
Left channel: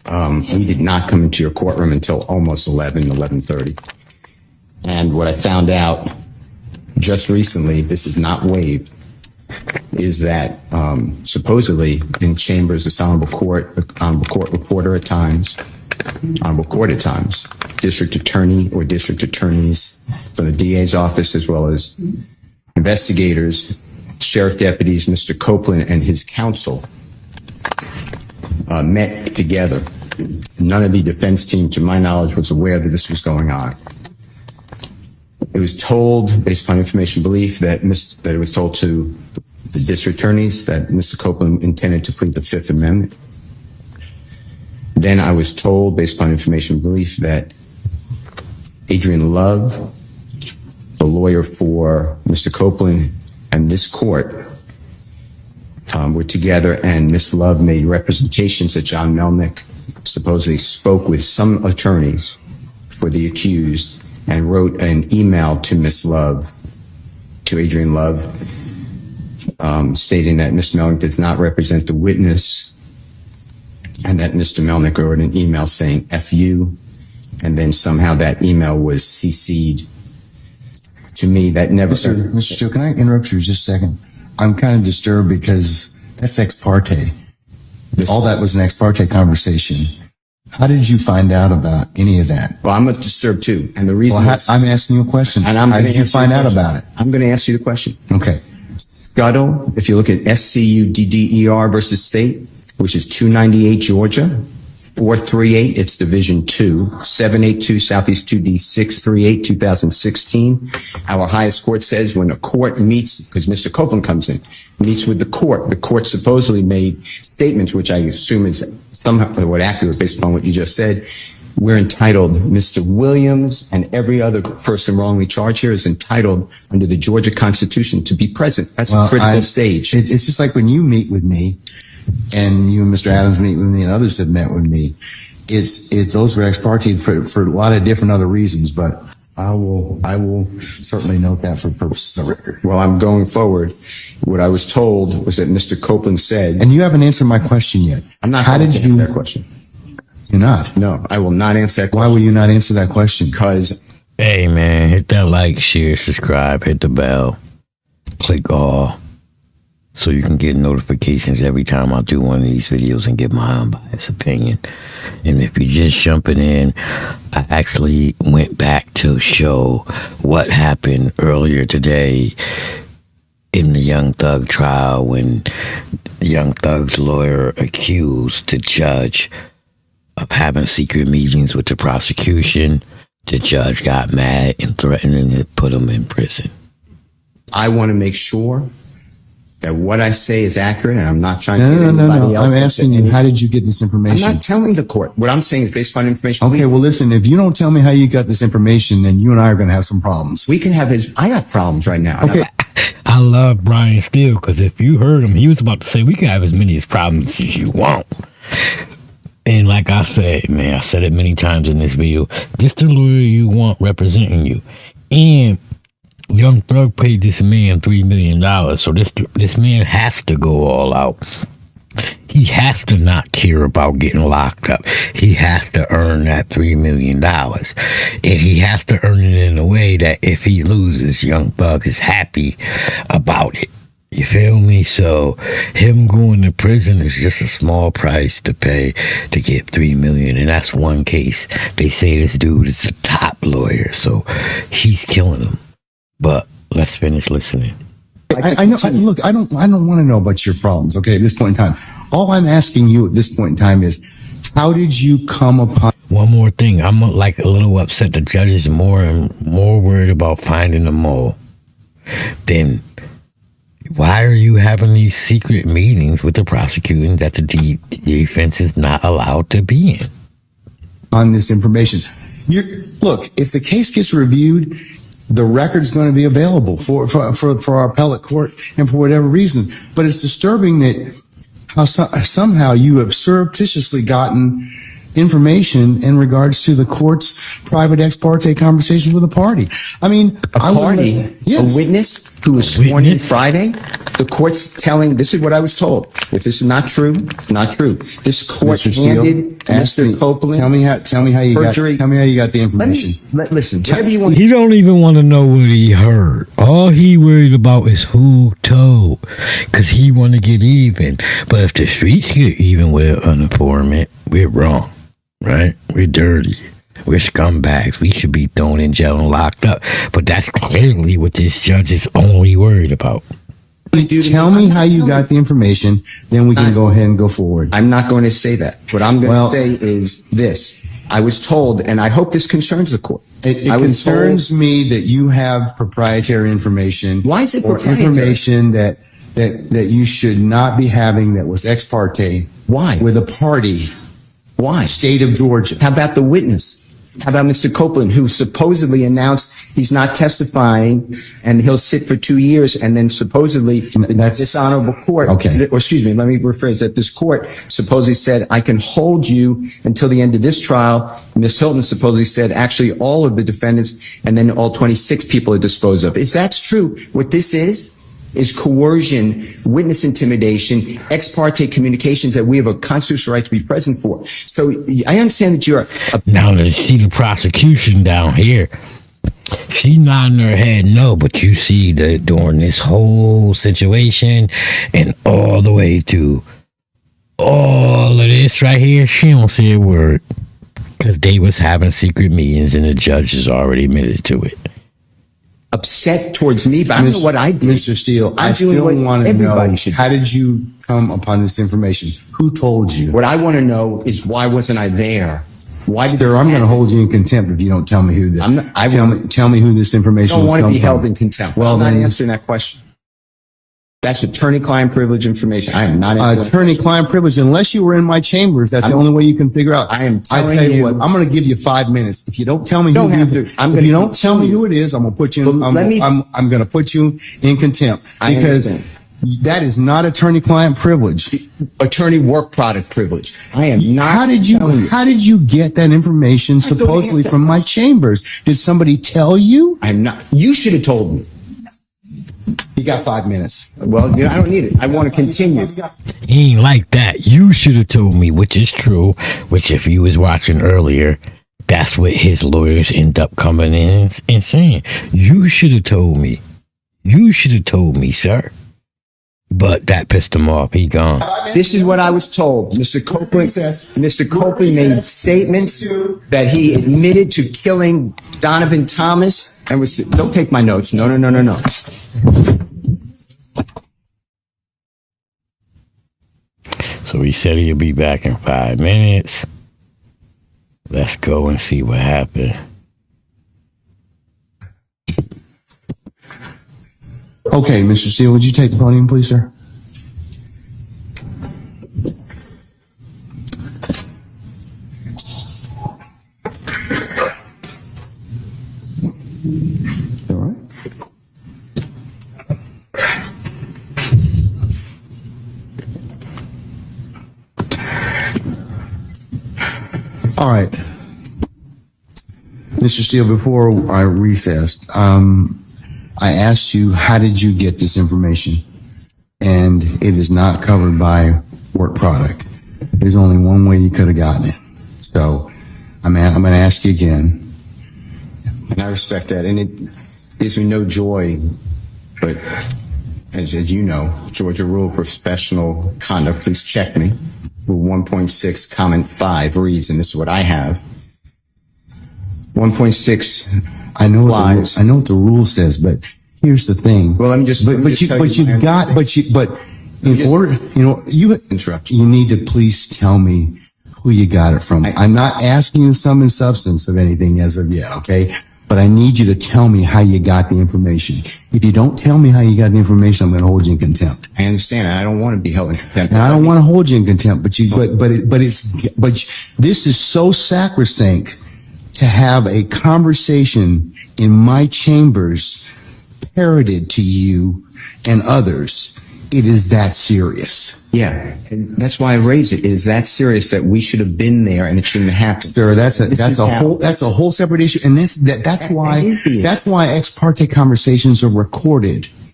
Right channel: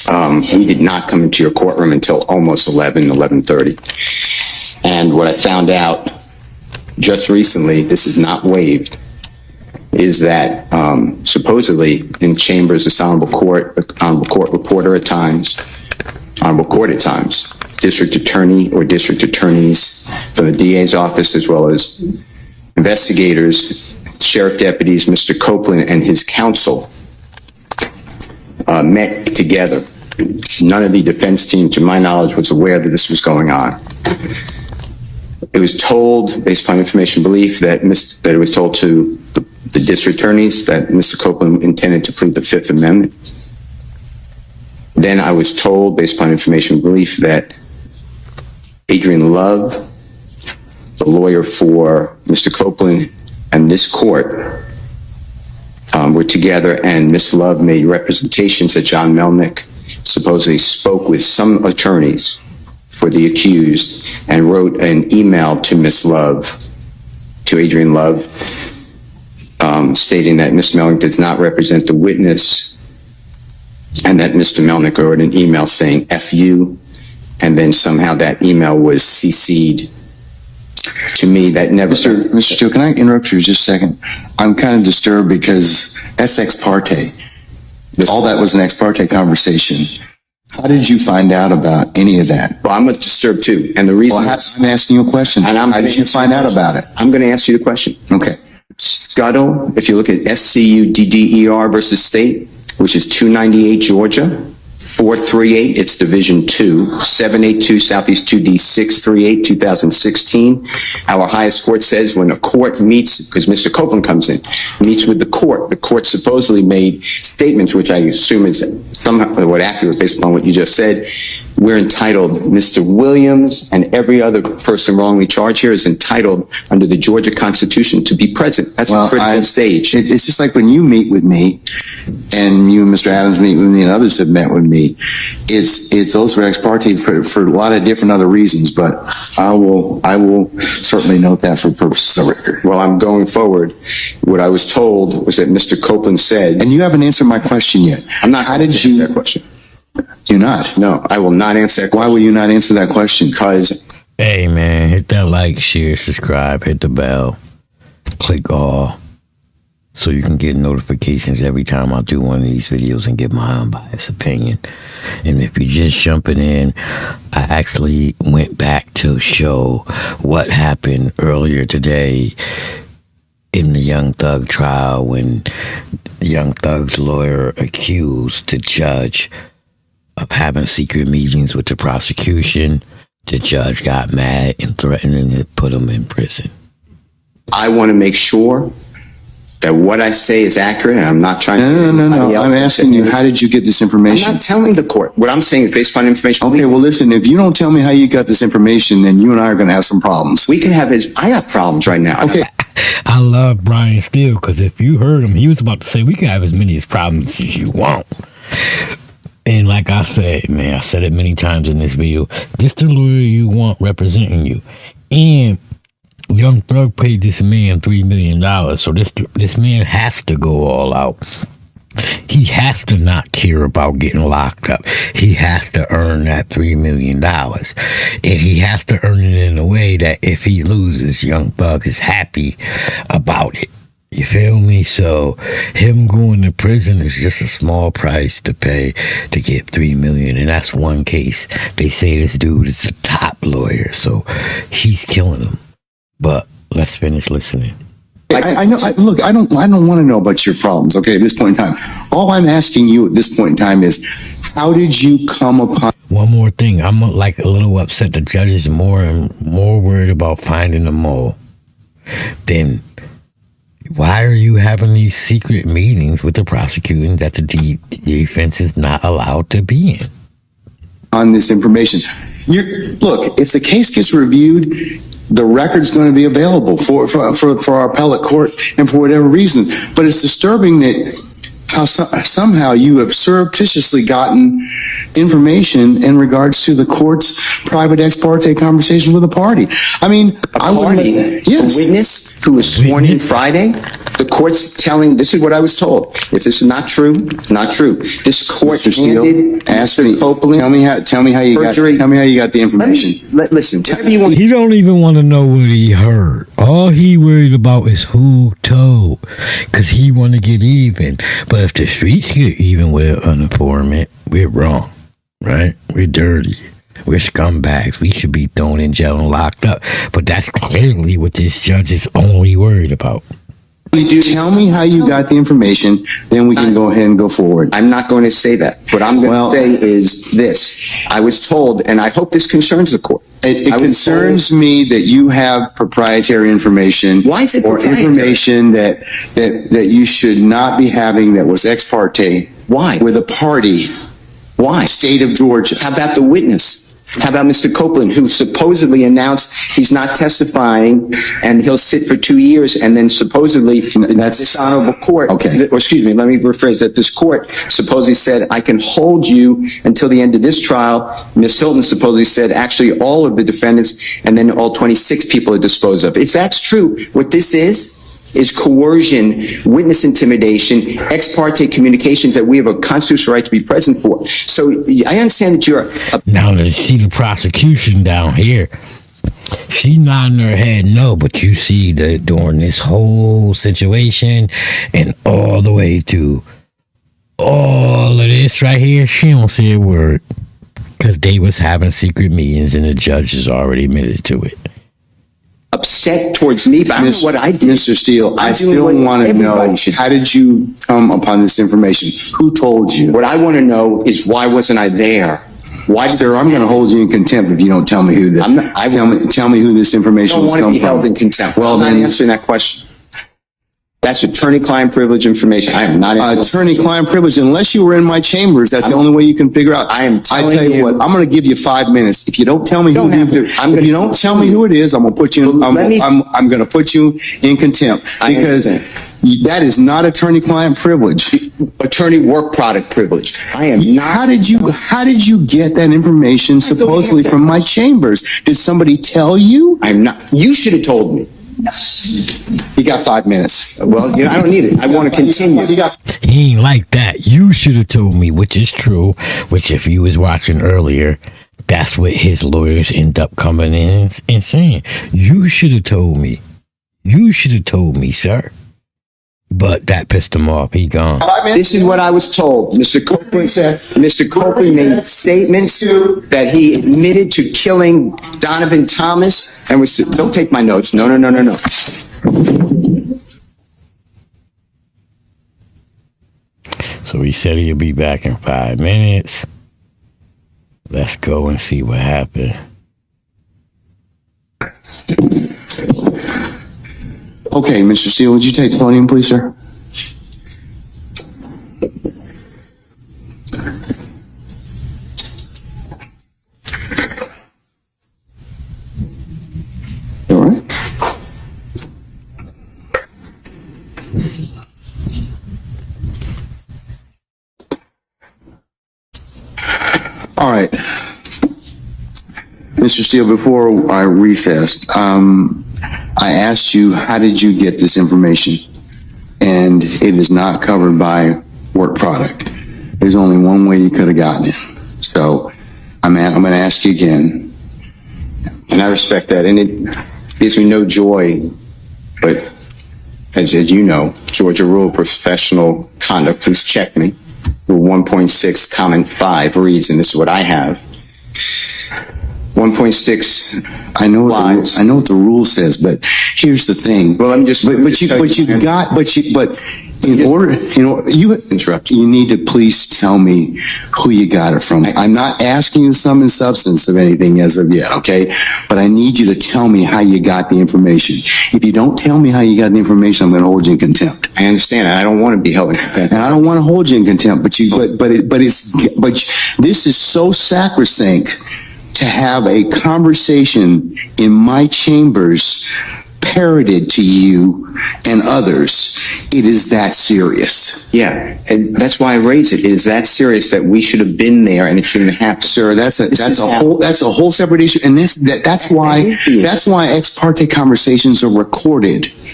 We did not come into your courtroom until almost 11:30. And what I found out just recently, this is not waived, is that supposedly in chambers, the Honorable Court reporter at times, Honorable Court at times, district attorney or district attorneys from the DA's office, as well as investigators, sheriff deputies, Mr. Copeland and his counsel met together. None of the defense team, to my knowledge, was aware that this was going on. It was told, based upon information belief, that it was told to the district attorneys that Mr. Copeland intended to plead the Fifth Amendment. Then I was told, based upon information belief, that Adrian Love, the lawyer for Mr. Copeland, and this court were together, and Ms. Love made representations that John Melnick supposedly spoke with some attorneys for the accused and wrote an email to Ms. Love, to Adrian Love, stating that Ms. Melnick does not represent the witness, and that Mr. Melnick wrote an email saying F you, and then somehow that email was CC'd to me. That never... Mr. Steele, can I interrupt you just a second? I'm kind of disturbed because that's ex parte. All that was an ex parte conversation. How did you find out about any of that? Well, I'm disturbed too. And the reason... Well, I'm asking you a question. And how did you find out about it? I'm going to ask you the question. Okay. Scuttle, if you look at SCUDDER versus State, which is 298 Georgia, 438, it's Division 2, 782 Southeast 2D 638, 2016. Our highest court says when a court meets, because Mr. Copeland comes in, meets with the court supposedly made statements, which I assume is somewhat accurate based upon what you just said. We're entitled, Mr. Williams and every other person wrongly charged here is entitled under the Georgia Constitution to be present. That's a critical stage. It's just like when you meet with me, and you and Mr. Adams meet with me, and others have met with me. It's those are ex parte for a lot of different other reasons, but I will certainly note that for purposes of the record. Well, I'm going forward. What I was told was that Mr. Copeland said, and you haven't answered my question yet. I'm not going to answer that question. You're not? No, I will not answer that question. Why will you not answer that question? Because... Hey, man, hit that like, share, subscribe, hit the bell, click all, so you can get notifications every time I do one of these videos and give my unbiased opinion. And if you're just jumping in, I actually went back to show what happened earlier today in the Young Thug trial when Young Thug's lawyer accused the judge of having secret meetings with the prosecution. The judge got mad and threatened to put him in prison. I want to make sure that what I say is accurate, and I'm not trying to... No. I'm asking you, how did you get this information? I'm not telling the court. What I'm saying is based upon information. Okay, well, listen, if you don't tell me how you got this information, then you and I are going to have some problems. We can have I got problems right now. Okay. I love Brian Steele, because if you heard him, he was about to say, we can have as many problems as you want. And like I said, man, I said it many times in this video, this the lawyer you want representing you. And Young Thug paid this man $3 million, so this man has to go all out. He has to not care about getting locked up. He has to earn that $3 million. And he has to earn it in a way that if he loses, Young Thug is happy about it. You feel me? So him going to prison is just a small price to pay to get $3 million, and that's one case. They say this dude is the top lawyer, so he's killing him. But let's finish listening. I know. Look, I don't want to know about your problems. Okay, at this point in time, all I'm asking you at this point in time is, how did you come upon? One more thing, I'm like a little upset. The judge is more and more worried about finding the mole than. Why are you having these secret meetings with the prosecuting that the defense is not allowed to be in? On this information, look, if the case gets reviewed, the record's going to be available for our appellate court and for whatever reason. But it's disturbing that somehow you have surreptitiously gotten information in regards to the court's private ex parte conversation with a party. I mean, A witness who was sworn in Friday. the court's telling, this is what I was told. If this is not true, not true. This court Mr. Steele, handed ask Mr. me. Copeland. Tell me how you perjury. got the information. Listen, whatever you want. He don't even want to know what he heard. All he worried about is who told, because he want to get even. But if the streets get even with an informant, we're wrong, right? We're dirty. We're scumbags. We should be thrown in jail and locked up. But that's clearly what this judge is only worried about. Tell me how you got the information, then we can go ahead and go forward. I'm not going to say that. What I'm going to say is this. I was told, and I hope this concerns the court. It I was concerns me that you have proprietary information. Why is it or proprietary? information that you should not be having that was ex parte. Why? With a party. Why? State of Georgia. How about the witness? How about Mr. Copeland, who supposedly announced he's not testifying and he'll sit for 2 years, and then supposedly this honorable court, Okay. or excuse me, let me rephrase that. This court supposedly said, I can hold you until the end of this trial. Ms. Hilton supposedly said, actually, all of the defendants and then all 26 people are disposed of. If that's true, what this is coercion, witness intimidation, ex parte communications that we have a constitutional right to be present for. So I understand that you're Now to see the prosecution down here, she nodding her head no, but you see that during this whole situation and all the way through all of this right here, she don't say a word, because they was having secret meetings and the judge has already admitted to it. upset towards me, but I don't know what I did. Mr. Steele, I I'm doing still what want to know, everybody should do. how did you come upon this information? Who told you? What I want to know is, why wasn't I there? Why Sir, I'm going to hold you in contempt if you don't tell me who this. I'm not- I tell me who this I information don't was want to come be from. held in contempt. Well, I'm not then, answering that question. That's attorney-client privilege information. I am not. attorney-client privilege. Unless you were in my chambers, that's the only way you can figure out. I am I telling tell you you- what, I'm going to give you 5 minutes. If you don't tell me Don't who have you, to. I'm if gonna- you don't tell me who it is, I'm going to put you. Well, let me- I'm going to put you in contempt I because understand. that is not attorney-client privilege. Attorney work product privilege. I am not. How did you get that information supposedly from my chambers? Did somebody tell you? I'm not. You should have told me. You got 5 minutes. Well, you know, I don't need it. I want to continue. He ain't like that. You should have told me, which is true, which if you was watching earlier, that's what his lawyers end up coming in and saying. You should have told me. You should have told me, sir. But that pissed him off. He gone. This is what I was told. Mr. Copeland made statements that he admitted to killing Donovan Thomas and was. Don't take my notes. No. So he said he'll be back in 5 minutes. Let's go and see what happened. Okay, Mr. Steele, would you take the podium, please, sir? All right. All right. Mr. Steele, before I recessed, I asked you, how did you get this information? And it is not covered by work product. There's only one way you could have gotten it. So I'm going to ask you again. And I respect that. And it gives me no joy. But as you know, Georgia rule professional conduct, please check me. Rule 1.6, comment 5 reads, and this is what I have. 1.6. I know Lies. what the rule says, but here's the thing. Well, let me just. Interrupt. You need to please tell me who you got it from. I'm not asking you sum and substance of anything as of yet, okay? But I need you to tell me how you got the information. If you don't tell me how you got the information, I'm going to hold you in contempt. I understand. I don't want to be held in contempt. And I don't want to hold you in contempt, but this is so sacrosanct to have a conversation in my chambers parroted to you and others. It is that serious. Yeah, and that's why I raised it. It is that serious that we should have been there, and it shouldn't have happened. Sir, that's a whole separate issue. And that's why is the issue. ex parte conversations are recorded.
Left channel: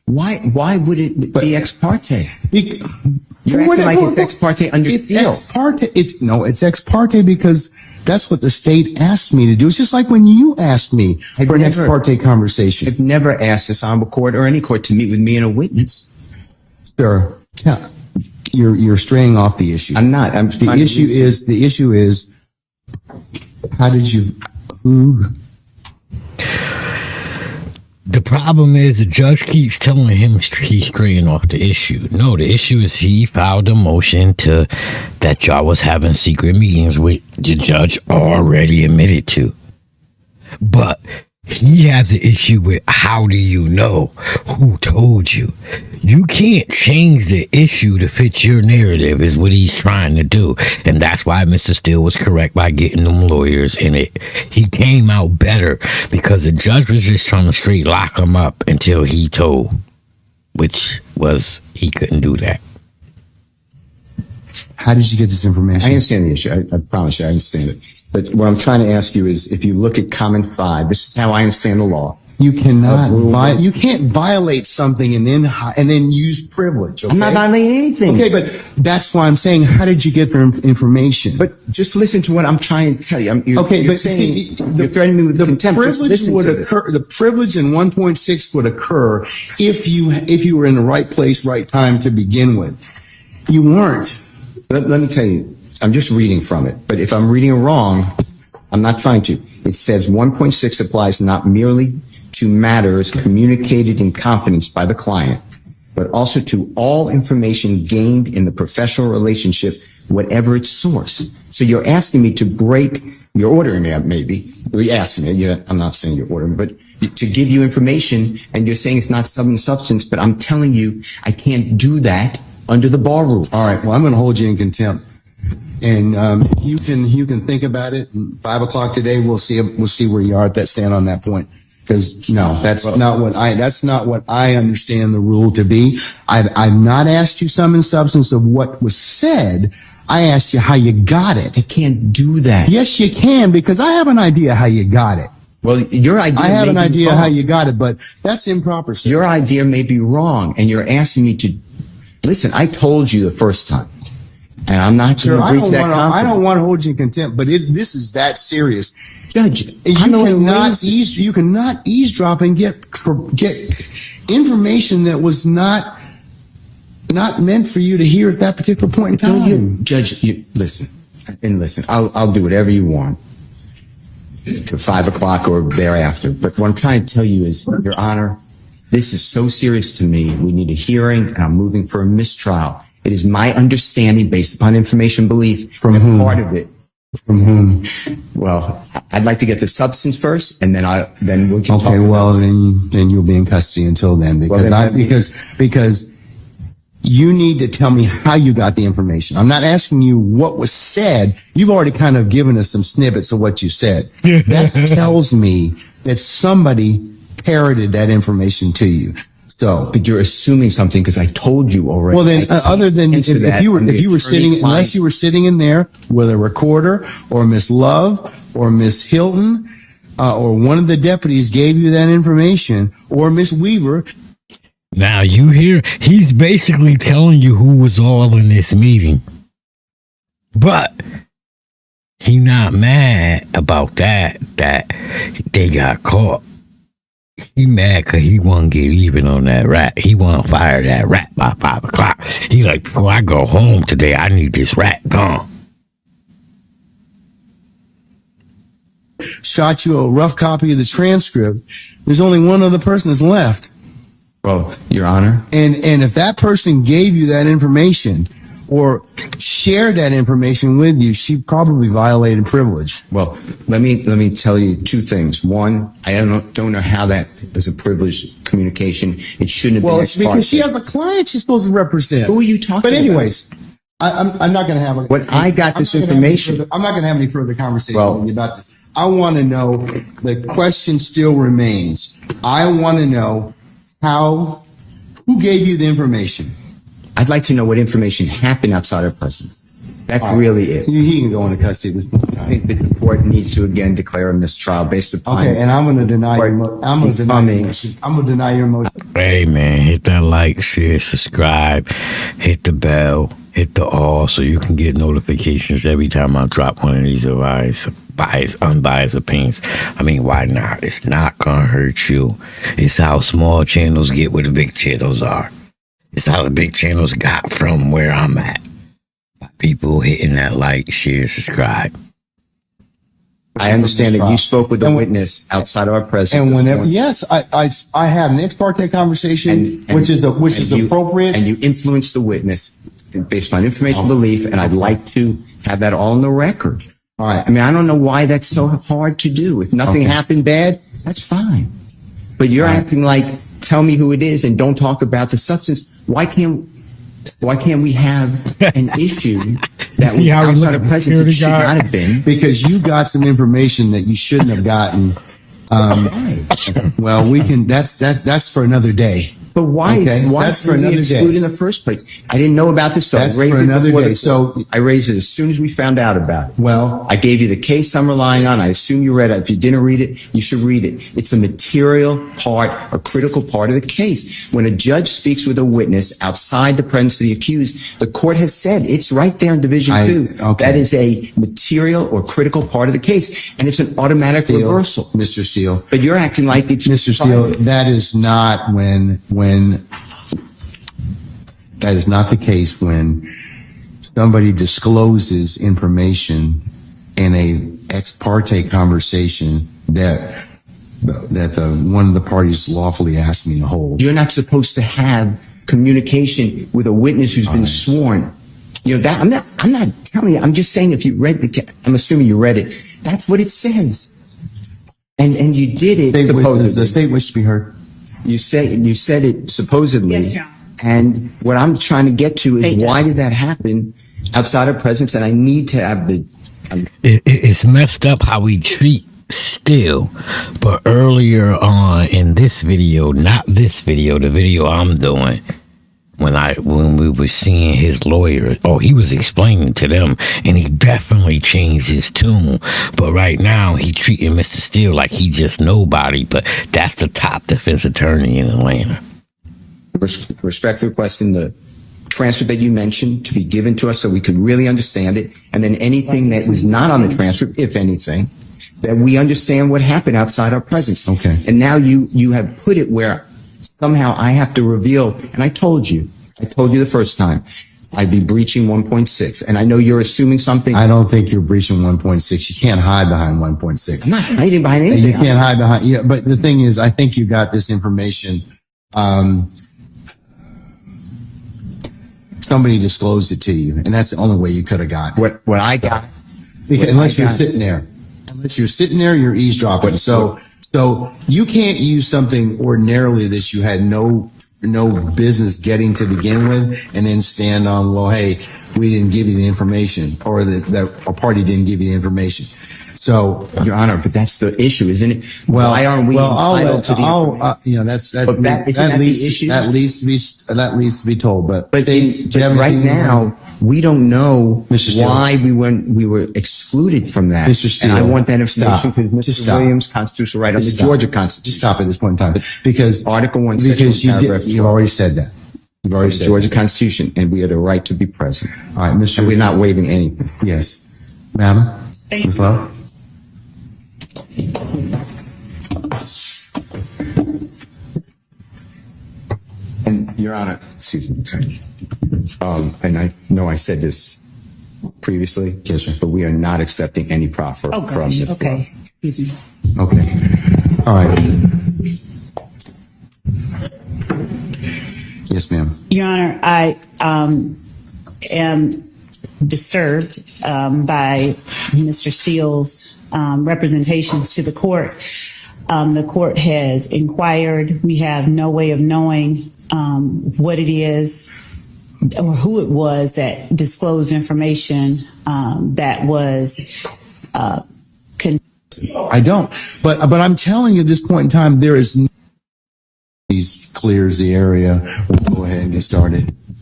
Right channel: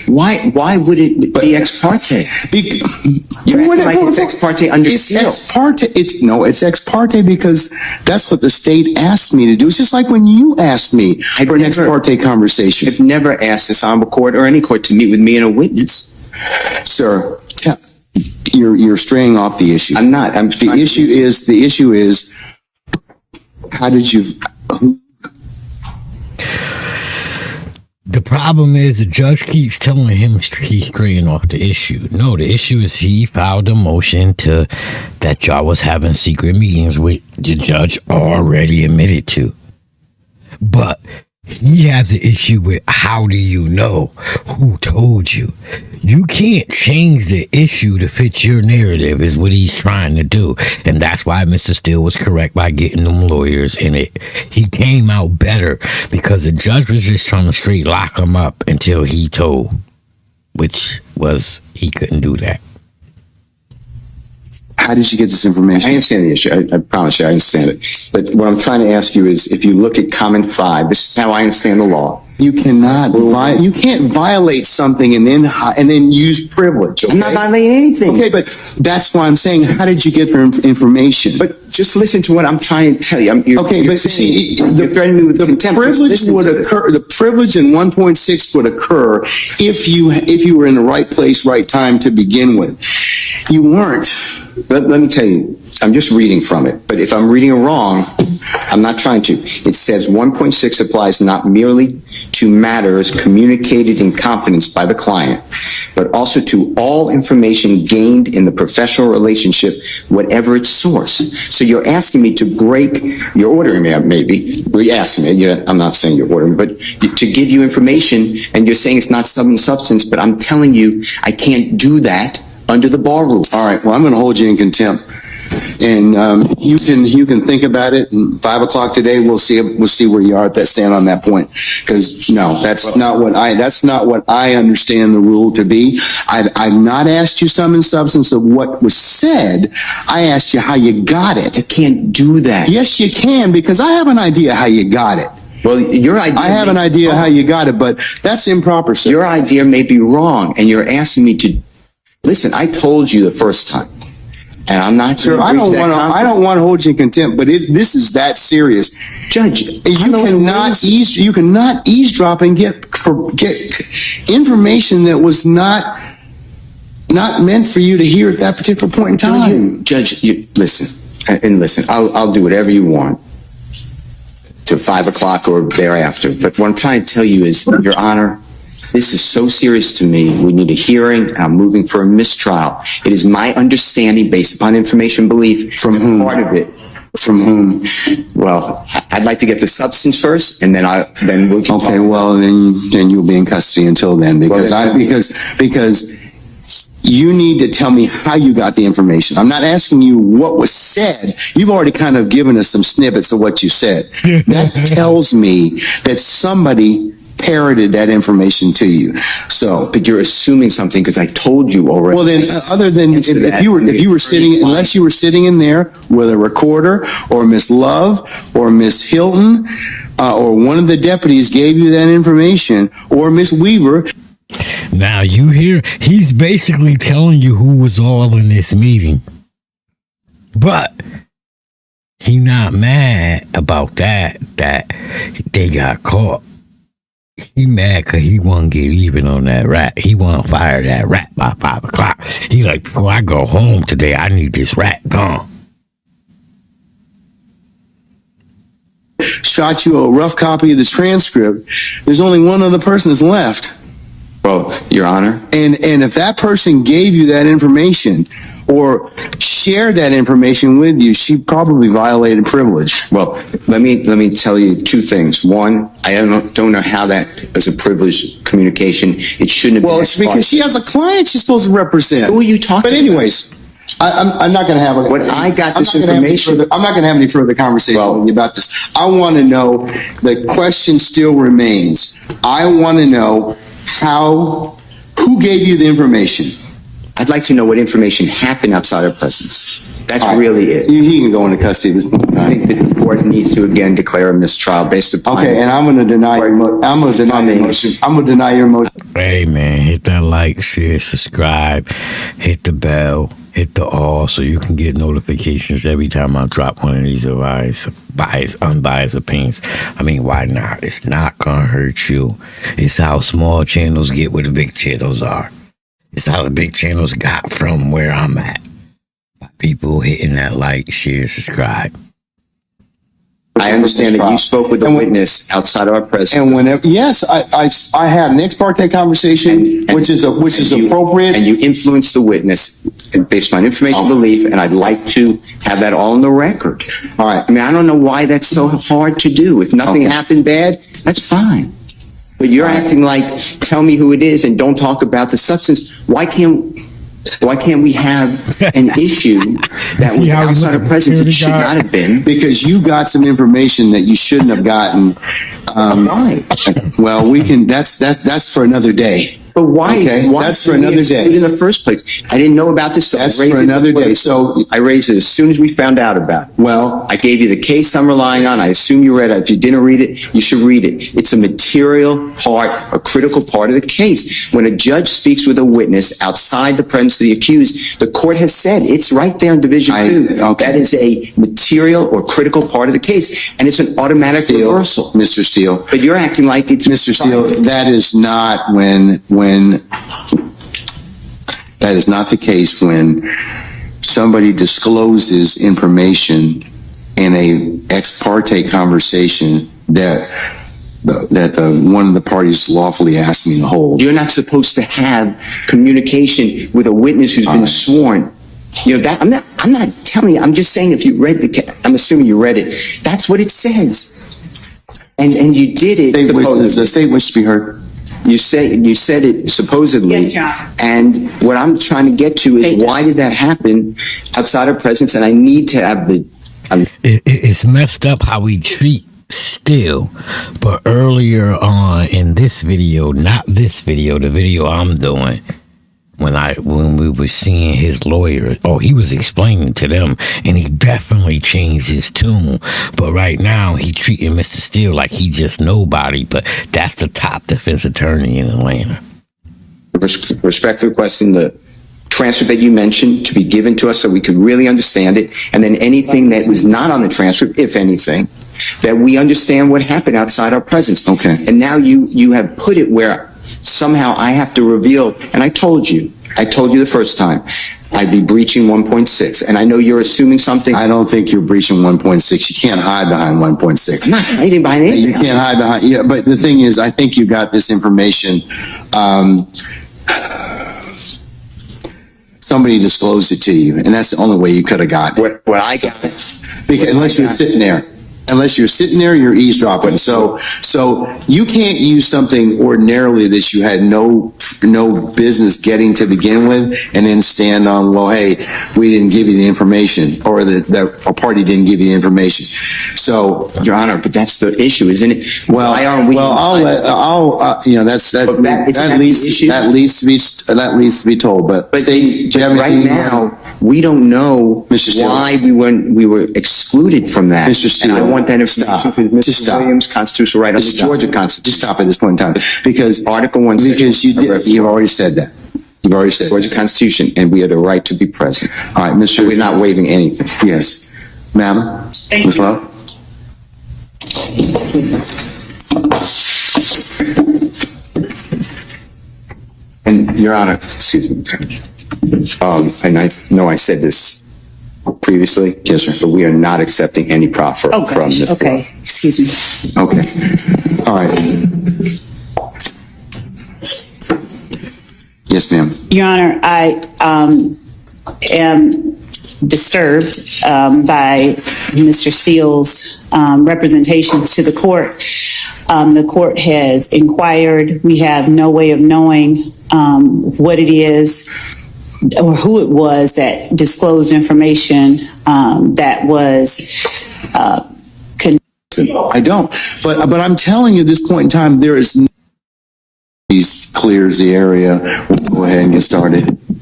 Why would it be ex parte? You're acting like it's ex parte under seal. It's ex parte. It's ex parte because that's what the state asked me to do. It's just like when you asked me for an ex parte conversation. I've never asked this honorable court or any court to meet with me and a witness. Sir, you're straying off the issue. I'm not. The issue is, how did you? The problem is the judge keeps telling him he's straying off the issue. No, the issue is he filed a motion that y'all was having secret meetings with the judge already admitted to. But he has an issue with how do you know who told you? You can't change the issue to fit your narrative is what he's trying to do. And that's why Mr. Steele was correct by getting them lawyers in it. He came out better because the judge was just trying to straight lock him up until he told, which was he couldn't do that. How did you get this information? I understand the issue. I promise you, I understand it. But what I'm trying to ask you is, if you look at comment 5, this is how I understand the law. You cannot. You can't violate something and then use privilege. Okay? I'm not violating anything. Okay, but that's why I'm saying, how did you get the information? But just listen to what I'm trying to tell you. You're threatening me with contempt. The privilege in 1.6 would occur if you were in the right place, right time to begin with. You weren't. Let me tell you, I'm just reading from it. But if I'm reading it wrong, I'm not trying to. It says 1.6 applies not merely to matters communicated in confidence by the client, but also to all information gained in the professional relationship, whatever its source. So you're asking me to break, you're ordering me, maybe. You're asking me, I'm not saying you're ordering, but to give you information, and you're saying it's not substance, but I'm telling you I can't do that under the bar rule. All right, well, I'm going to hold you in contempt. And you can think about it. And 5 o'clock today, we'll see where you are at that stand on that point. Because no, that's not what I understand the rule to be. I've not asked you sum and substance of what was said. I asked you how you got it. You can't do that. Yes, you can, because I have an idea how you got it. Well, your idea. I have an idea how you got it, but that's improper, sir. Your idea may be wrong, and you're asking me to listen. I told you the first time. And I'm not sure. Sir, I don't want to hold you in contempt, but this is that serious. Judge, you cannot eavesdrop and get information that was not meant for you to hear at that particular point in time. Judge, listen. I'll do whatever you want to 5 o'clock or thereafter. But what I'm trying to tell you is, Your Honor, this is so serious to me. We need a hearing, and I'm moving for a mistrial. It is my understanding, based upon information belief, from whom? Part of it. From whom? Well, I'd like to get the substance first, and then we can. Okay, well, then you'll be in custody until then, because you need to tell me how you got the information. I'm not asking you what was said. You've already kind of given us some snippets of what you said. That tells me that somebody parroted that information to you. So, but you're assuming something because I told you already. Well, then, other than if you were sitting, unless you were sitting in there with a recorder, or Miss Love, or Miss Hilton, or one of the deputies gave you that information, or Miss Weaver. Now you hear he's basically telling you who was all in this meeting, but he not mad about that they got caught. He mad because he want to get even on that rat. He want to fire that rat by 5 o'clock. He like, before I go home today, I need this rat gone. Shot you a rough copy of the transcript. There's only one other person that's left. Well, Your Honor. And if that person gave you that information or shared that information with you, she probably violated privilege. Well, let me tell you two things. One, I don't know how that is a privileged communication. It shouldn't have been. Well, it's because she has a client she's supposed to represent. Who are you talking about? But anyways, I'm not going to have a... When I got this information... I'm not going to have any further conversation with you about this. I want to know, the question still remains. I want to know who gave you the information? I'd like to know what information happened outside our presence. That's All right. really it. He can go into custody at this point in I time. think that the court needs to again declare a mistrial based upon. Okay, and I'm going to deny your I'm going to deny your motion. I'm going to deny your motion. Hey man, hit that like, share, subscribe, hit the bell, hit the all so you can get notifications every time I drop one of these unbiased opinions. I mean, why not? It's not gonna hurt you. It's how small channels get where the big channels are. It's how the big channels got from where I'm at. By people hitting that like, share, subscribe. I understand that you spoke with a witness outside of our presence. And whenever, yes, I had an ex parte conversation, which is appropriate. And you influenced the witness based on information belief, and I'd like to have that all on the record. All right. I mean, I don't know why that's so hard to do. If nothing happened bad, that's fine. But you're acting like, tell me who it is and don't talk about the substance. Why can't we have an issue that was outside of presence that should not have been? Because you got some information that you shouldn't have gotten. Why? Well, we can. That's for another day. But why? Okay, Why that's for did we another exclude day. in the first place? I didn't know about this. So That's I raised for it another before day. the So court. I raised it as soon as we found out about it. well, I gave you the case I'm relying on. I assume you read it. If you didn't read it, you should read it. It's a material part, a critical part of the case. When a judge speaks with a witness outside the presence of the accused, the court has said it's right there in Division 2. okay. That is a material or critical part of the case, and it's an automatic reversal. Mr. Steele. But you're acting like it's Mr. Steele, that is not when that is not the case when somebody discloses information in a ex parte conversation that one of the parties lawfully asked me to hold. You're not supposed to have communication with a witness who's been sworn. You know that I'm not telling you. I'm just saying if you read I'm assuming you read it. That's what it says. And you did it. The state wishes to be heard. You said it supposedly. Yes, Your Honor. And what I'm trying to get to is why did that happen outside of presence? And I need to have It's messed up how we treat Steele. But earlier on in this video, not this video, the video I'm doing, when we were seeing his lawyer, he was explaining to them, and he definitely changed his tune. But right now, he treating Mr. Steele like he just nobody. But that's the top defense attorney in Atlanta. respectfully requesting the transcript that you mentioned to be given to us so we could really understand it. And then anything that was not on the transcript, if anything, that we understand what happened outside our presence. Okay. And now you have put it where somehow I have to reveal, and I told you the first time, I'd be breaching 1.6. And I know you're assuming something. I don't think you're breaching 1.6. You can't hide behind 1.6. I'm not hiding behind anything. You can't hide behind. Yeah, but the thing is, I think you got this information. Somebody disclosed it to you, and that's the only way you could have gotten it. What I got. Because unless you're sitting there. Unless you're sitting there, you're eavesdropping. So you can't use something ordinarily that you had no business getting to begin with, and then stand on, well, hey, we didn't give you the information, or that a party didn't give you the information. So, Your Honor, but that's the issue, isn't it? well, Why aren't we that leads to be told. But right now, we don't know Mr. Steele. why we were excluded from that. Mr. Steele, and I want that information stop. because Just Mr. stop. Williams' constitutional right under the Georgia Constitution. Just stop at this point in time, because Article 1, because you've already said that. You've already said Georgia that. Constitution, and we have the right to be present. All right, Mr. And we're not waiving anything. Yes, ma'am. Ms. Lowe? And Your Honor, excuse me. And I know I said this previously. Yes, sir. But we are not accepting any proffer Oh, from gosh. this. Okay. Excuse me. Okay. All right. Yes, ma'am. Your Honor, I am disturbed by Mr. Steele's representations to the court. The court has inquired. We have no way of knowing what it is or who it was that disclosed information that was I don't. But I'm telling you at this point in time, there is. He clears the area. We'll go ahead and get started.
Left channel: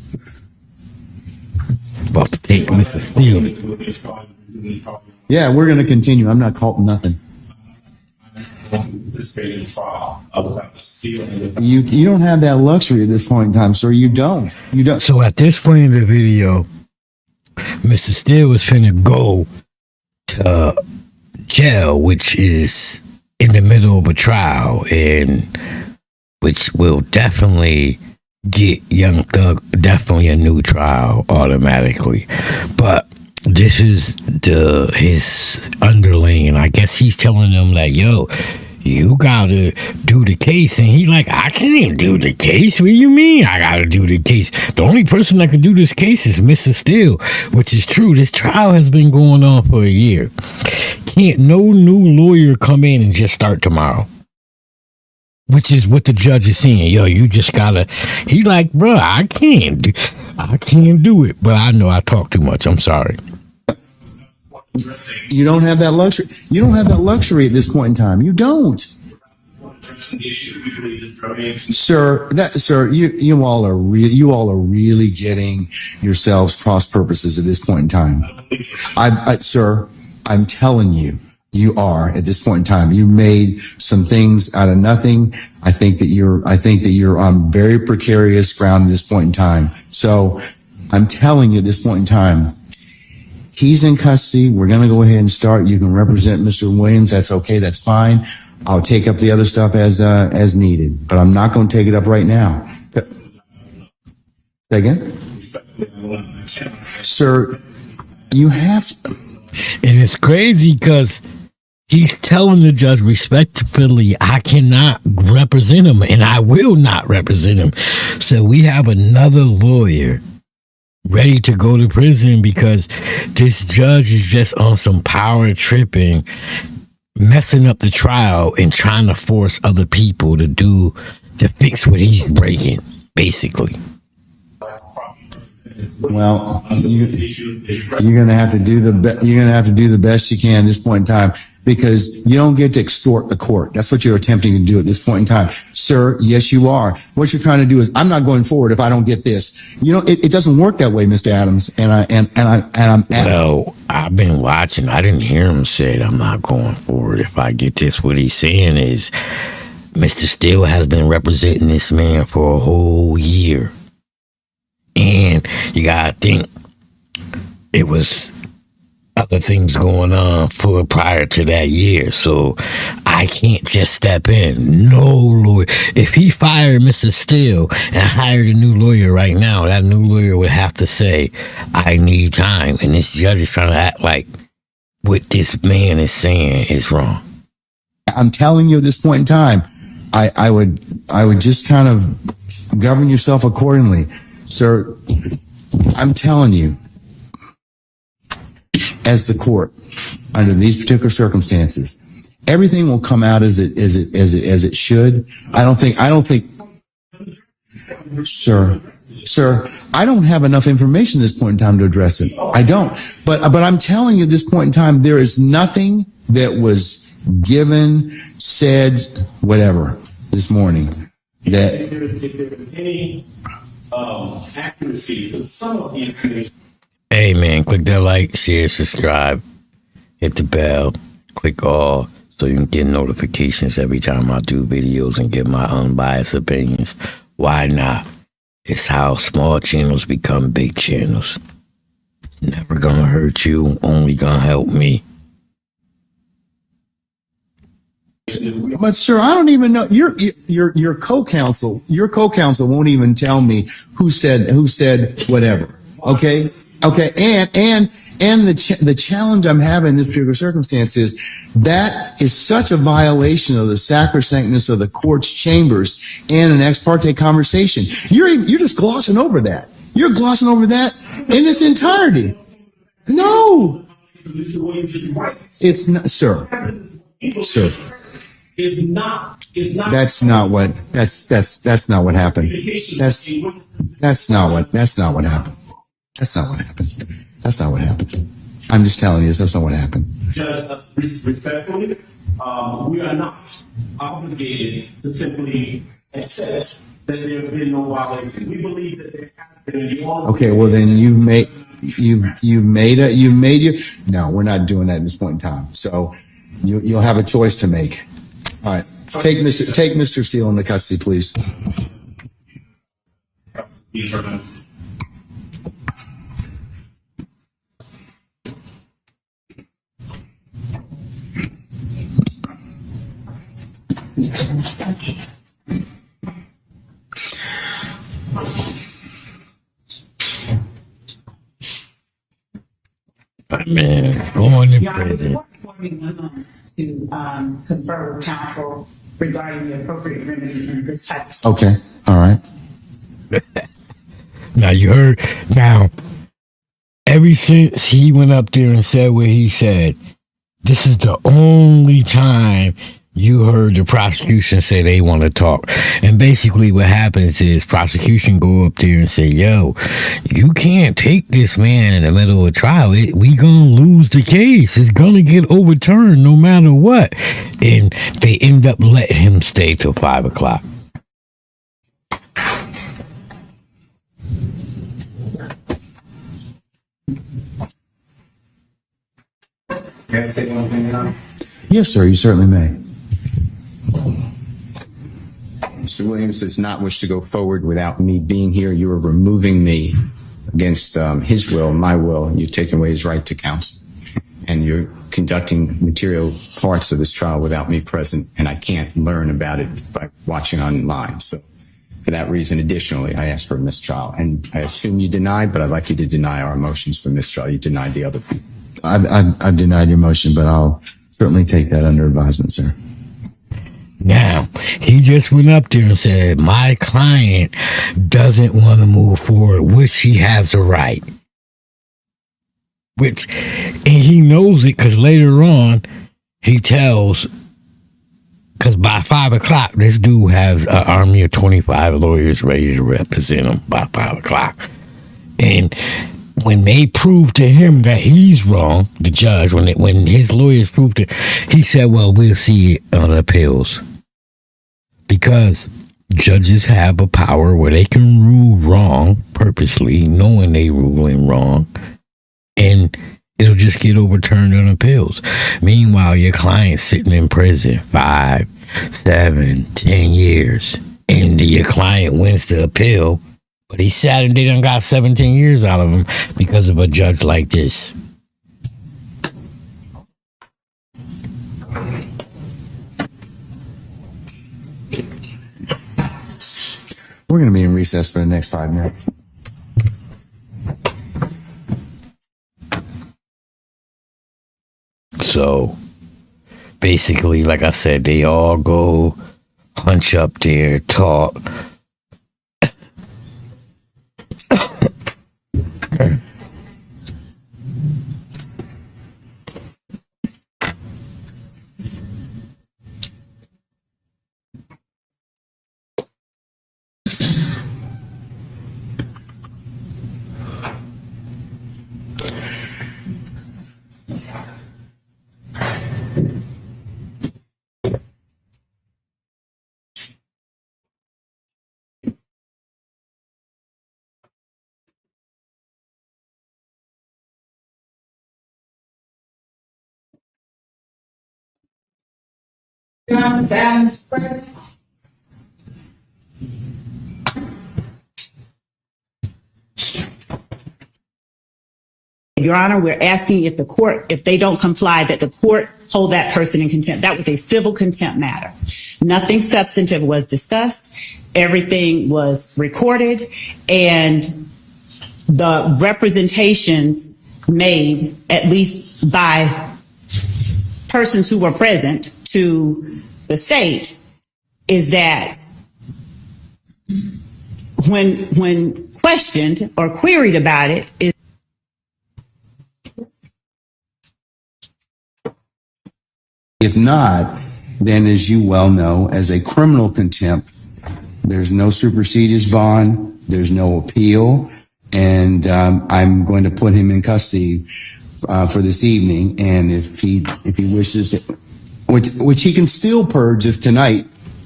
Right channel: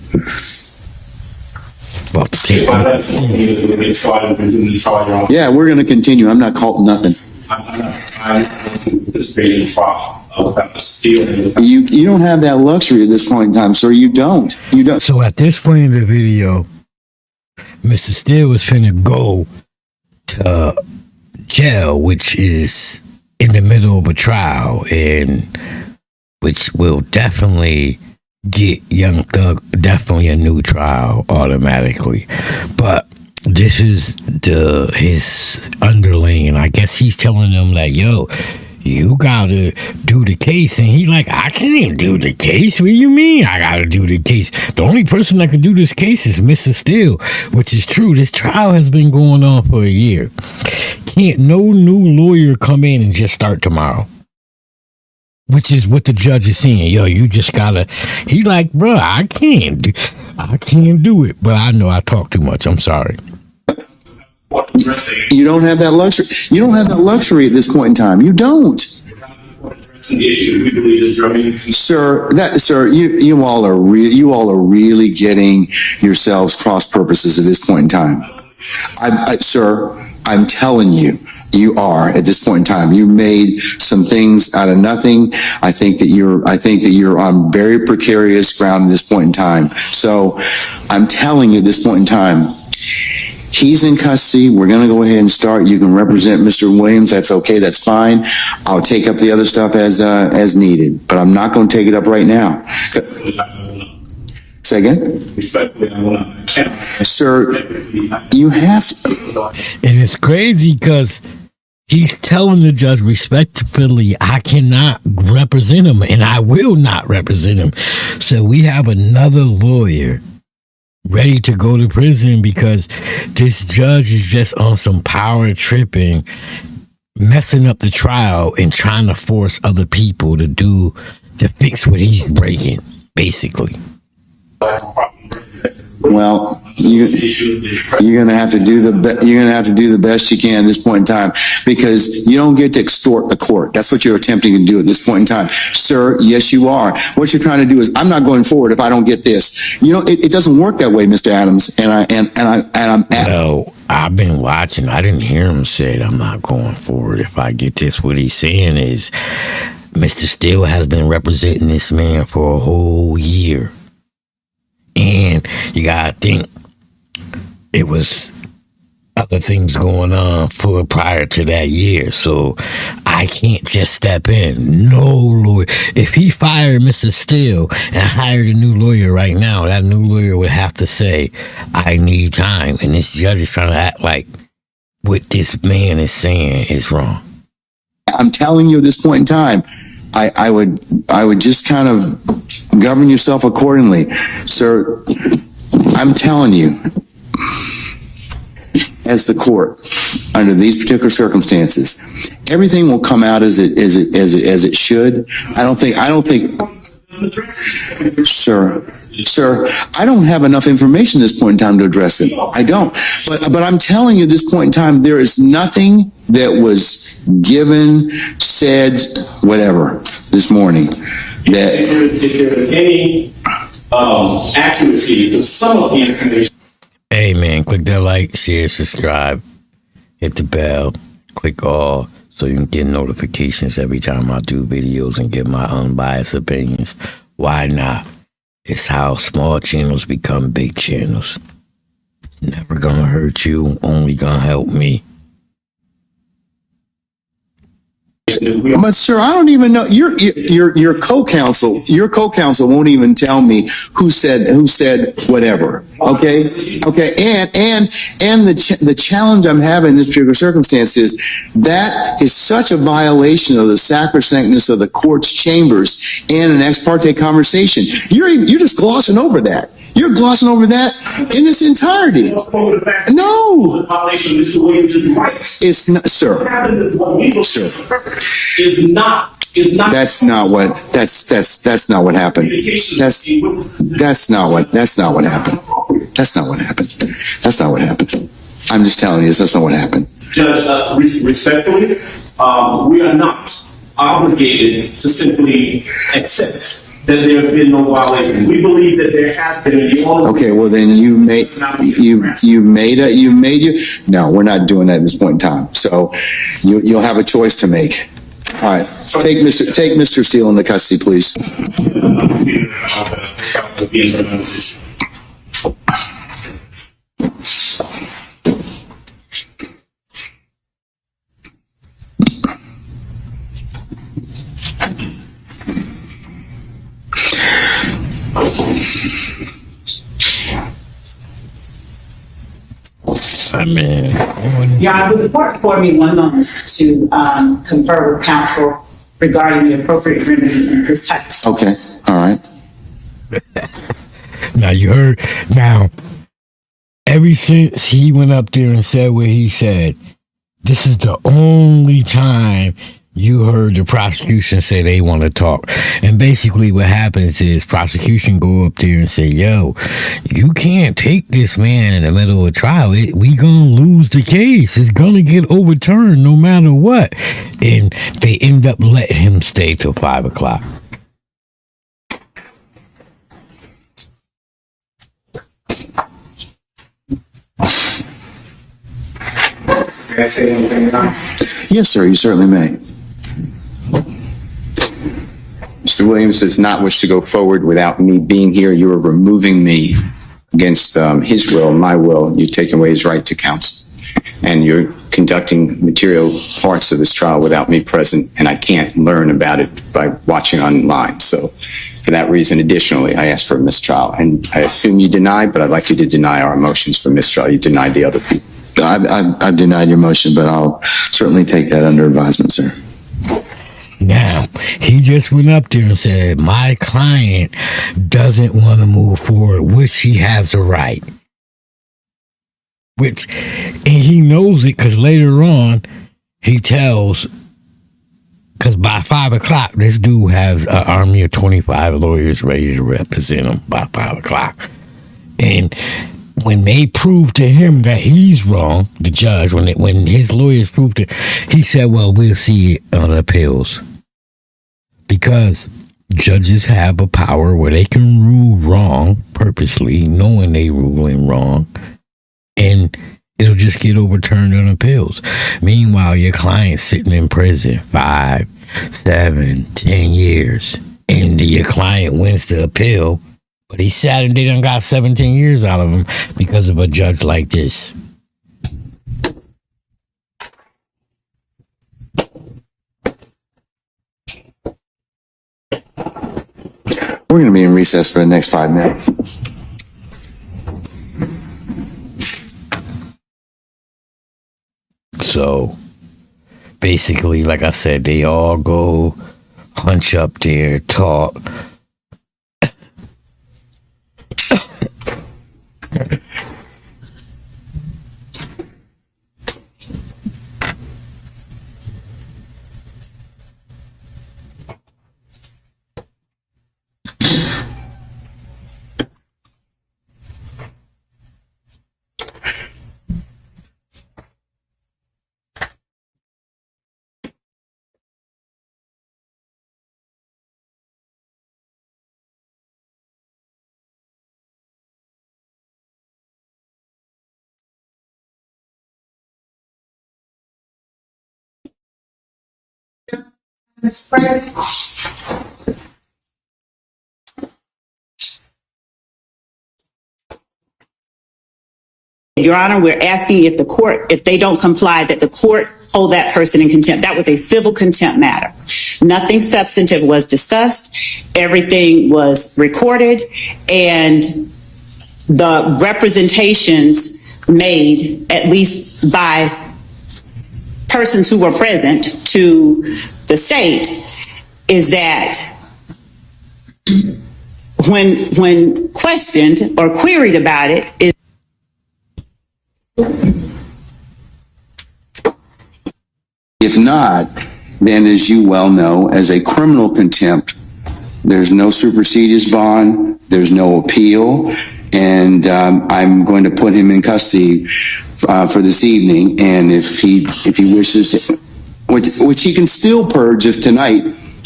About to take Mr. Steele. Yeah, we're going to continue. I'm not caught nothing. I'm participating in trial without stealing. You don't have that luxury at this point in time, sir. You don't. You don't. So at this point in the video, Mr. Steele was finna go to jail, which is in the middle of a trial, and which will definitely get Young Thug definitely a new trial automatically. But this is his underling, and I guess he's telling them like, yo, you gotta do the case. And he like, I can't do the case. What do you mean I gotta do the case? The only person that can do this case is Mr. Steele, which is true. This trial has been going on for a year. Can't no new lawyer come in and just start tomorrow. Which is what the judge is saying. Yo, you just gotta. He like, bro, I can't do it. But I know I talk too much. I'm sorry. You don't have that luxury. You don't have that luxury at this point in time. You don't. Sir, you all are really getting yourselves cross purposes at this point in time. Sir, I'm telling you, you are at this point in time. You made some things out of nothing. I think that you're on very precarious ground at this point in time. So I'm telling you at this point in time, he's in custody. We're going to go ahead and start. You can represent Mr. Williams. That's okay. That's fine. I'll take up the other stuff as needed, but I'm not going to take it up right now. Say again? Sir, you have to. And it's crazy because he's telling the judge respectfully, I cannot represent him and I will not represent him. So we have another lawyer ready to go to prison because this judge is just on some power tripping, messing up the trial and trying to force other people to fix what he's breaking, basically. Well, you're gonna have to do the best you can at this point in time, because you don't get to extort the court. That's what you're attempting to do at this point in time, sir. Yes, you are. What you're trying to do is, I'm not going forward if I don't get this. You know, it doesn't work that way, Mr. Adams. Well, I've been watching. I didn't hear him say I'm not going forward if I get this. What he's saying is, Mr. Steele has been representing this man for a whole year. And you gotta think it was other things going on prior to that year. So I can't just step in. No lawyer. If he fired Mr. Steele and hired a new lawyer right now, that new lawyer would have to say, I need time. And this judge is trying to act like what this man is saying is wrong. I'm telling you at this point in time, I would just kind of govern yourself accordingly, sir. I'm telling you, as the court, under these particular circumstances, everything will come out as it should. I don't think, sir, I don't have enough information at this point in time to address it. I don't. But I'm telling you at this point in time, there is nothing that was given, said, whatever, this morning that if there's any accuracy to some of the information. Hey man, click that like, share, subscribe, hit the bell, click all so you can get notifications every time I do videos and get my unbiased opinions. Why not? It's how small channels become big channels. Never gonna hurt you, only gonna help me. But sir, I don't even know. Your co-counsel won't even tell me who said whatever. Okay. And the challenge I'm having in this particular circumstance is that is such a violation of the sacrosanctness of the court's chambers and an ex parte conversation. You're just glossing over that. You're glossing over that in its entirety. No, it's not, sir. Sir, that's not what happened. That's not what happened. I'm just telling you, that's not what happened. Judge, respectfully, we are not obligated to simply accept that there's been no violation. We believe that there has been. And the only Okay, well then you made no, we're not doing that at this point in time. So you'll have a choice to make. All right, take Mr. Steele into custody, please. Your Honor, would the court afford me one moment to confer with counsel regarding the appropriate remedy in this type of Okay, all right. Now you heard. Now, ever since he went up there and said what he said, this is the only time you heard the prosecution say they want to talk. And basically what happens is prosecution go up there and say, yo, you can't take this man in the middle of a trial. We gonna lose the case. It's gonna get overturned no matter what. And they end up letting him stay till 5 o'clock. Can I say one thing now? Yes, sir, you certainly may. Mr. Williams does not wish to go forward without me being here. You are removing me against his will, my will. You're taking away his right to counsel. And you're conducting material parts of this trial without me present, and I can't learn about it by watching online. So for that reason, additionally, I ask for a mistrial. And I assume you deny, but I'd like you to deny our motions for mistrial. You denied the other people. I've denied your motion, but I'll certainly take that under advisement, sir. Now, he just went up there and said, my client doesn't want to move forward, which he has a right. And he knows it because later on, he tells, because by 5 o'clock, this dude has an army of 25 lawyers ready to represent him by 5 o'clock. And when they proved to him that he's wrong, the judge, when his lawyers proved it, he said, well, we'll see it on appeals. Because judges have a power where they can rule wrong purposely, knowing they ruling wrong, and it'll just get overturned on appeals. Meanwhile, your client's sitting in prison 5, 7, 10 years, and your client wins the appeal, but he's sad and they done got 17 years out of him because of a judge like this. We're going to be in recess for the next 5 minutes. So basically, like I said, they all go hunch up there, talk. Your Honor, we're asking if they don't comply, that the court hold that person in contempt. That was a civil contempt matter. Nothing substantive was discussed. Everything was recorded, and the representations made, at least by persons who were present to the state, is that when questioned or queried about it, If not, then as you well know, as a criminal contempt, there's no supersedeas bond, there's no appeal, and I'm going to put him in custody for this evening. And if he wishes to, which he can still purge if tonight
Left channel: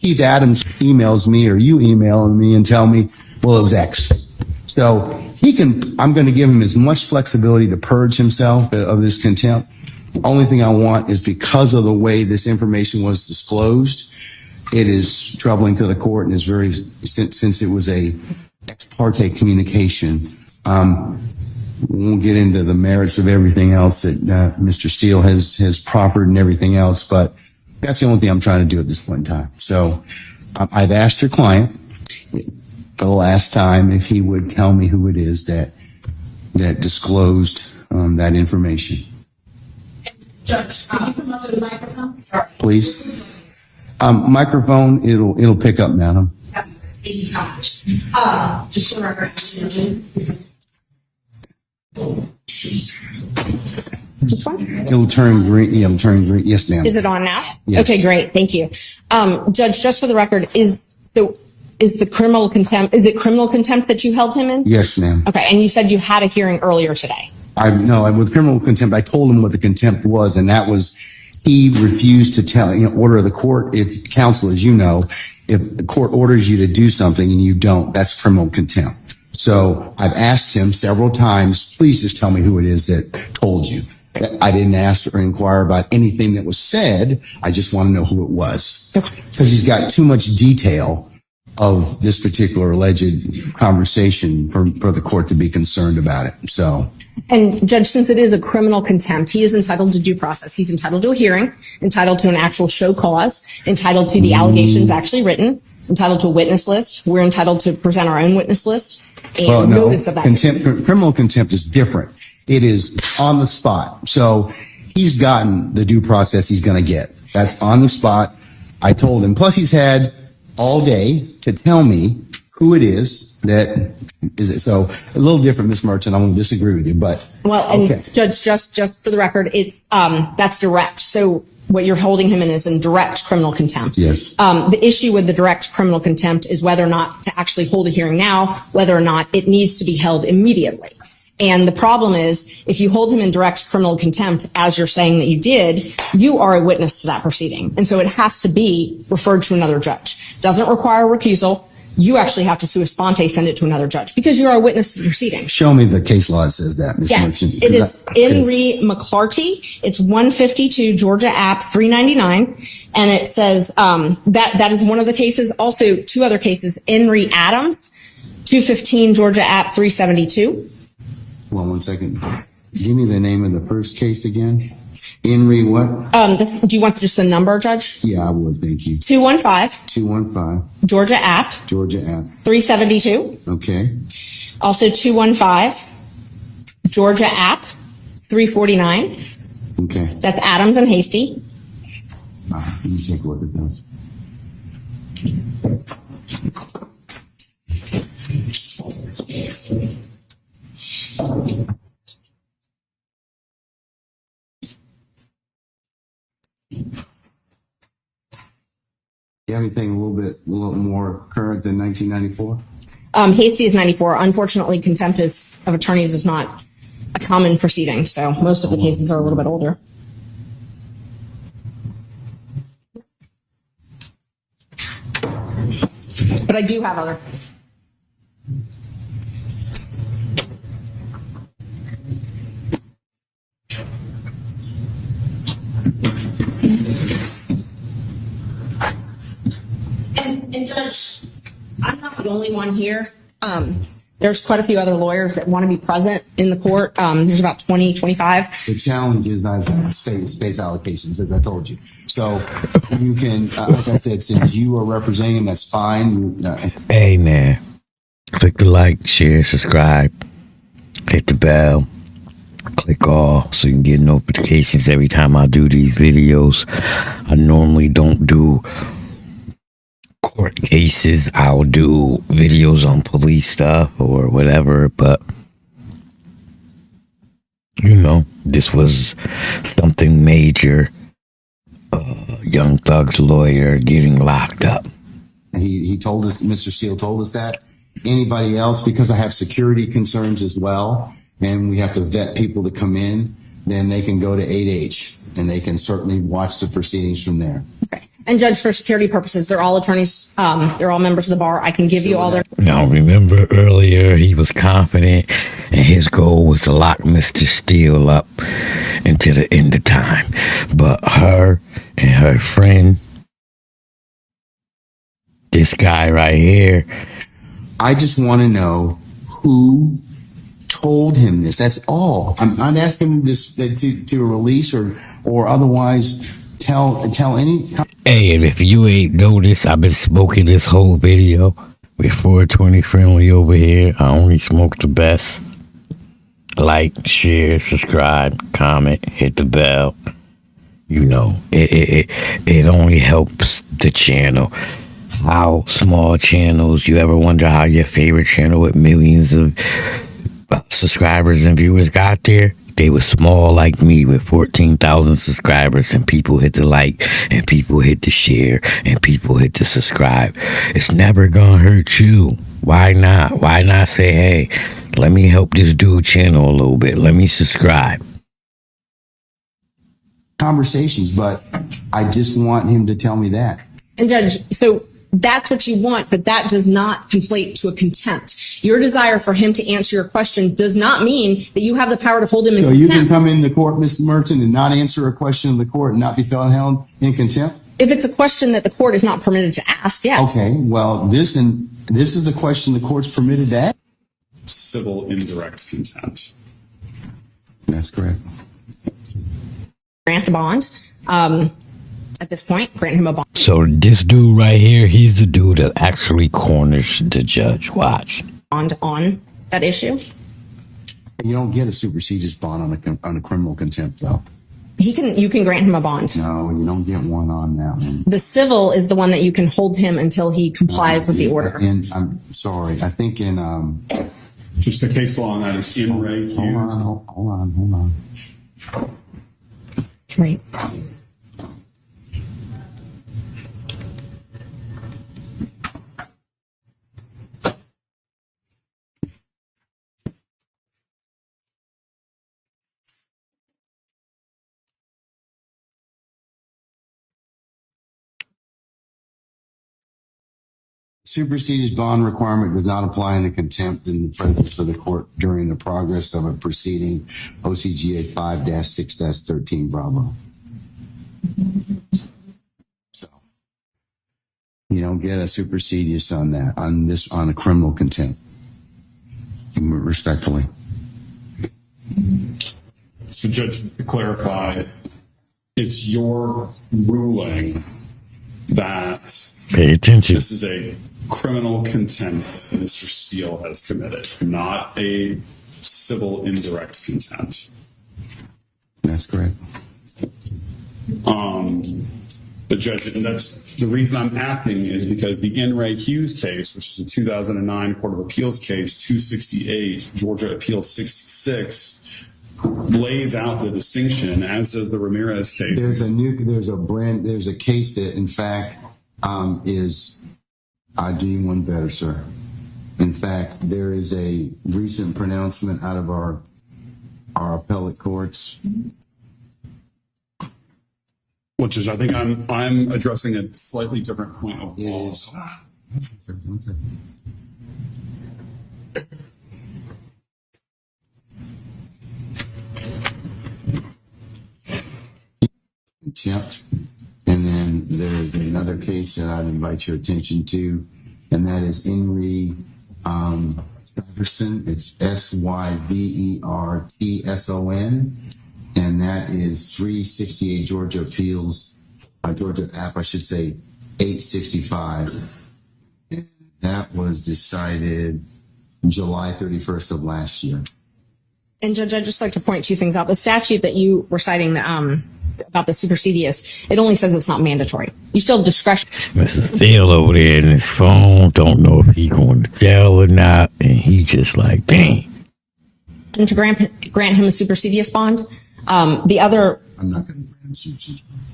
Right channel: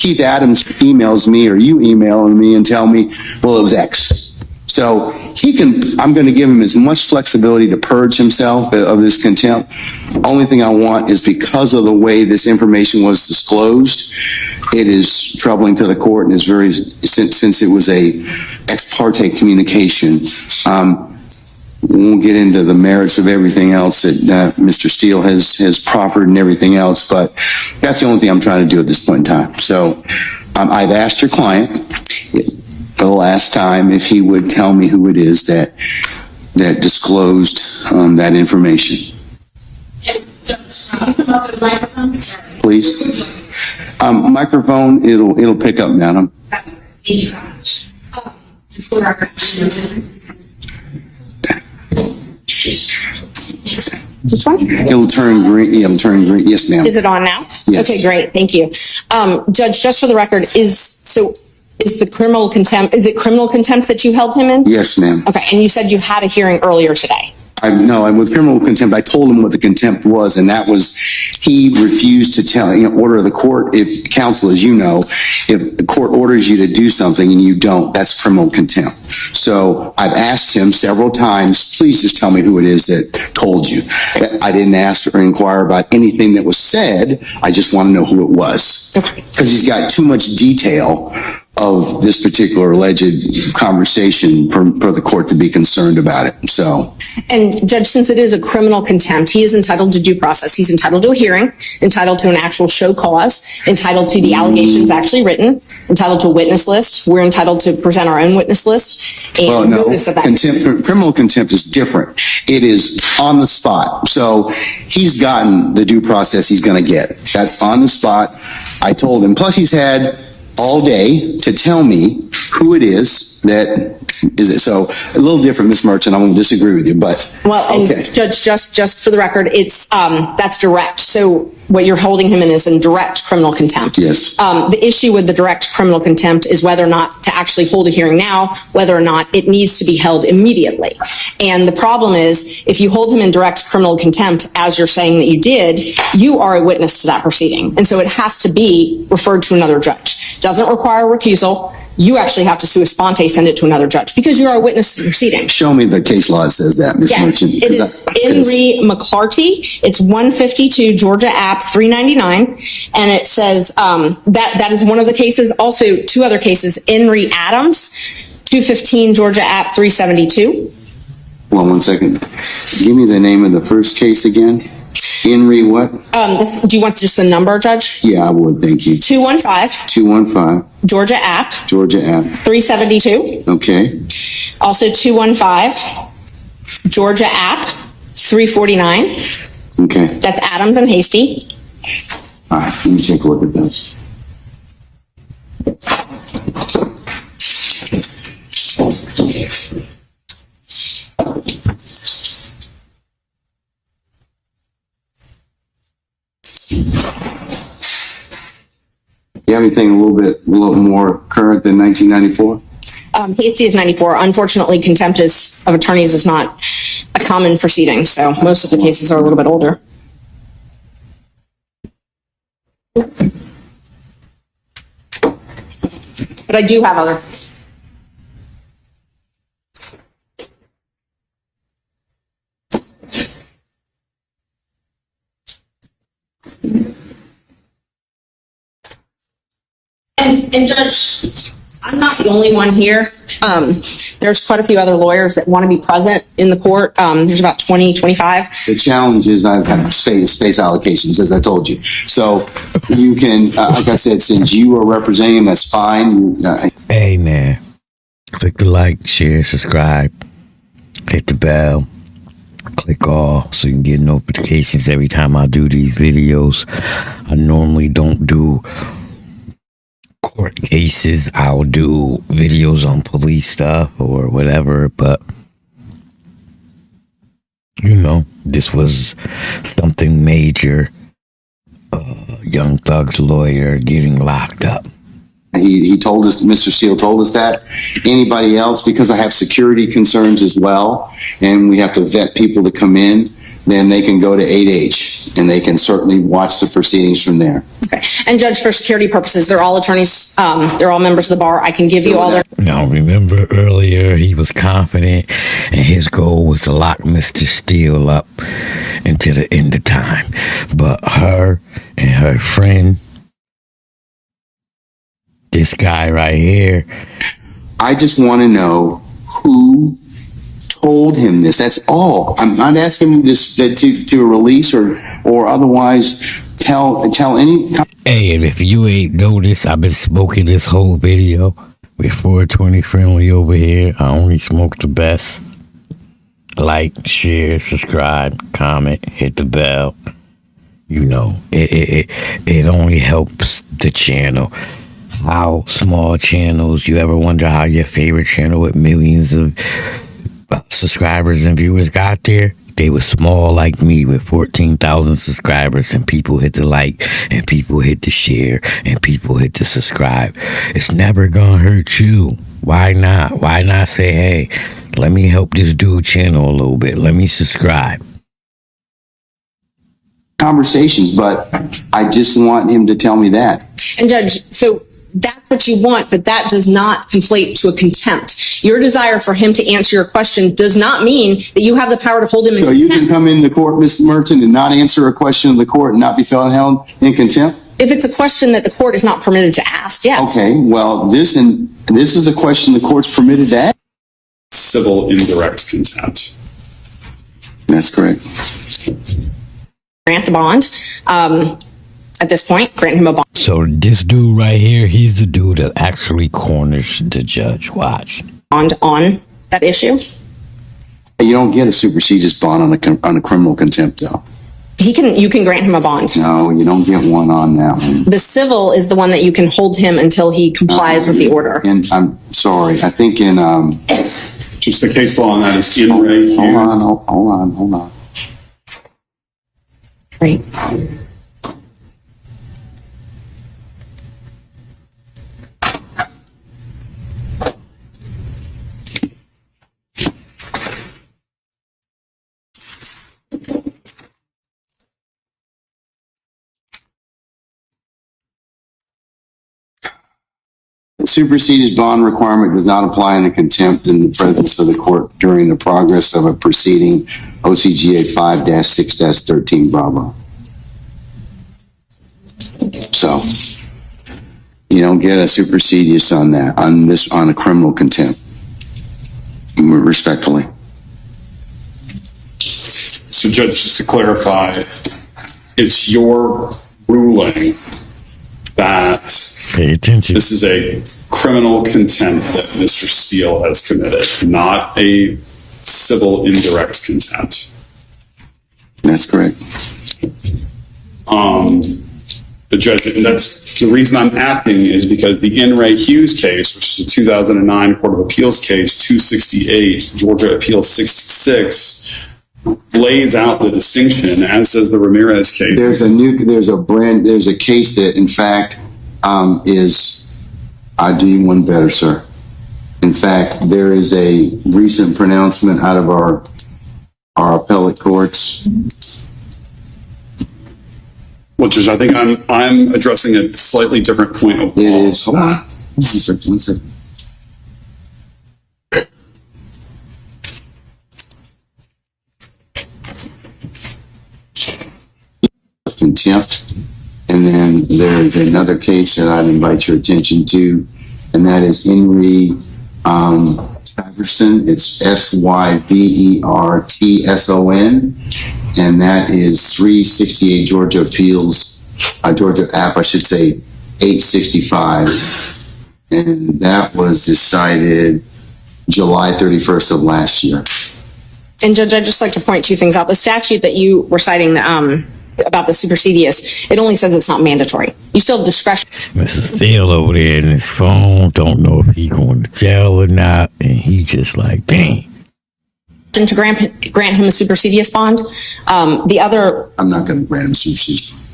Keith Adams emails me or you email me and tell me, well, it was X. So I'm going to give him as much flexibility to purge himself of this contempt. Only thing I want is because of the way this information was disclosed, it is troubling to the court and is very, since it was a ex parte communication. We won't get into the merits of everything else that Mr. Steele has proffered and everything else, but that's the only thing I'm trying to do at this point in time. So I've asked your client for the last time if he would tell me who it is that disclosed that information. Judge, can you come up with the microphone? Sorry. Please. Microphone, it'll pick up, madam. Thank you so much. Just for the record, which one? It'll turn green. It'll turn green. Yes, ma'am. Is it on now? Yes. Okay, great. Thank you. Judge, just for the record, is the criminal contempt, is it criminal contempt that you held him in? Yes, ma'am. Okay, and you said you had a hearing earlier today. I'm with criminal contempt. I told him what the contempt was, and that was he refused to tell, order of the court. If counsel, as you know, if the court orders you to do something and you don't, that's criminal contempt. So I've asked him several times, please just tell me who it is that told you. I didn't ask or inquire about anything that was said. I just want to know who it was. Because he's got too much detail of this particular alleged conversation for the court to be concerned about it. So, and Judge, since it is a criminal contempt, he is entitled to due process. He's entitled to a hearing, entitled to an actual show cause, entitled to the allegations actually written, entitled to a witness list. We're entitled to present our own witness list and notice of that. Criminal contempt is different. It is on the spot. So he's gotten the due process he's going to get. That's on the spot. I told him. Plus, he's had all day to tell me who it is that is it. So a little different, Ms. Merchant. I won't disagree with you, but well, and okay. Judge, just for the record, it's that's direct. So what you're holding him in is in direct criminal contempt. Yes. The issue with the direct criminal contempt is whether or not to actually hold a hearing now, whether or not it needs to be held immediately. And the problem is, if you hold him in direct criminal contempt, as you're saying that you did, you are a witness to that proceeding. And so it has to be referred to another judge. Doesn't require recusal. You actually have to sua sponte send it to another judge because you are a witness to the proceeding. Show me the case law that says that, Ms. Merchant. It is Henry McClarty. It's 152 Georgia App 399. And it says that is one of the cases. Also, two other cases, Henry Adams, 215 Georgia App 372. Well, 1 second. Give me the name of the first case again. Henry what? Do you want just the number, Judge? Yeah, I would. Thank you. 215. 215. Georgia App. Georgia App. 372. Okay. Also 215. Georgia App 349. Okay. That's Adams and Hasty. All right. Let me take a look at this. You have anything a little more current than 1994? Hasty is 94. Unfortunately, contempt of attorneys is not a common proceeding, so most of the cases are a little bit older. But I do have other. And Judge, I'm not the only one here. There's quite a few other lawyers that want to be present in the court. There's about 20, 25. The challenge is I've got space allocations, as I told you. So you can, like I said, since you are representing, that's fine. Hey, man. Click the like, share, subscribe, hit the bell, click all so you can get notifications every time I do these videos. I normally don't do court cases. I'll do videos on police stuff or whatever, but this was something major. Young Thug's lawyer getting locked up. He told us, Mr. Steele told us that. Anybody else, because I have security concerns as well, and we have to vet people to come in, then they can go to 8H. And they can certainly watch the proceedings from there. Okay. And Judge, for security purposes, they're all attorneys, they're all members of the bar. I can give you all their. Now, remember earlier he was confident and his goal was to lock Mr. Steele up until the end of time. But her and her friend, this guy right here, I just want to know who told him this. That's all. I'm not asking him to release or otherwise tell any. hey, and if you ain't noticed, I've been smoking this whole video with 420 Friendly over here. I only smoke the best. Like, share, subscribe, comment, hit the bell. You know, it only helps the channel. How small channels, you ever wonder how your favorite channel with millions of subscribers and viewers got there? They were small like me with 14,000 subscribers, and people hit the like, and people hit the share, and people hit the subscribe. It's never gonna hurt you. Why not? Why not say, hey, let me help this dude channel a little bit. Let me subscribe. Conversations, but I just want him to tell me that. And Judge, so that's what you want, but that does not conflate to a contempt. Your desire for him to answer your question does not mean that you have the power to hold him in So you contempt. can come into court, Mr. Merchant, and not answer a question of the court and not be held in contempt? If it's a question that the court is not permitted to ask, yes. Okay, well, this is a question the court's permitted to ask. Civil indirect contempt. That's correct. Grant the bond. At this point, grant him a bond. So this dude right here, he's the dude that actually corners the judge. Watch. On that issue. You don't get a supersedis bond on a criminal contempt, though. You can grant him a bond. No, you don't get one on that one. The civil is the one that you can hold him until he complies with the order. And I'm sorry, I think in Just the case law on that is in Ray. hold on. Right. Supersedis bond requirement does not apply in a contempt in the presence of the court during the progress of a proceeding, OCGA 5-6-13 Bravo. So you don't get a supersedis on that, on a criminal contempt, respectfully. So Judge, just to clarify, it's your ruling that Pay attention. this is a criminal contempt that Mr. Steele has committed, not a civil indirect contempt. That's correct. The judge, and that's the reason I'm asking is because the In Re Hughes case, which is a 2009 Court of Appeals case, 268, Georgia Appeals 66, lays out the distinction, as does the Ramirez case. There's a case that, in fact, I'll do you one better, sir. In fact, there is a recent pronouncement out of our appellate courts. Well, Judge, I think I'm addressing a slightly different point of law. It is. Hold on, sir. One second. Contempt. And then there's another case that I'd invite your attention to, and that is Henry Syverson. It's Syvertson, and that is 368 Georgia Appeals, Georgia App, I should say, 865. And that was decided July 31st of last year. And Judge, I'd just like to point two things out. The statute that you were citing about the supersedious, it only says it's not mandatory. You still have discretion. Mr. Steele over there in his phone, don't know if he going to jail or not, and he just like, dang. To grant him a supersedious bond. The other, I'm not going to grant him supersedious.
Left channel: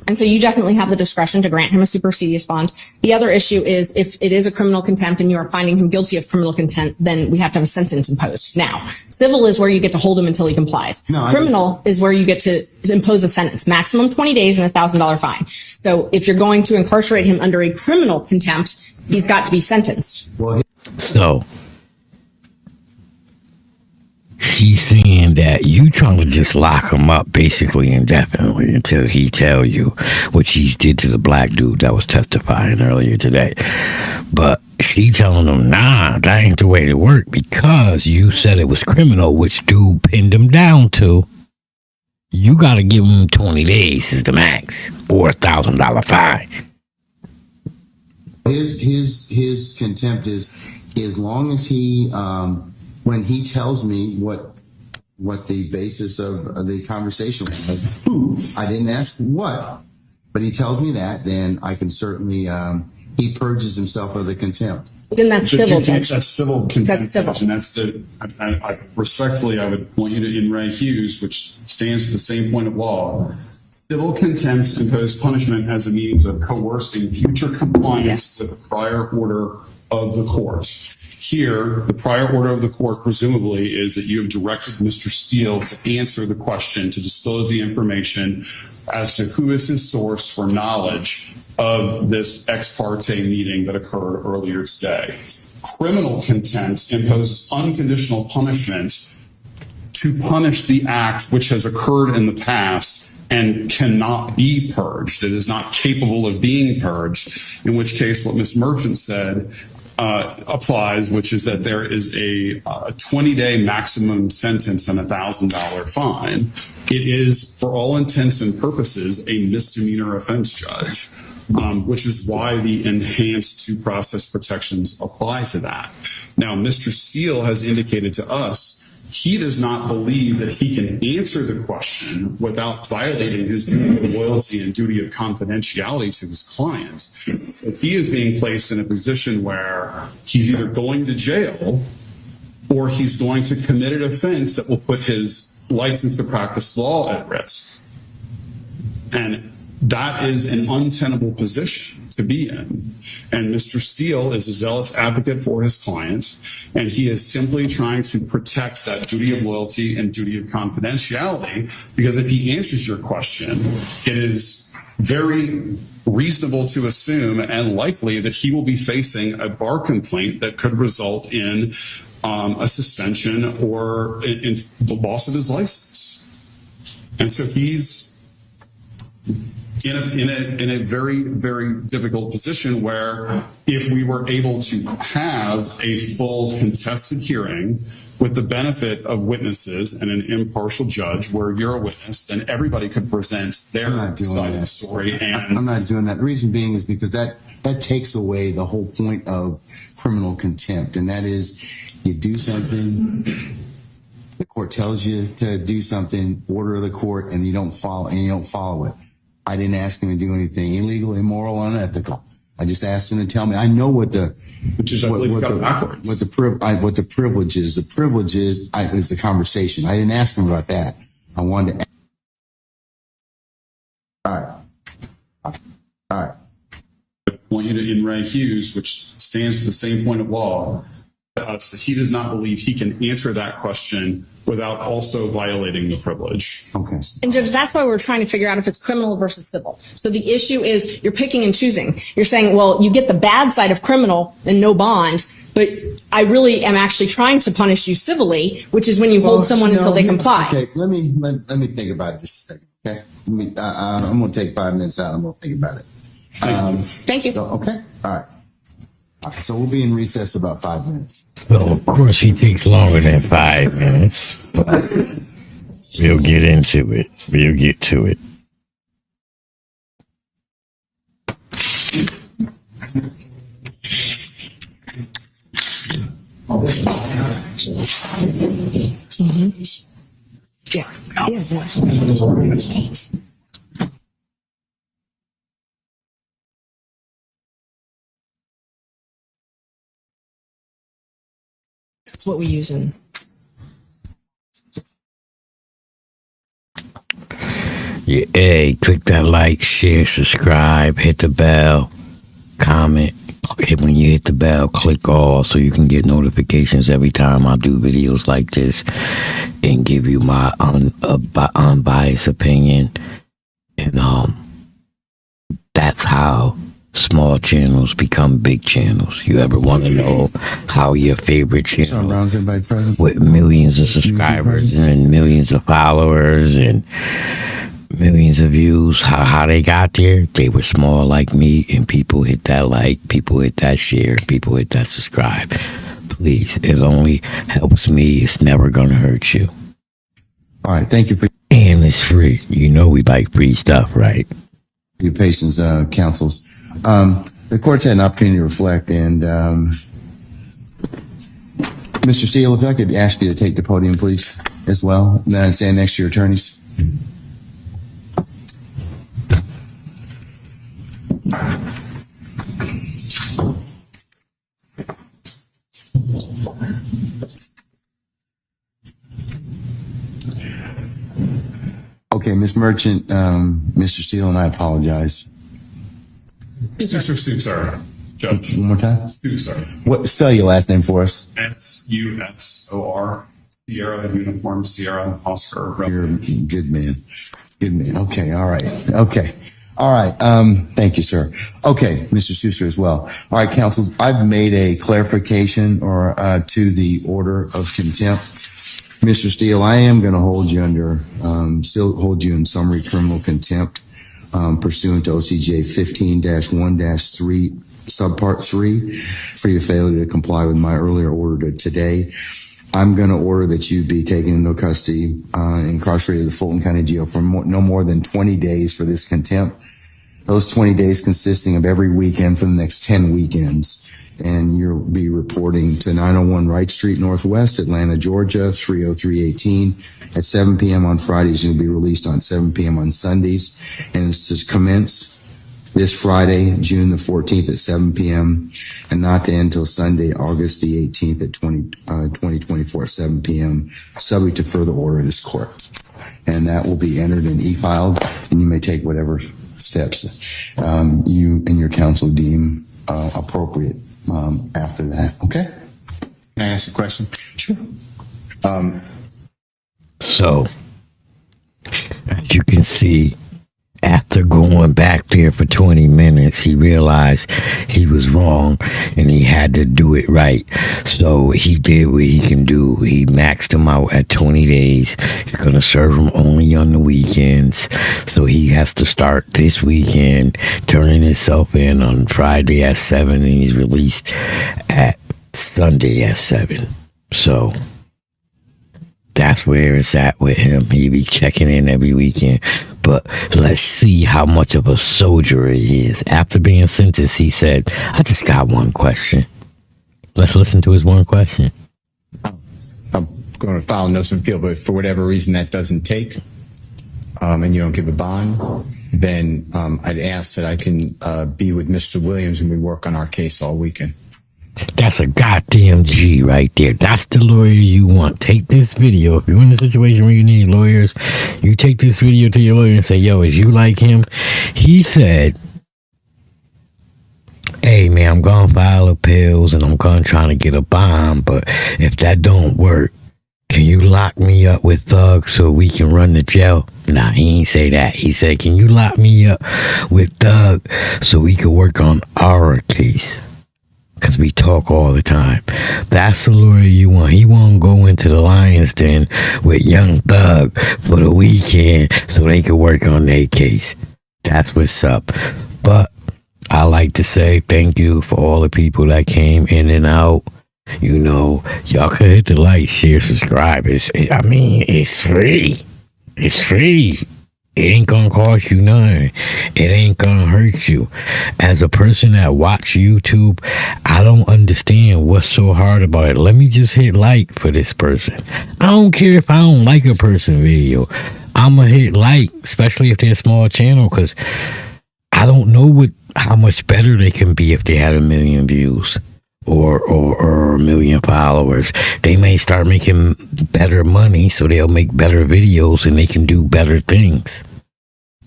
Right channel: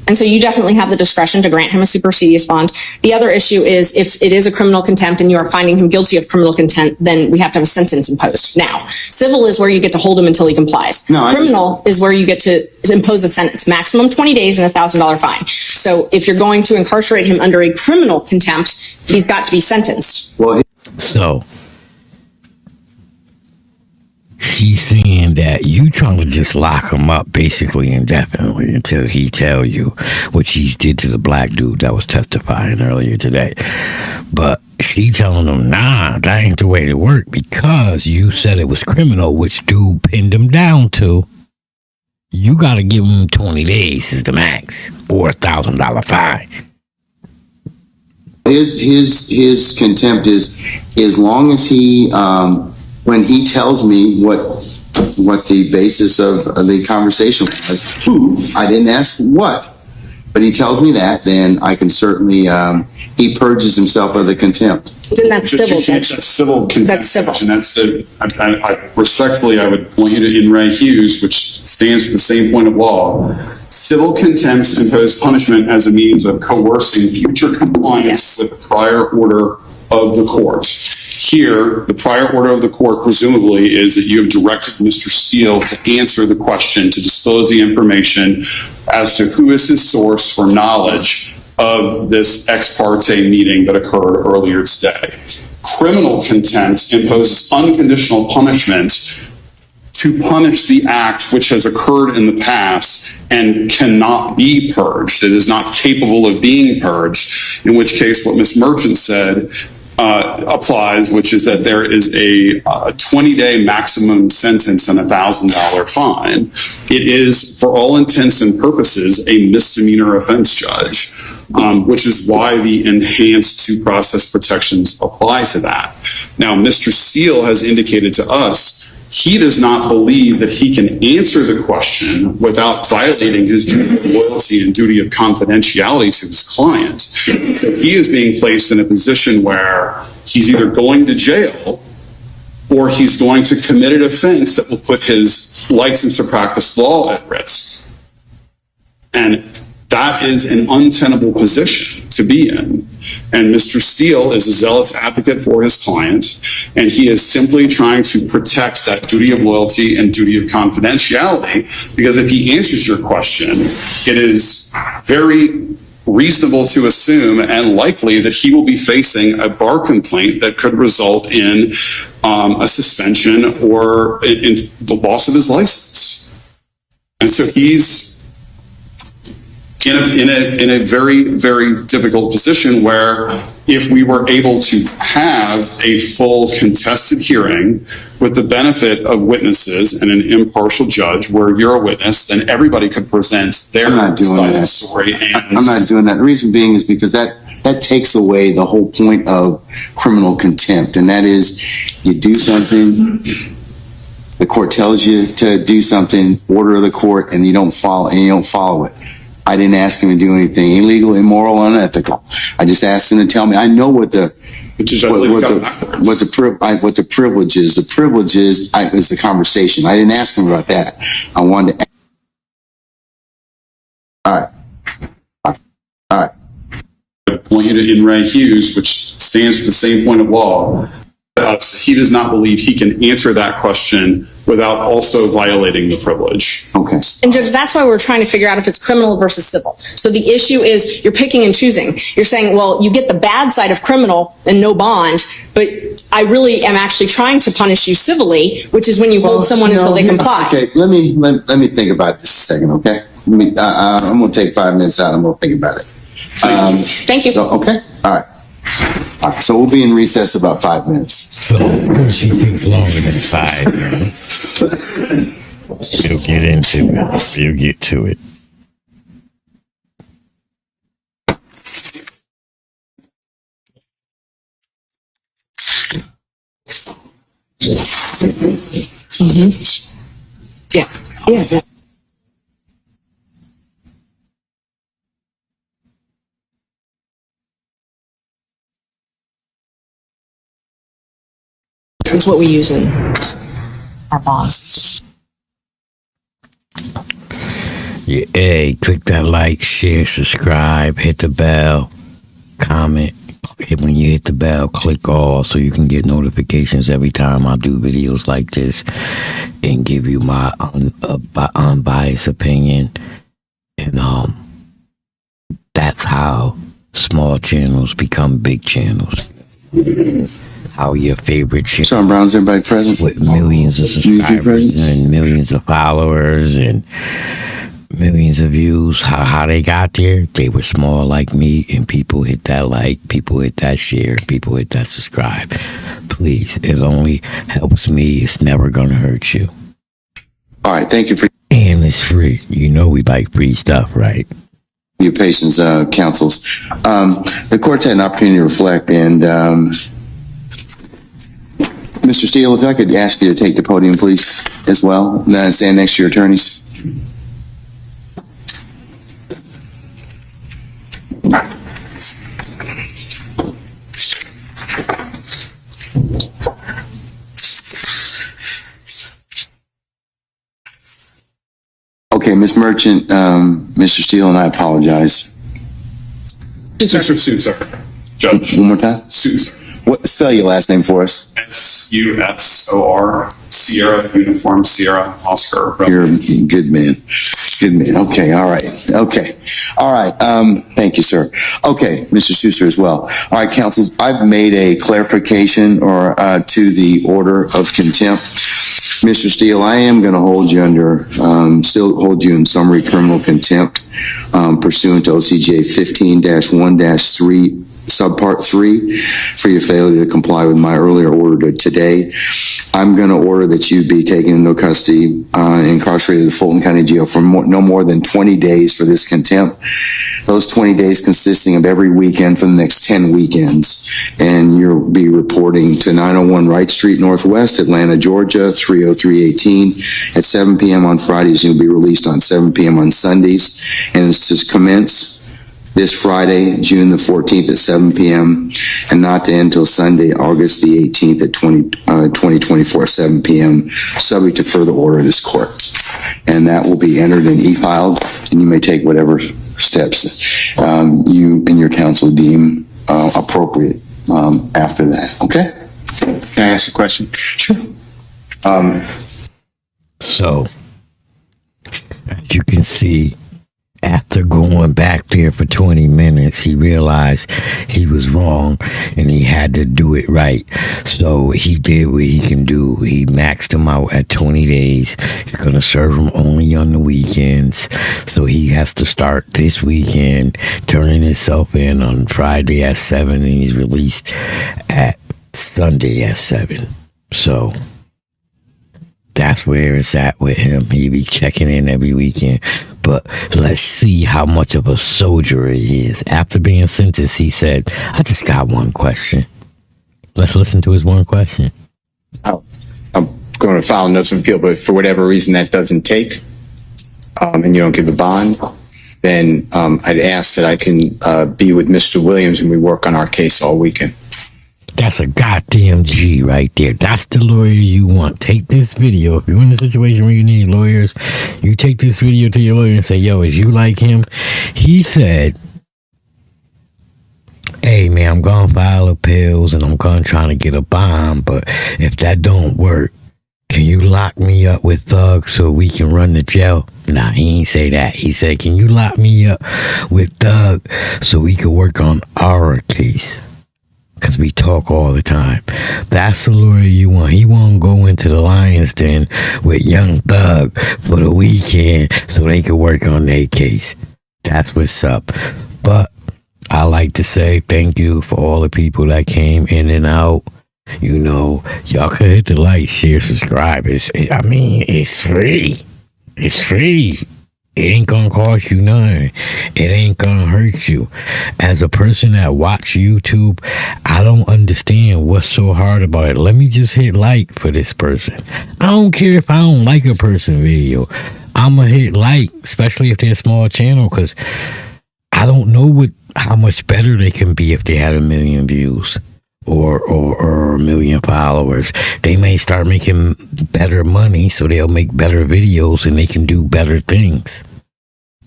And so you definitely have the discretion to grant him a supersedious bond. The other issue is if it is a criminal contempt and you are finding him guilty of criminal contempt, then we have to have a sentence imposed. Now, civil is where you get to hold him until he complies. Criminal is where you get to impose the sentence, maximum 20 days and $1,000 fine. So if you're going to incarcerate him under a criminal contempt, he's got to be sentenced. Well, So she's saying that you trying to just lock him up basically indefinitely until he tell you what she did to the black dude that was testifying earlier today. But she telling him, nah, that ain't the way to work because you said it was criminal, which dude pinned him down to. You got to give him 20 days is the max or $1,000 fine. his contempt is as long as he when he tells me what the basis of the conversation was. I didn't ask what, but he tells me that, then I can certainly he purges himself of the contempt. Then that's civil, Judge. That's civil contempt. That's civil. And that's the, respectfully, I would point you to In re Hughes, which stands for the same point of law. Civil contempts impose punishment as a means of coercing future compliance with the prior order of the court. Here, the prior order of the court presumably is that you have directed Mr. Steele to answer the question, to disclose the information as to who is his source for knowledge of this ex parte meeting that occurred earlier today. Criminal contempt imposes unconditional punishment to punish the act which has occurred in the past and cannot be purged. It is not capable of being purged, in which case what Ms. Merchant said applies, which is that there is a 20-day maximum sentence and $1,000 fine. It is, for all intents and purposes, a misdemeanor offense, Judge, which is why the enhanced due process protections apply to that. Now, Mr. Steele has indicated to us he does not believe that he can answer the question without violating his duty of loyalty and duty of confidentiality to his client. So he is being placed in a position where he's either going to jail or he's going to commit an offense that will put his license to practice law at risk. And that is an untenable position to be in. And Mr. Steele is a zealous advocate for his client, and he is simply trying to protect that duty of loyalty and duty of confidentiality, because if he answers your question, it is very reasonable to assume and likely that he will be facing a bar complaint that could result in a suspension or in the loss of his license. And so he's in a very, very difficult position where if we were able to have a full contested hearing with the benefit of witnesses and an impartial judge where you're a witness, then everybody could present their side of the story. And I'm not doing that. The reason being is because that takes away the whole point of criminal contempt, and that is you do something, the court tells you to do something, order of the court, and you don't follow it. I didn't ask him to do anything illegal, immoral, unethical. I just asked him to tell me. I know what the privilege is. The privilege is the conversation. I didn't ask him about that. I wanted to. All right. I point you to In re Hughes, which stands for the same point of law. He does not believe he can answer that question without also violating the privilege. Okay. And Judge, that's why we're trying to figure out if it's criminal versus civil. So the issue is you're picking and choosing. You're saying, well, you get the bad side of criminal and no bond, but I really am actually trying to punish you civilly, which is when you hold someone until they comply. Okay, let me think about this a second, okay? I'm going to take 5 minutes out. I'm going to think about it. Thank you. Okay? All right. So we'll be in recess about 5 minutes. So, of course, he takes longer than 5 minutes. We'll get into it. We'll get to it. Yeah. This is what we use in our bonds. Yeah, hey, click that like, share, subscribe, hit the bell, comment. When you hit the bell, click all so you can get notifications every time I do videos like this and give you my unbiased opinion. And that's how small channels become big channels. You ever want to know how your favorite channel Sean Brown's everybody present? with millions of subscribers and millions of followers and millions of views, how they got there? They were small like me, and people hit that like, people hit that share, people hit that subscribe. Please, it only helps me. It's never gonna hurt you. All right, thank you for And it's free. You know we like free stuff, right? your patience, counsels. The court's had an opportunity to reflect, and Mr. Steele, if I could ask you to take the podium, please, as well. Stand next to your attorneys. Okay, Ms. Merchant, Mr. Steele, and I apologize. Suit, sir. Judge. One more time. Suit, sir. What? Spell your last name for us. SUSOR, Sierra, Uniform, Sierra, Oscar. You're a good man. Good man. Okay. All right. Okay. All right. Thank you, sir. Okay, Mr. Sousa as well. All right, counsels. I've made a clarification or to the order of contempt. Mr. Steele, I am going to hold you still hold you in summary criminal contempt pursuant to OCJ 15-1-3, subpart 3, for your failure to comply with my earlier order today. I'm going to order that you be taken into custody, incarcerated at the Fulton County Jail for no more than 20 days for this contempt. Those 20 days consisting of every weekend for the next 10 weekends. And you'll be reporting to 901 Wright Street Northwest, Atlanta, Georgia, 30318 at 7 p.m. on Fridays. You'll be released on 7 p.m. on Sundays. And it's to commence this Friday, June the 14th at 7 p.m. and not to end until Sunday, August the 18th at 2024 at 7 p.m., subject to further order of this court. And that will be entered and e-filed, and you may take whatever steps you and your counsel deem appropriate after that. Okay? Can I ask a question? Sure. So, as you can see, after going back there for 20 minutes, he realized he was wrong and he had to do it right. So he did what he can do. He maxed him out at 20 days. He's going to serve him only on the weekends. So he has to start this weekend, turning himself in on Friday at 7, and he's released at Sunday at 7. So that's where it's at with him. He be checking in every weekend. But let's see how much of a soldier he is. After being sentenced, he said, I just got one question. Let's listen to his one question. I'm going to file a notice of appeal, but for whatever reason that doesn't take, and you don't give a bond, then I'd ask that I can be with Mr. Williams and we work on our case all weekend. That's a goddamn G right there. That's the lawyer you want. Take this video. If you're in a situation where you need lawyers, you take this video to your lawyer and say, yo, is you like him? He said, hey, man, I'm going to file appeals and I'm going to try to get a bond. But if that don't work, can you lock me up with thugs so we can run the jail? Nah, he ain't say that. He said, can you lock me up with thug so we can work on our case? Because we talk all the time. That's the lawyer you want. He won't go into the lion's den with Young Thug for the weekend so they can work on their case. That's what's up. But I like to say thank you for all the people that came in and out. You know, y'all can hit the like, share, subscribe. It's free. It's free. It ain't gonna cost you nothing. It ain't gonna hurt you. As a person that watch YouTube, I don't understand what's so hard about it. Let me just hit like for this person. I don't care if I don't like a person video. I'ma hit like, especially if they're a small channel, because I don't know how much better they can be if they had 1 million views or 1 million followers. They may start making better money, so they'll make better videos and they can do better things.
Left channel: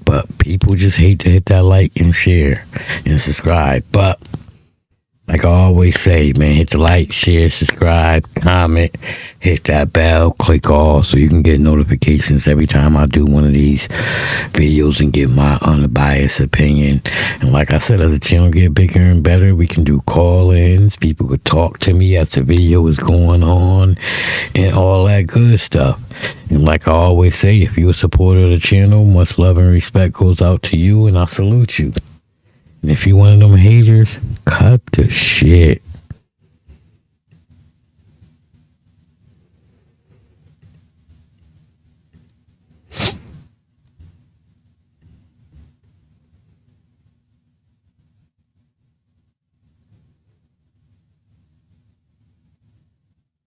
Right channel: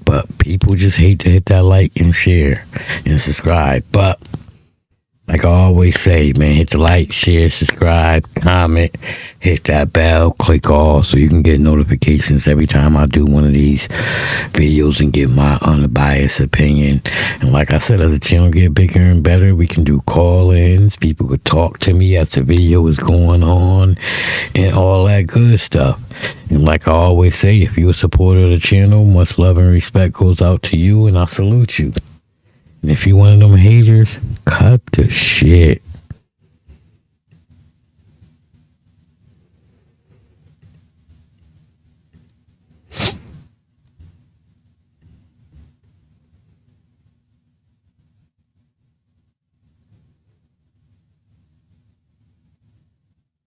But people just hate to hit that like and share and subscribe. But like I always say, man, hit the like, share, subscribe, comment, hit that bell, click all so you can get notifications every time I do one of these videos and get my unbiased opinion. And like I said, as the channel get bigger and better, we can do call-ins. People could talk to me as the video is going on and all that good stuff. And like I always say, if you're a supporter of the channel, much love and respect goes out to you, and I salute you. And if you one of them haters, cut the shit.